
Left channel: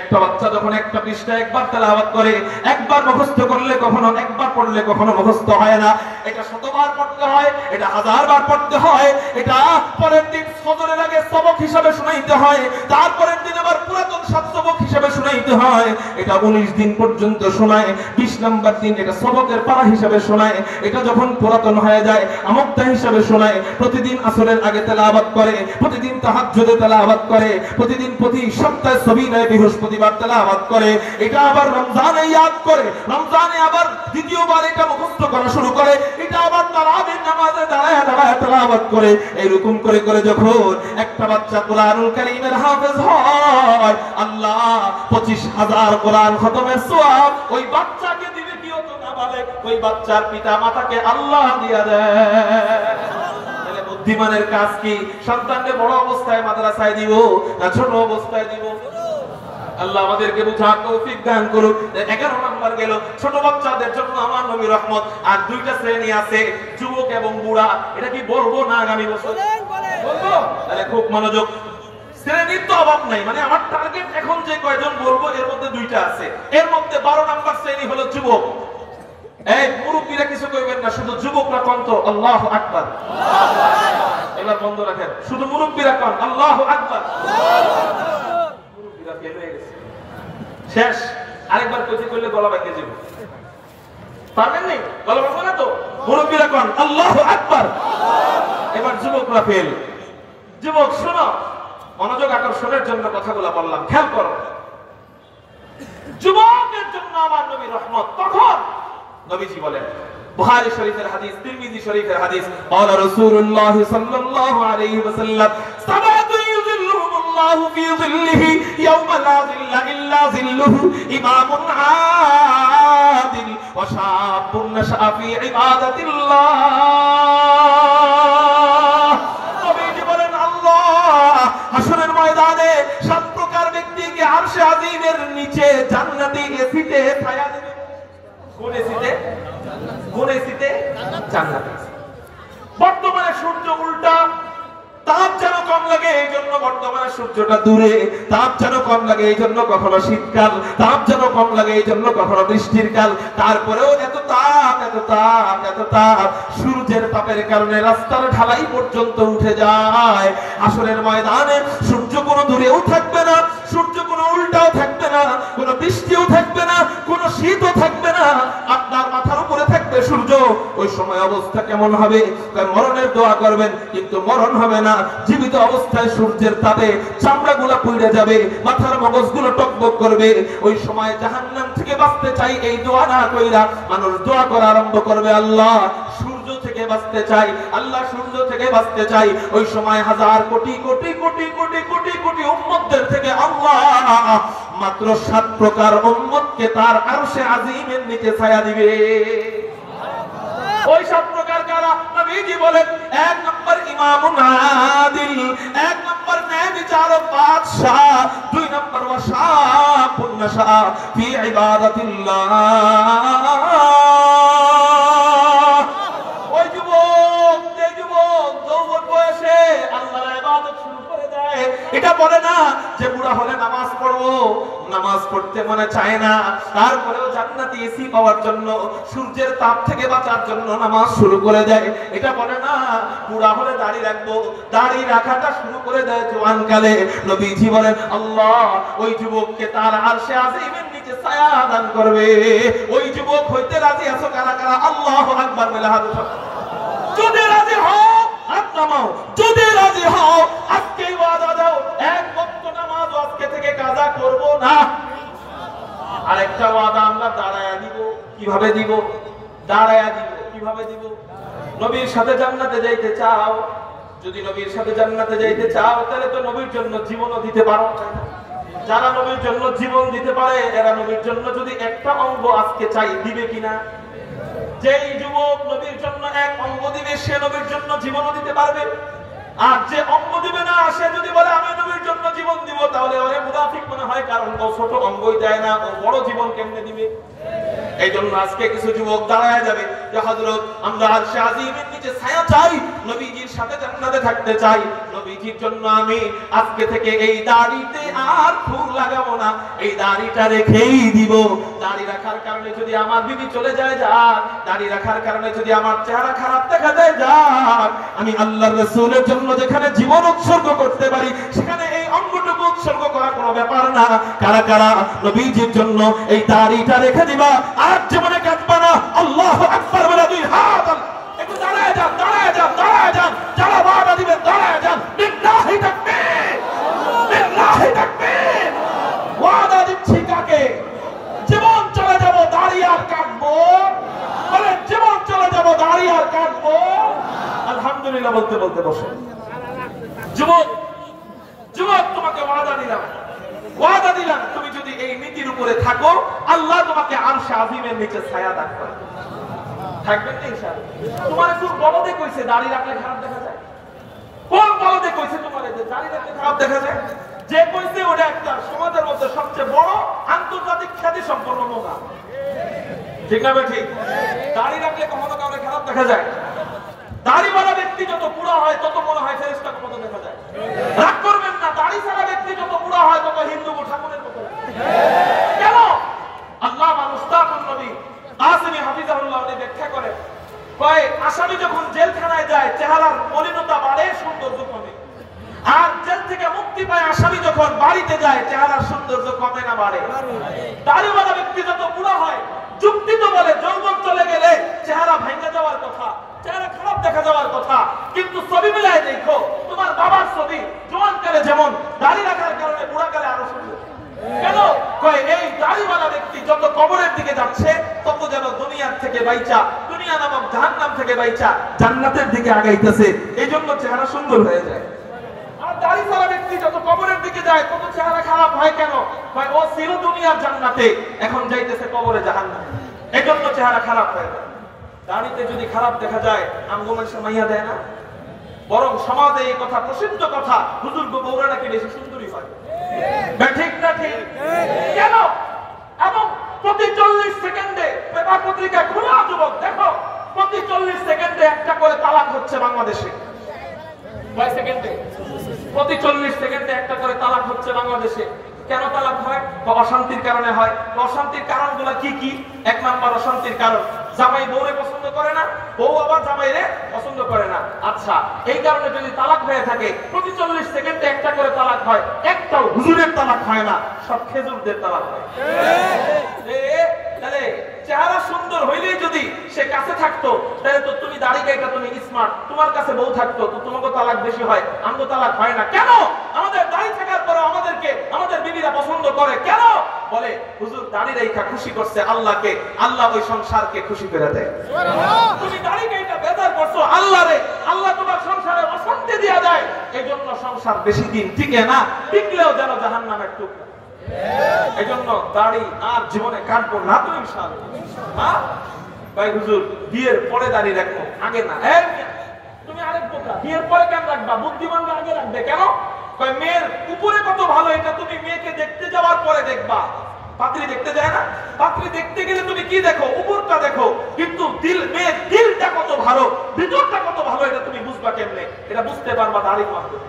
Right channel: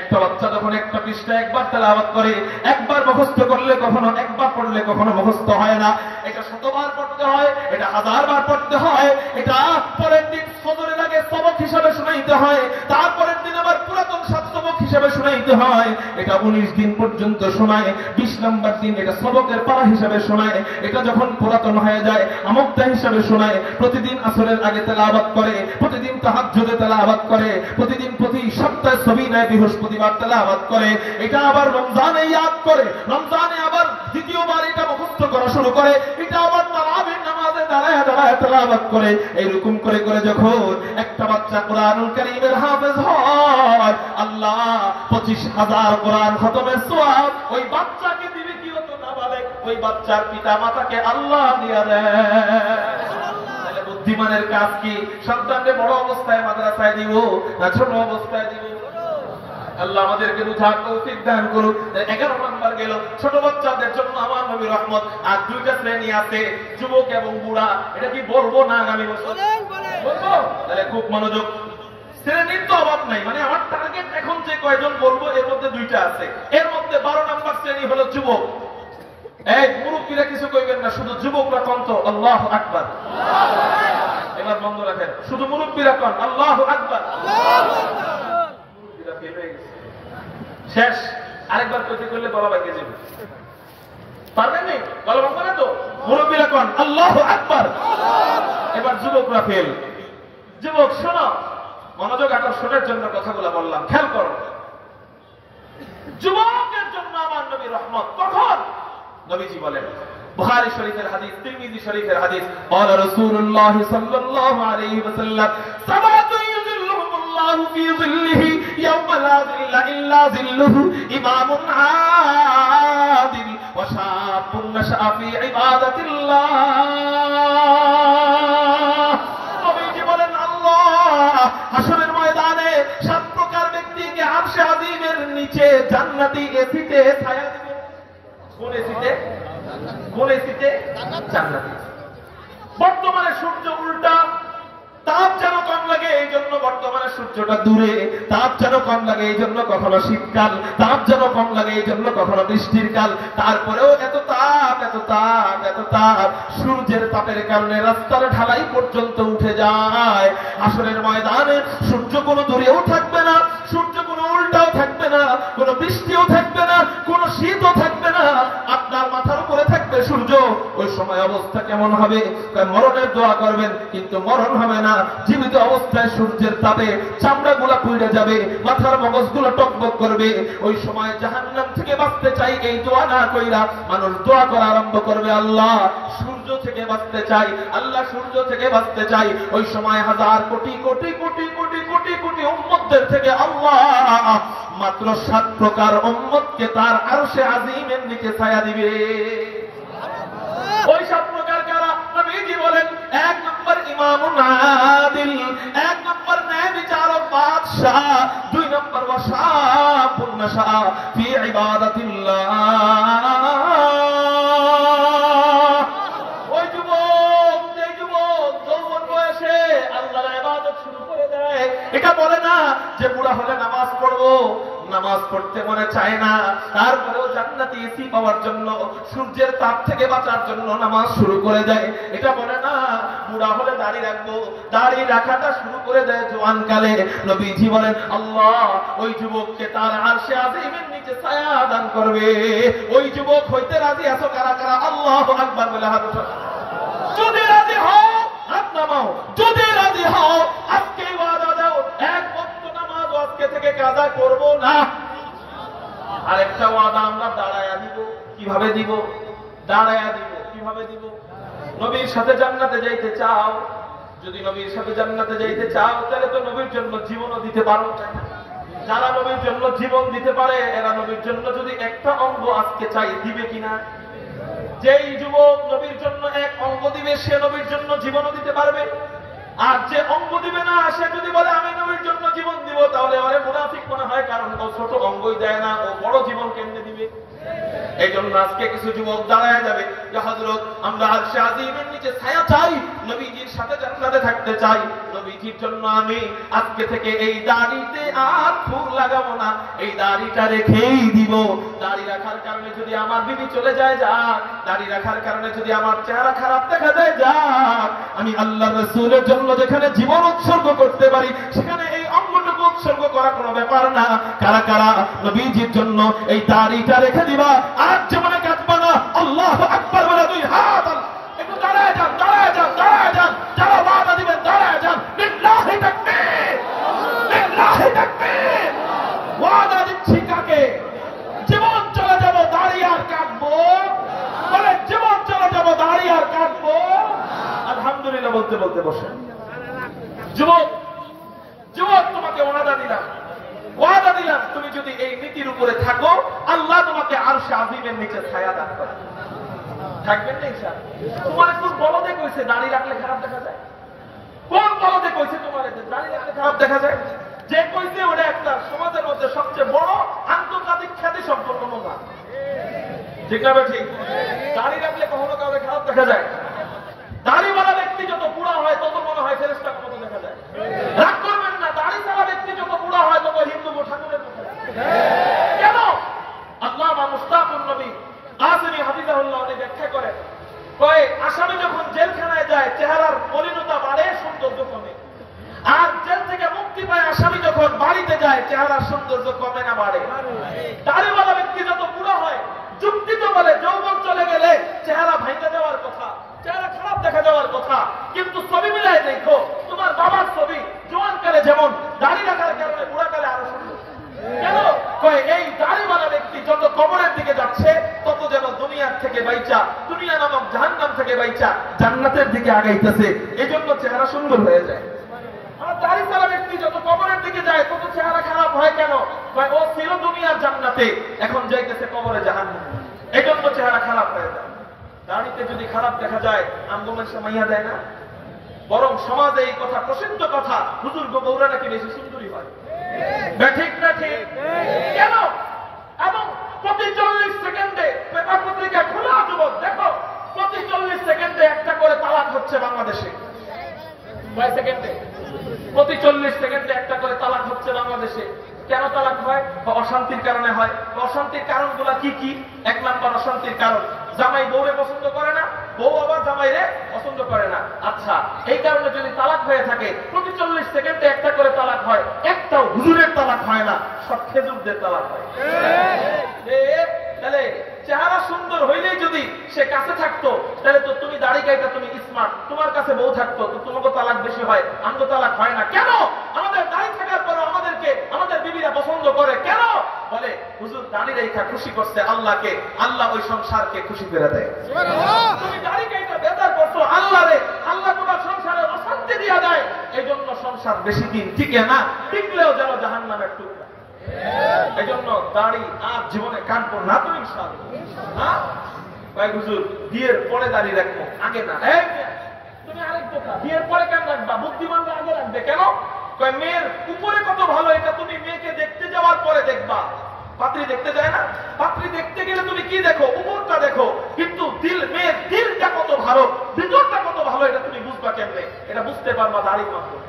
একটা বাচ্চা যখন একটা পৃষ্ঠা একবার তেলাওয়াত করে, একবার মুখস্থ করলে কখনো, একবার পড়লে কখনো মুখস্থ হয় না। এটা 100বার পড়তে হয়, এটা 1000 বার পড়তে হয়, এটা পরের দিন ফজরের আগে সবক হিসাবে শুনাইতে হয়, তারপরের দিন আবার পুরাতন সব সবক হিসাবে শুনাইতে হয়। এটা 19 দিন পর্যন্ত শোনায়, 20 নম্বর দিন এটা সবকের পারা হিসাবে শোনায়। এটা যখন পুরাতন হয়ে যায়, আমুকতা হিসাবে শোনায়। প্রতিদিন আসরের আগে তেলাওয়াত করে, প্রতিদিন তাহাজ্জুদে তেলাওয়াত করে, প্রতিদিন প্রতি সপ্তাহে সবিনায় বৃহস্পতিবার তেলাওয়াত করে। এটা আবার রমজানে ইয়াদ করে, রমজানে আবার দ্বিতীয়বার এটা মুখস্থ করা শুরু করে, এটা আবার তারাবির নামাজে দাঁড়ায় দাঁড়ায় তেলাওয়াত করে। এইরকম করে করে যখন একটা বাচ্চা কোরআনুল কারীমের হাফেজ হয়, আল্লাহ 25,000 কোরআন খতমের সওয়াব ওই বাচ্চাকে দিবে। কি হতো নাবালেগ, ওই বাচ্চার পিতা মাতাকে আল্লাহ দিয়া দেয়। তাহলে বুদ্ধিমানের কাজ কি? সন্তানকে বড় অবস্থায় মাদ্রাসায় দিব না ছোট অবস্থায় দিব? আল্লাহ আমাদেরকে বুঝার তৌফিক দান করুক। 11 নাম্বার গেল ছোট বাচ্চাদের জন্য আমার নবী রহমত। আর 2টা শ্রেণী আছে, যুবক এবং বুড়া। এটা কি বলবো না আগামী বছর বলবো? তাহলে খুব মনোযোগ। শ্রেণীর তো অভাব নাই, মানে আমার টার্গেট এখন যে কয়জন বলবো এর মধ্যে 2টা আছে। এর মধ্যে 12 নাম্বার শ্রেণী হলো যুবক। এই মুরব্বীরা কিছু কইবেন না, শুধু যুবকরা কোন তো আল্লাহু আকবার। এবার বন্ধ রাখেন, শুধু মুরব্বীরা কোন আল্লাহু আকবার। ফেল হয়ে গেছে, শেষ। আরেকবার কইতে করলে গলা ভেঙে যাবে, পারবেন না, গলা ভাঙবে না তো। মুরব্বিরা কোন আল্লাহু আকবার। এবার যুবকরা ফেল। যুবক শোনো, মনোযোগ আকর্ষণের জন্য কথাগুলো বললাম, খেয়াল করো। যুবকের জন্য আমার নবী রহমত কখন? নবীজি বলেন, বুখারী শরীফের হাদিস, তিরমিজি শরীফের হাদিস, ক্বালা রাসূলুল্লাহ সাল্লাল্লাহু আলাইহি ওয়াসাল্লাম, সাবাতু ইউযিল্লুহুমুল্লাহু ফি যিল্লিহি ইয়াওমা লা যিল্লা ইল্লা যিল্লুহু, ইমামুন আদিল ওয়া শাবুন নাশা ফি ইবাদাতিল্লাহ। নবীজি বলেন, আল্লাহ হাশরের ময়দানে 7 প্রকার ব্যক্তিকে আরশে আজিমের নিচে জান্নাতি এসিতে ছায়া দিবেন। কোন এসিতে? কোন এসিতে? জান্নাতি। বর্তমানে সূর্য উল্টা, তাপ যেন কম লাগে এই জন্য বর্তমানে সূর্যটা দূরে, তাপ যেন কম লাগে এই জন্য কখনো শীতকাল, তাপ যেন কম লাগে এই জন্য কখনো বৃষ্টির কাল। তারপরেও এত তাপ, এত তাপ, এত তাপ, সূর্যের তাপের কারণে রাস্তার ঢালাই পর্যন্ত উঠে যায়। আসরের ময়দানে সূর্য কোনো দূরেও থাকবে না, সূর্য কোনো উল্টাও থাকবে না, কোনো বৃষ্টিও থাকবে না, কোনো শীতও থাকবে না, আপনার মাথার উপরে থাকবে সূর্য। ওই সময় অবস্থা কেমন হবে? মরণের দোয়া করবেন, কিন্তু মরণ হবে না। জীবিত অবস্থায় সূর্যের তাপে চামড়াগুলো পুড়ে যাবে, মাথার মগজগুলো টকবক করবে। ওই সময় জাহান্নাম থেকে বাঁচতে চাই এই দোয়া না কইরা মানুষ দোয়া করা আরম্ভ করবে, আল্লাহ সূর্য থেকে বাঁচতে চাই, আল্লাহ সূর্য থেকে বাঁচতে চাই। ওই সময় হাজার কোটি কোটি কোটি কোটি কোটি কোটি উম্মতদের থেকে আল্লাহ মাত্র 7 প্রকার উম্মতকে তার আরশে আজিমের নিচে ছায়া দিবে। ওই 7 প্রকার কারা? নবীজি বলেন, 1 নম্বর ইমামুন আদিল, 1 নম্বর ন্যায় বিচারক বাদশা, 2 নম্বর ওয়াশাবুন নাশা ফি ইবাদাতিল্লাহ। ওই যুবক, যে যুবক যৌবন বয়সে আল্লাহর ইবাদত শুরু করে দেয়, এটা বলে না যে বুড়া হলে নামাজ পড়বো, নামাজ পড়তে মনে চায় না, তারপরেও জান্নাতি এসি পাওয়ার জন্য, সূর্যের তাপ থেকে বাঁচার জন্য নামাজ শুরু করে দেয়, এটা বলে না বুড়া হলে দাড়ি রাখবো, দাড়ি রাখাটা শুরু করে দেয় জওয়ানকালে। নবীজি বলেন, আল্লাহ ওই যুবককে তার আরশে আজিমের নিচে ছায়া দান করবে। ওই যুবক হইতে রাজি আছো কারা কারা? আল্লাহু আকবার বলে হাত উঠাও। যদি রাজি হও হাত নামাও, যদি রাজি হও আজকে ওয়াদা দাও, 1 ওয়াক্ত নামাজ আজকে থেকে কাজা করব না। আরেকটা ওয়াদা আমরা দাঁড়ায়া দিব। কিভাবে দিব? দাঁড়ায়া দিব। কিভাবে দিব? নবীর সাথে জান্নাতে যাইতে চাও, যদি নবীর সাথে জান্নাতে যাইতে চাও তাহলে তো নবীর জন্য জীবনও দিতে পারো, তাই না? যারা নবীর জন্য জীবন দিতে পারে এরা নবীর জন্য যদি একটা অঙ্গ আজকে চাই, দিবে কিনা? যেই যুবক নবীর জন্য 1 অঙ্গ দিবে সে নবীর জন্য জীবনও দিতে পারবে। আর যে অঙ্গ দিবে না সে যদি বলে আমি নবীর জন্য জীবন দিব, তাহলে ওরে মুনাফিক মনে হয়, কারণ ও ছোট অঙ্গই দেয় না, ও বড় জীবন কেমনে দিবে? এই জন্য আজকে কিছু যুবক দাঁড়ায় যাবে, যে হযরত আমরা আরশে আজিমের নিচে ছায়া চাই, নবীজির সাথে জান্নাতে থাকতে চাই, নবীজির জন্য আমি আজকে থেকে এই দাড়িতে আর ফুল লাগাবো না, এই দাড়িটা রেখেই দিব। দাড়ি রাখার কারণে যদি আমার বিবি চলে যায় যাক, দাড়ি রাখার কারণে যদি আমার চেহারা খারাপ দেখা যায় যাক, আমি আল্লাহর রাসূলের জন্য যেখানে জীবন উৎসর্গ করতে পারি সেখানে এই অঙ্গটুকু উৎসর্গ করা কোনো ব্যাপার না। কারা কারা নবীজির জন্য এই দাড়িটা রেখে দিবা আর জীবনে কাটবা না? আল্লাহু আকবার বলে 2 হাত। একটু দাঁড়ায় যান, দাঁড়ায় যান, দাঁড়ায় যান, যারা ওয়াদা দিবেন দাঁড়ায় যান। বিল্লাহি তাকবীর, বিল্লাহি তাকবীর। ওয়াদা দিচ্ছি কাকে? জীবন চলে যাব দাড়ি আর কাটবো, বলে জীবন চলে যাব দাড়ি আর কাটবো। আলহামদুলিল্লাহ বলতে বলতে বসে। যুবক, যুবক তোমাকে ওয়াদা দিলাম, ওয়াদা দিলাম তুমি যদি এই নীতির উপরে থাকো আল্লাহ তোমাকে আরশে আজিমের নিচে ছায়া দান করবে। থাকবেন না ইনশাআল্লাহ? তোমারে কোন বলদে কইছে দাড়ি রাখলে খারাপ দেখা যায়? কোন বলদে কইছে তোমারে যে দাড়ি রাখলে খারাপ দেখা যায়? যে কইছে ওটা একটা সমাজের মধ্যে সবচেয়ে বড় আন্তর্জাতিক খ্যাতি সম্পন্ন মোগা। ঠিক না ঠিক? দাড়ি রাখলে কখনো কাউকে খারাপ দেখা যায়? দাড়িওয়ালা ব্যক্তি যত বুড়া হয় তত মনে হয় ফেরেশতার মতো দেখা যায়। রাগ করবেন না, দাড়ি ছাড়া ব্যক্তি যত বুড়া হয় তত হিন্দু ঠাকুরের মতো লাগে। কেন? আল্লামা মুস্তাফুর নবী আসমি হাফিজাহুল্লাহ উনি ব্যাখ্যা করেন, কয় আসামি যখন জেলখানায় যায় চেহারার মলিনতা বাড়ে, সৌন্দর্য কমে। আর জেল থেকে মুক্তি পায় আসামি যখন বাড়িতে যায় চেহারার সৌন্দর্য কমে না বাড়ে? দাড়িওয়ালা ব্যক্তি যত বুড়া হয়, যুক্তি তো বলে যৌবন চলে গেলে চেহারা ভেঙে যাওয়ার কথা, চেহারা খারাপ দেখা যাওয়ার কথা, কিন্তু ছবি মিলায় দেখো তোমার বাবার ছবি জওয়ানকালে যেমন, দাড়ি রাখার কারণে বুড়াকালে আরো সুন্দর। কেন? কয় এই দাড়িওয়ালা ব্যক্তি যত কবরের দিকে যাচ্ছে তত যেন দুনিয়ার থেকে বাইচা, দুনিয়া নামক জাহান্নাম থেকে বাইচা জান্নাতের দিকে আগাইতেছে, এই জন্য চেহারা সুন্দর হয়ে যায়। আর দাড়িওয়ালা ব্যক্তি যত কবরের দিকে যায় তত চেহারা খারাপ হয়। কেন? ও চির দুনিয়ার জান্নাতে, এখন যাইতেছে কবরে জাহান্নামে, এই জন্য চেহারা খারাপ হয়ে যায়। দাড়িতে যদি খারাপ দেখা যায় আমগো মানুষ মাইয়া দেয় না, বরং সমাজে এই কথা প্রসিদ্ধ কথা, হুজুর গো বউরা নাকি বেশি সুন্দরী হয়। ঠিক না ঠিক? কেন? এবং প্রতি 40 সেকেন্ডে পেপার পত্রিকা খোলা যুবক দেখো, প্রতি 40 সেকেন্ডে একটা করে তালাক হচ্ছে বাংলাদেশে। কয় সেকেন্ডে? প্রতি 40 সেকেন্ডে একটা করে তালাক হচ্ছে বাংলাদেশে। কেন তালাক হয়? অশান্তির কারণে হয়। অশান্তির কারণগুলো কি কি? 1 নাম্বার অশান্তির কারণ, জামাই বউরে পছন্দ করে না, বউ আবার জামাইরে পছন্দ করে না। আচ্ছা, এই কারণে যদি তালাক হয়ে থাকে, প্রতি 40 সেকেন্ডে একটা করে তালাক হয়, একটাও হুজুরের তালাক হয় না, সব খেজুরদের তালাক হয়। তাহলে চেহারা সুন্দর হইলেই যদি সে কাছে থাকতো, তাহলে তো তুমি দাড়ি গাইতা, তুমি স্মার্ট, তোমার কাছে বউ থাকতো, তো তোমাকে তালাক বেশি হয়, আমগো তালাক হয় না। কেন? আমাদের দাড়ি থাকার পরে আমাদেরকে আমাদের বিবিরা পছন্দ করে। কেন? বলে হুজুর দাড়ি রেখা খুশি করছে আল্লাহকে, আল্লাহ ওই সংসারকে খুশি করে দেয়। তুমি দাড়ি গাইতা বেজার করছো আল্লাহরে, আল্লাহ তোমার সংসারে অশান্তি দিয়া দেয়। এই জন্য সংসার বেশি দিন টিকে না, টিকলেও যেন জাহান্নামের টুকরা। এই জন্য দাড়ি আর জীবনে কাটবো না তো ইনশাআল্লাহ। হ্যাঁ ভাই হুজুর বিয়ের পরে দাড়ি রাখবো, আগে না। তুমি আরেক কথা, বিয়ের পরে কেন রাখবা? বুদ্ধিমানরা আগে রাখবে। কেন? কয় মেয়ের উপরে কত ভালো এটা তুমি মেয়েকে দেখতে যাওয়ার পরে দেখবা। পাত্রী দেখতে যায় না? পাত্রী দেখতে গেলে তুমি কি দেখো? উপরটা দেখো, কিন্তু মেয়ের দিলটা কত ভালো, ভিতরটা কত ভালো এটা তুমি বুঝবা কেমনে? এটা বুঝতে পারবা দাড়ির মাধ্যমে।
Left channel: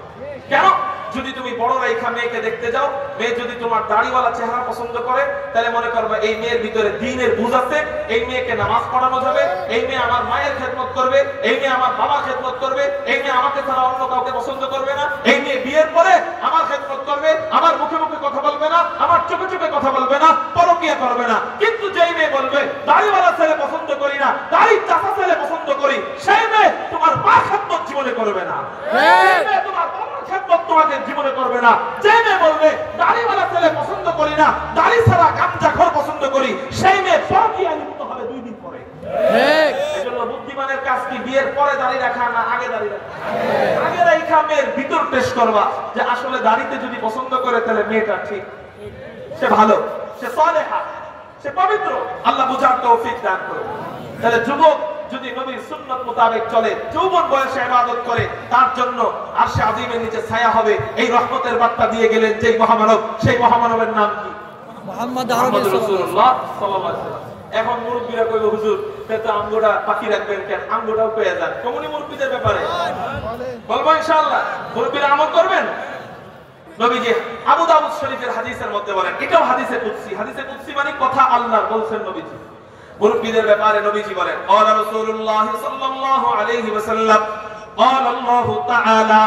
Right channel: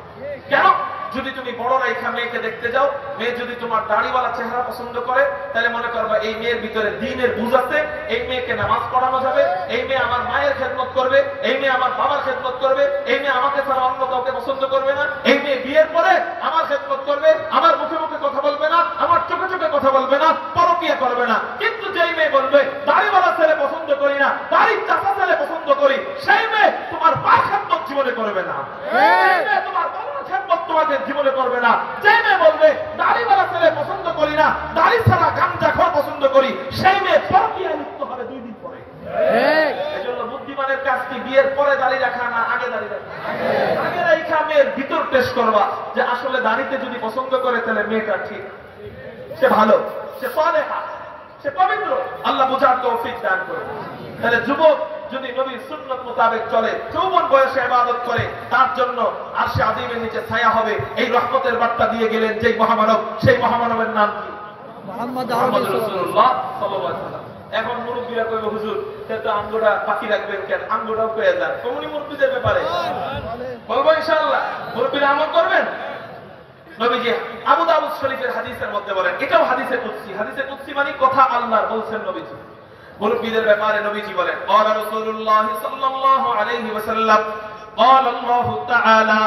কেন? যদি তুমি বড় রেখা মেয়েকে দেখতে যাও, মেয়ে যদি তোমার দাড়িওয়ালা চেহারা পছন্দ করে, তাহলে মনে করবা এই মেয়ের ভিতরে দ্বীনের বুঝ আছে, এই মেয়েকে নামাজ পড়ানো যাবে, এই মেয়ে আমার মায়ের খেদমত করবে, এই মেয়ে আমার বাবার খেদমত করবে, এই মেয়ে আমাকে ছাড়া অন্য কাউকে পছন্দ করবে না, এই মেয়ে বিয়ের পরে আমার খেদমত করবে, আমার মুখে মুখে কথা বলবে না, আমার চোখে চোখে কথা বলবে না, পরকীয়া করবে না। কিন্তু যেই মেয়ে বলবে দাড়িওয়ালা ছেলে পছন্দ করি না, দাড়ির চাচা ছেলে পছন্দ করি, সেই মেয়ে তোমার মা খেদমত জীবনে করবে না, তোমার বাবার খেদমত তোমাকে জীবনে করবে না। যে মেয়ে বলবে দাড়িওয়ালা ছেলে পছন্দ করি না, দাড়ি ছাড়া গামজাখোর পছন্দ করি, সেই মেয়ে পরকীয়ায় লিপ্ত হবে 2 দিন পরে। এজন্য বুদ্ধিমানের কাজ কি? বিয়ের পরে দাড়ি রাখা না আগে দাড়ি রাখা? আগে রাখা মেয়ের ভিতর টেস্ট করবা যে আসলে দাড়িতে যদি পছন্দ করে তাহলে মেয়েটা ঠিক, সে ভালো, সে সালেহা, সে পবিত্র। আল্লাহ বুঝার তৌফিক দান করুন। তাহলে যুবক যদি নবীর সুন্নাত মোতাবেক চলে, যৌবন বয়সে ইবাদত করে, তার জন্য আরশে আজিমের নিচে ছায়া হবে। এই রহমতের বার্তা দিয়ে গেলেন যেই মহামানব, সেই মহামানবের নাম কি? মুহাম্মদ রাসূলুল্লাহ সাল্লাল্লাহু আলাইহি ওয়াসাল্লাম। এখন মুরব্বিরা কইবো হুজুর তো আমগোটা পাখি রাখবেন কেন? আমগোটাও পেয়ে যান। কমনি মুরব্বিদের ব্যাপারে বলবো ইনশাআল্লাহ। মুরব্বিরা আমল করবেন। নবীজি আবু দাউদ শরীফের হাদিসের মধ্যে বলেন, এটাও হাদিসে কুদসি। হাদিসে কুদসি মানে কথা আল্লাহর বলছেন নবীজি। মুরব্বিদের ব্যাপারে নবীজি বলেন, ক্বালা রাসূলুল্লাহ সাল্লাল্লাহু আলাইহি ওয়াসাল্লাম, ক্বালা আল্লাহু তাআলা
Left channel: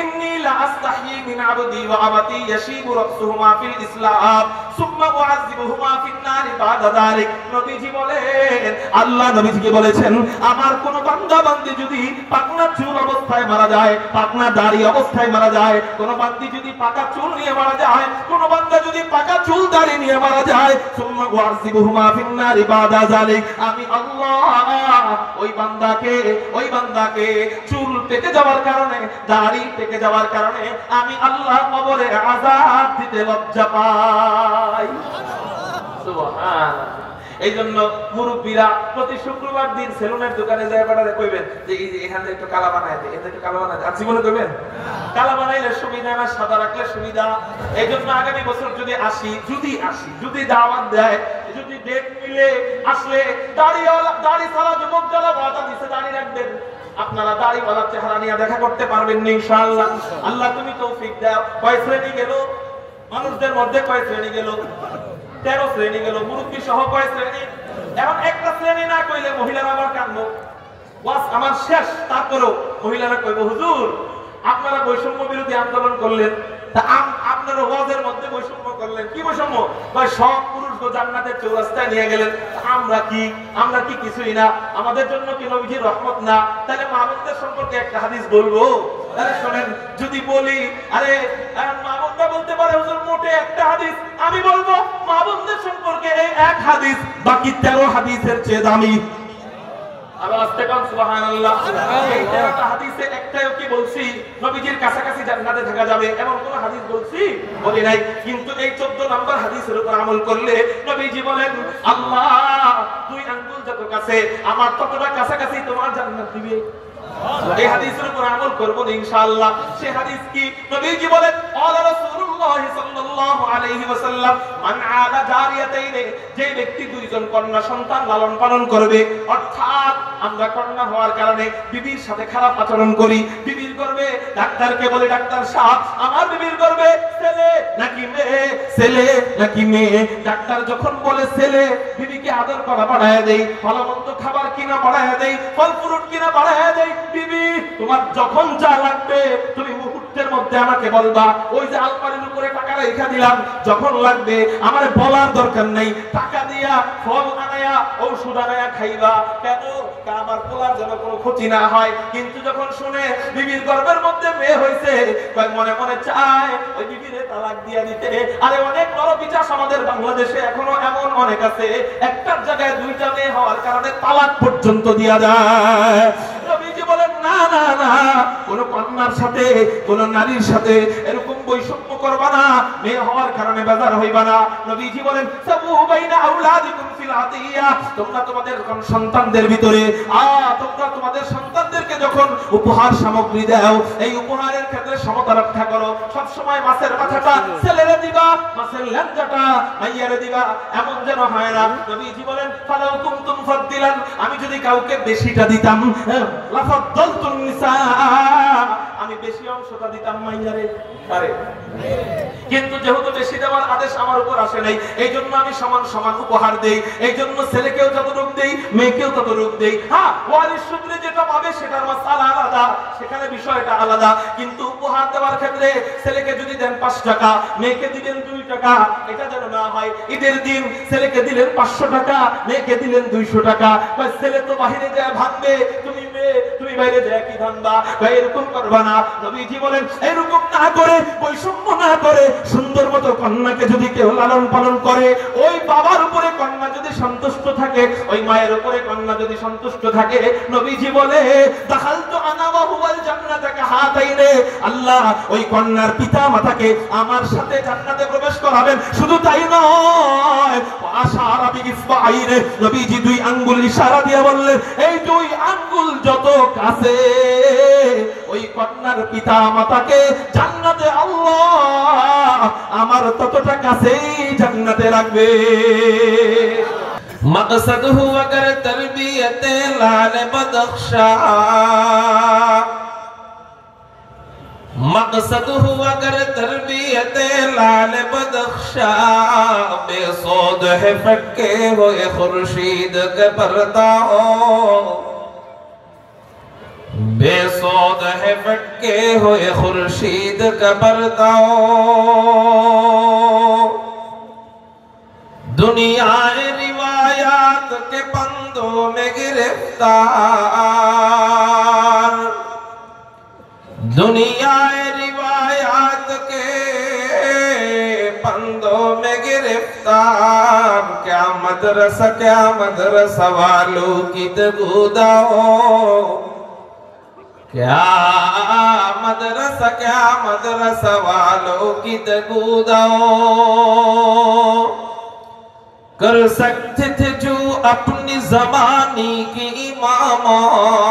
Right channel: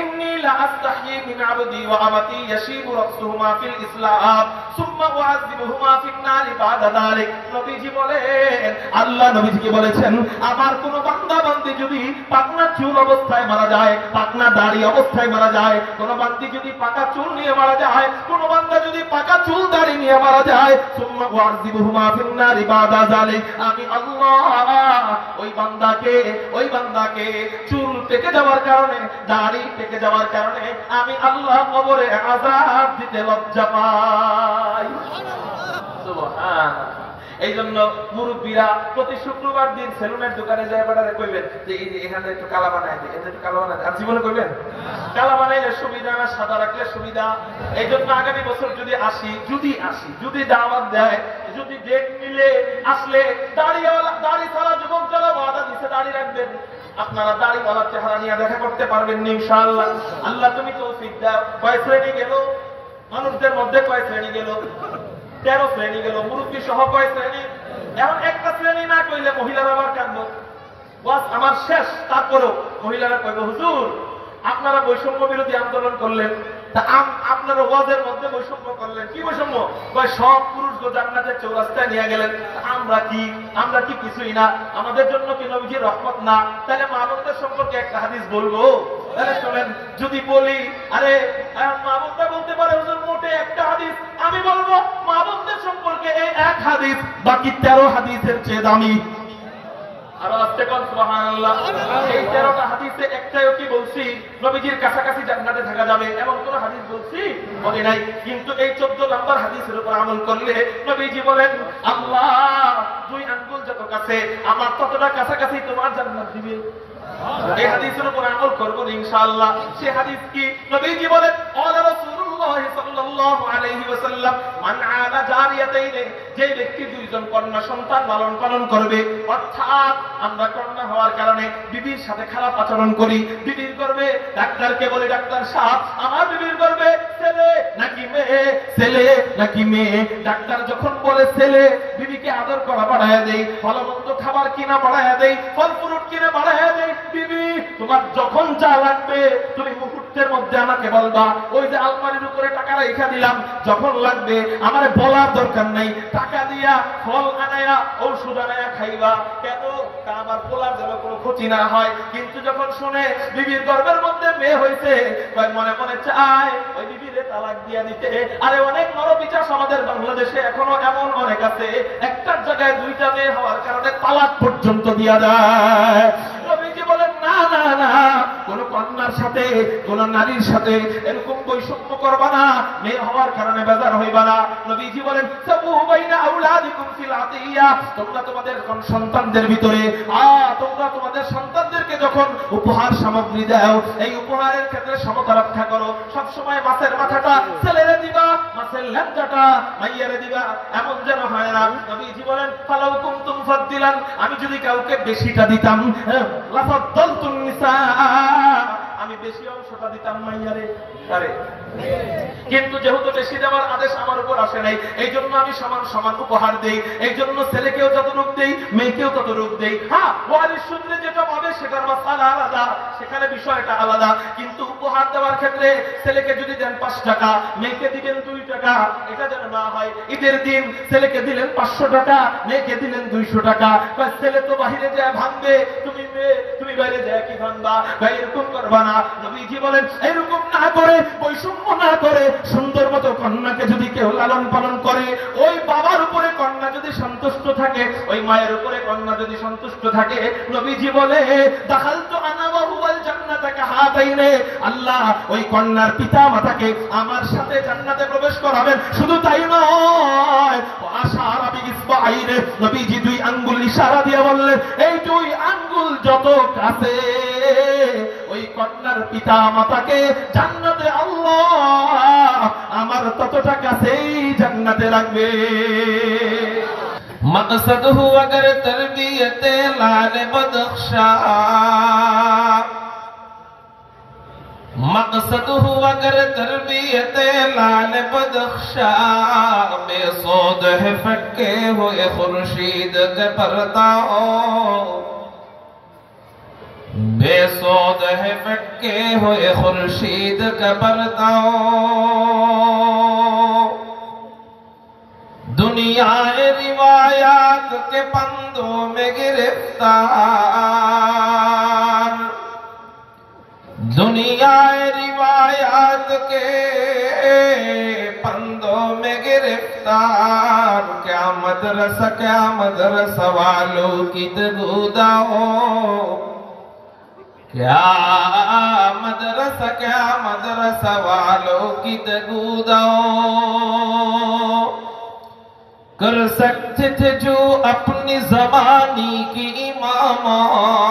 ইন্নী লা আস্তাহি মিন আবদি ওয়া আমাতি ইয়াশিবু রাসুহুমা ফিল ইসলাম সুম্মা উআযিবুহুমা ফিন নারি বাদা যালিক। নবীজি বলেন, আল্লাহ নবীজিকে বলেছেন, আমার কোন বান্দা বান্দি যদি পাকনা চুল অবস্থায় মারা যায়, পাকনা দাড়ি অবস্থায় মারা যায়, কোন বান্দি যদি পাকা চুল নিয়ে মারা যায়, কোন বান্দা যদি পাকা চুল দাড়ি নিয়ে মারা যায়, সুম্মা উআযিবুহুমা ফিন নারি বাদা যালিক, আমি আল্লাহ ওই বান্দাকে চুল পেকে যাওয়ার কারণে, দাড়ি পেকে যাওয়ার কারণে আমি আল্লাহ কবরে আযাব দিতে লজ্জা পাই। সুবহানাল্লাহ। এই জন্য মুরব্বীরা প্রতি শুক্রবার দিন সেলুনের দোকানে যায় বেড়ারে কইবেন যে এই যে এখানে একটু কালা বানায় দে, এটা একটু কালা বানায় দে। আর জীবনে কইবেন কালা বানাইলে সুবিধা না সাদা রাখলে সুবিধা। এই জন্য আগামী বছর যদি আসি, যদি দাওয়াত দেয়, যদি ডেট মিলে, আসলে দাড়ি ছাড়া যুবক যারা বাধা দিছে দাড়ি রাখবেন, আপনারা দাড়িওয়ালা চেহারা নিয়ে দেখা করতে পারবেন ইনশাআল্লাহ। আল্লাহ তুমি তৌফিক দাও। কয় শ্রেণী গেল মানুষদের মধ্যে? কয় শ্রেণী গেল? 13 শ্রেণী গেল। মুরব্বী সহ কয় শ্রেণী? এখন একটা শ্রেণী না কইলে মহিলারা আবার কাঁদবো, বাস আমার শেষ। তারপরেও মহিলারা কইবো হুজুর আপনারা বৈষম্য বিরোধী আন্দোলন করলেন, আপনারা ওয়াজের মধ্যে বৈষম্য করলেন। কি বৈষম্য? সব পুরুষকে জান্নাতের চৌরাস্তায় নিয়ে গেলেন। আমরা কি কিছুই না? আমাদের জন্য কি নবীজির রহমত না? তাহলে মা বোনদের সম্পর্কে একটা হাদিস বলবো। তাহলে শোনেন, যদি বলি আরে মা বোনরা বলতে পারে হুজুর মোটে একটা হাদিস, আমি বলবো মা বোনদের সম্পর্কে এই এক হাদিস বাকি 13 হাদিসের চেয়ে দামি। আবার আস্তে কোন সুবহানাল্লাহ। এই 13টা হাদিসে একটাও কি বলছি নবীজির কাছাকাছি জান্নাতে থাকা যাবে এমন কোন হাদিস বলছি? বলি নাই। কিন্তু এই 14 নম্বর হাদিসের উপর আমল করলে নবীজি বলেন আল্লাহ 2 আঙ্গুল যত কাছে আমার ততটা কাছাকাছি তোমার জান্নাত দিবে। এই হাদিসের উপর আমল করব ইনশাআল্লাহ। সে হাদিস কি? নবীজি বলেন আলা রাসূলুল্লাহ সাল্লাল্লাহু আলাইহি ওয়াসাল্লাম মান আলা জারিয়াতাইন, যে ব্যক্তি 2 জন কন্যা সন্তান লালন পালন করবে, অর্থাৎ আমরা কন্যা হওয়ার কারণে বিবির সাথে খারাপ আচরণ করি, বিবির গর্ভে ডাক্তারকে বলে ডাক্তার সাহেব আমার বিবির গর্ভে ছেলে নাকি মেয়ে, ছেলে নাকি মেয়ে। ডাক্তার যখন বলে ছেলে, বিবিকে আদর করা বাড়ায় দেই, ভালো মন্দ খাবার কিনা বাড়ায় দেই, ফল ফ্রুট কিনা বাড়ায় দেই। বিবি তোমার যখন যা লাগবে তুমি মুহূর্তের মধ্যে আমাকে বলবা। ওই যে আলমারির উপরে টাকা রেখে দিলাম, যখন লাগবে আমার বলার দরকার নাই, টাকা দিয়া ফল আনায়া ঔষধ আনায়া খাইবা। কেন? আমার পোলার যেন কোনো ক্ষতি না হয়। কিন্তু যখন শুনে বিবির গর্ভের মধ্যে মেয়ে হয়েছে, কয় মনে মনে চায় ওই বিবিরে তালাক দিয়া দিতে। আরে অনেক নরপিচাস আমাদের বাংলাদেশে এখনো এমন অনেক আছে, একটার জায়গায় 2টা মেয়ে হওয়ার কারণে তালাক পর্যন্ত দিয়া দেয়। নবীজি বলেন না না না, কোন কন্যার সাথে কোন নারীর সাথে এরকম বৈষম্য করবা না, মেয়ে হওয়ার কারণে বেজার হইবা না। নবীজি বলেন সাবু বাইনা আউলাদিকুম ফিল আতিয়া, তোমরা তোমাদের সন্তানদের ভিতরে তোমরা তোমাদের সন্তানদেরকে যখন উপহার সামগ্রী দাও, এই উপহারের ক্ষেত্রে সমতা রক্ষা করো। সব সময় মাছের মাথাটা ছেলেরে দিবা, মাছের ল্যাঞ্জাটা মাইয়ারে দিবা, এমন যেন হয় না। নবীজি বলেন ফালাউ কুনতুম ফাদ্দিলান, আমি যদি কাউকে বেশিটা দিতাম লাফাদ্দালতুন নিসা, আমি বেশি অংশটা দিতাম মাইয়ারে। আরে কিন্তু যেহেতু বেশি দেওয়ার আদেশ আমার উপর আসে নাই, এই জন্য আমি সমান সমান উপহার দেই। এই জন্য ছেলেকেও যতটুকু দেই, মেয়েকেও ততটুকু দেই। হ্যাঁ, ওয়ারিস সূত্রে যেটা পাবে সেটার মাসালা আলাদা, সেখানে বিষয়টা আলাদা। কিন্তু উপহার দেওয়ার ক্ষেত্রে ছেলেকে যদি দেন 5 টাকা, মেয়েকে দিলেন 2 টাকা, এটা যেন না হয় ঈদের দিন ছেলেকে দিলেন 500 টাকা, মেয়েকে দিলেন 200 টাকা। ছেলে তো বাহিরে যায় ভাঙবে, তুমি মেয়ে তুমি বাইরে যায় কি ভাঙবা? এরকম করবা না। নবীজি বলেন এরকম না করে, বৈষম্য না করে, সুন্দর মতো কন্যাকে যদি কেউ লালন পালন করে, ওই বাবার উপরে কন্যা যদি সন্তুষ্ট থাকে, ওই মায়ের উপরে কন্যা যদি সন্তুষ্ট থাকে, নবীজি বলে দাখালতু আনা ওয়া হুয়াল জান্নাতা কাহাতাইনে, আল্লাহ ওই কন্যার পিতা মাতাকে আমার সাথে জান্নাতে প্রবেশ করাবেন। শুধু তাই নয়, আশারা বিইসবাইনে, নবীজি 2 আঙ্গুল ইশারা দিয়ে বললেন এই 2 আঙ্গুল যত কাছে ওই কন্যার পিতা মাতাকে জান্নাতে আল্লাহ আমার ততটা কাছেই জান্নাতে রাখবে। मकसद हुआ अगर तरबियत लाल बदख्शा, मकसद हुआ अगर तरबियत लाल बदख्शा, बेसौद है फटके हुए खुर्शीद के पर्दा हो, बेसौद है फटके हुए खुर्शीद के पर्दा हो। दुनिया रिवायात के पंदों में गिरफ्तार, दुनिया रिवायात के पंदों में गिरफ्तार, क्या मदरसा वालों की तबूदा हो, क्या मदरसा वालों की तबूदा हो। कर सकते थे जो अपनी ज़माने की इमामत,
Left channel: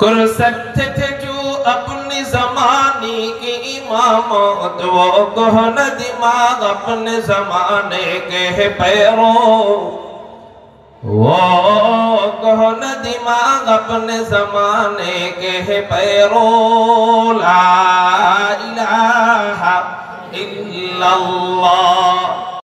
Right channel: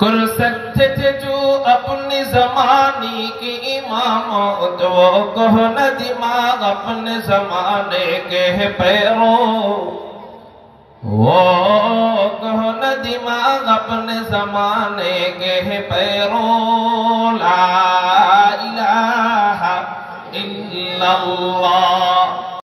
कर सकते थे जो अपनी ज़माने की इमामत, वो कहो न दिमाग अपने ज़माने के है पैरों, वो कहो न दिमाग अपने ज़माने के है पैरों। ला इलाहा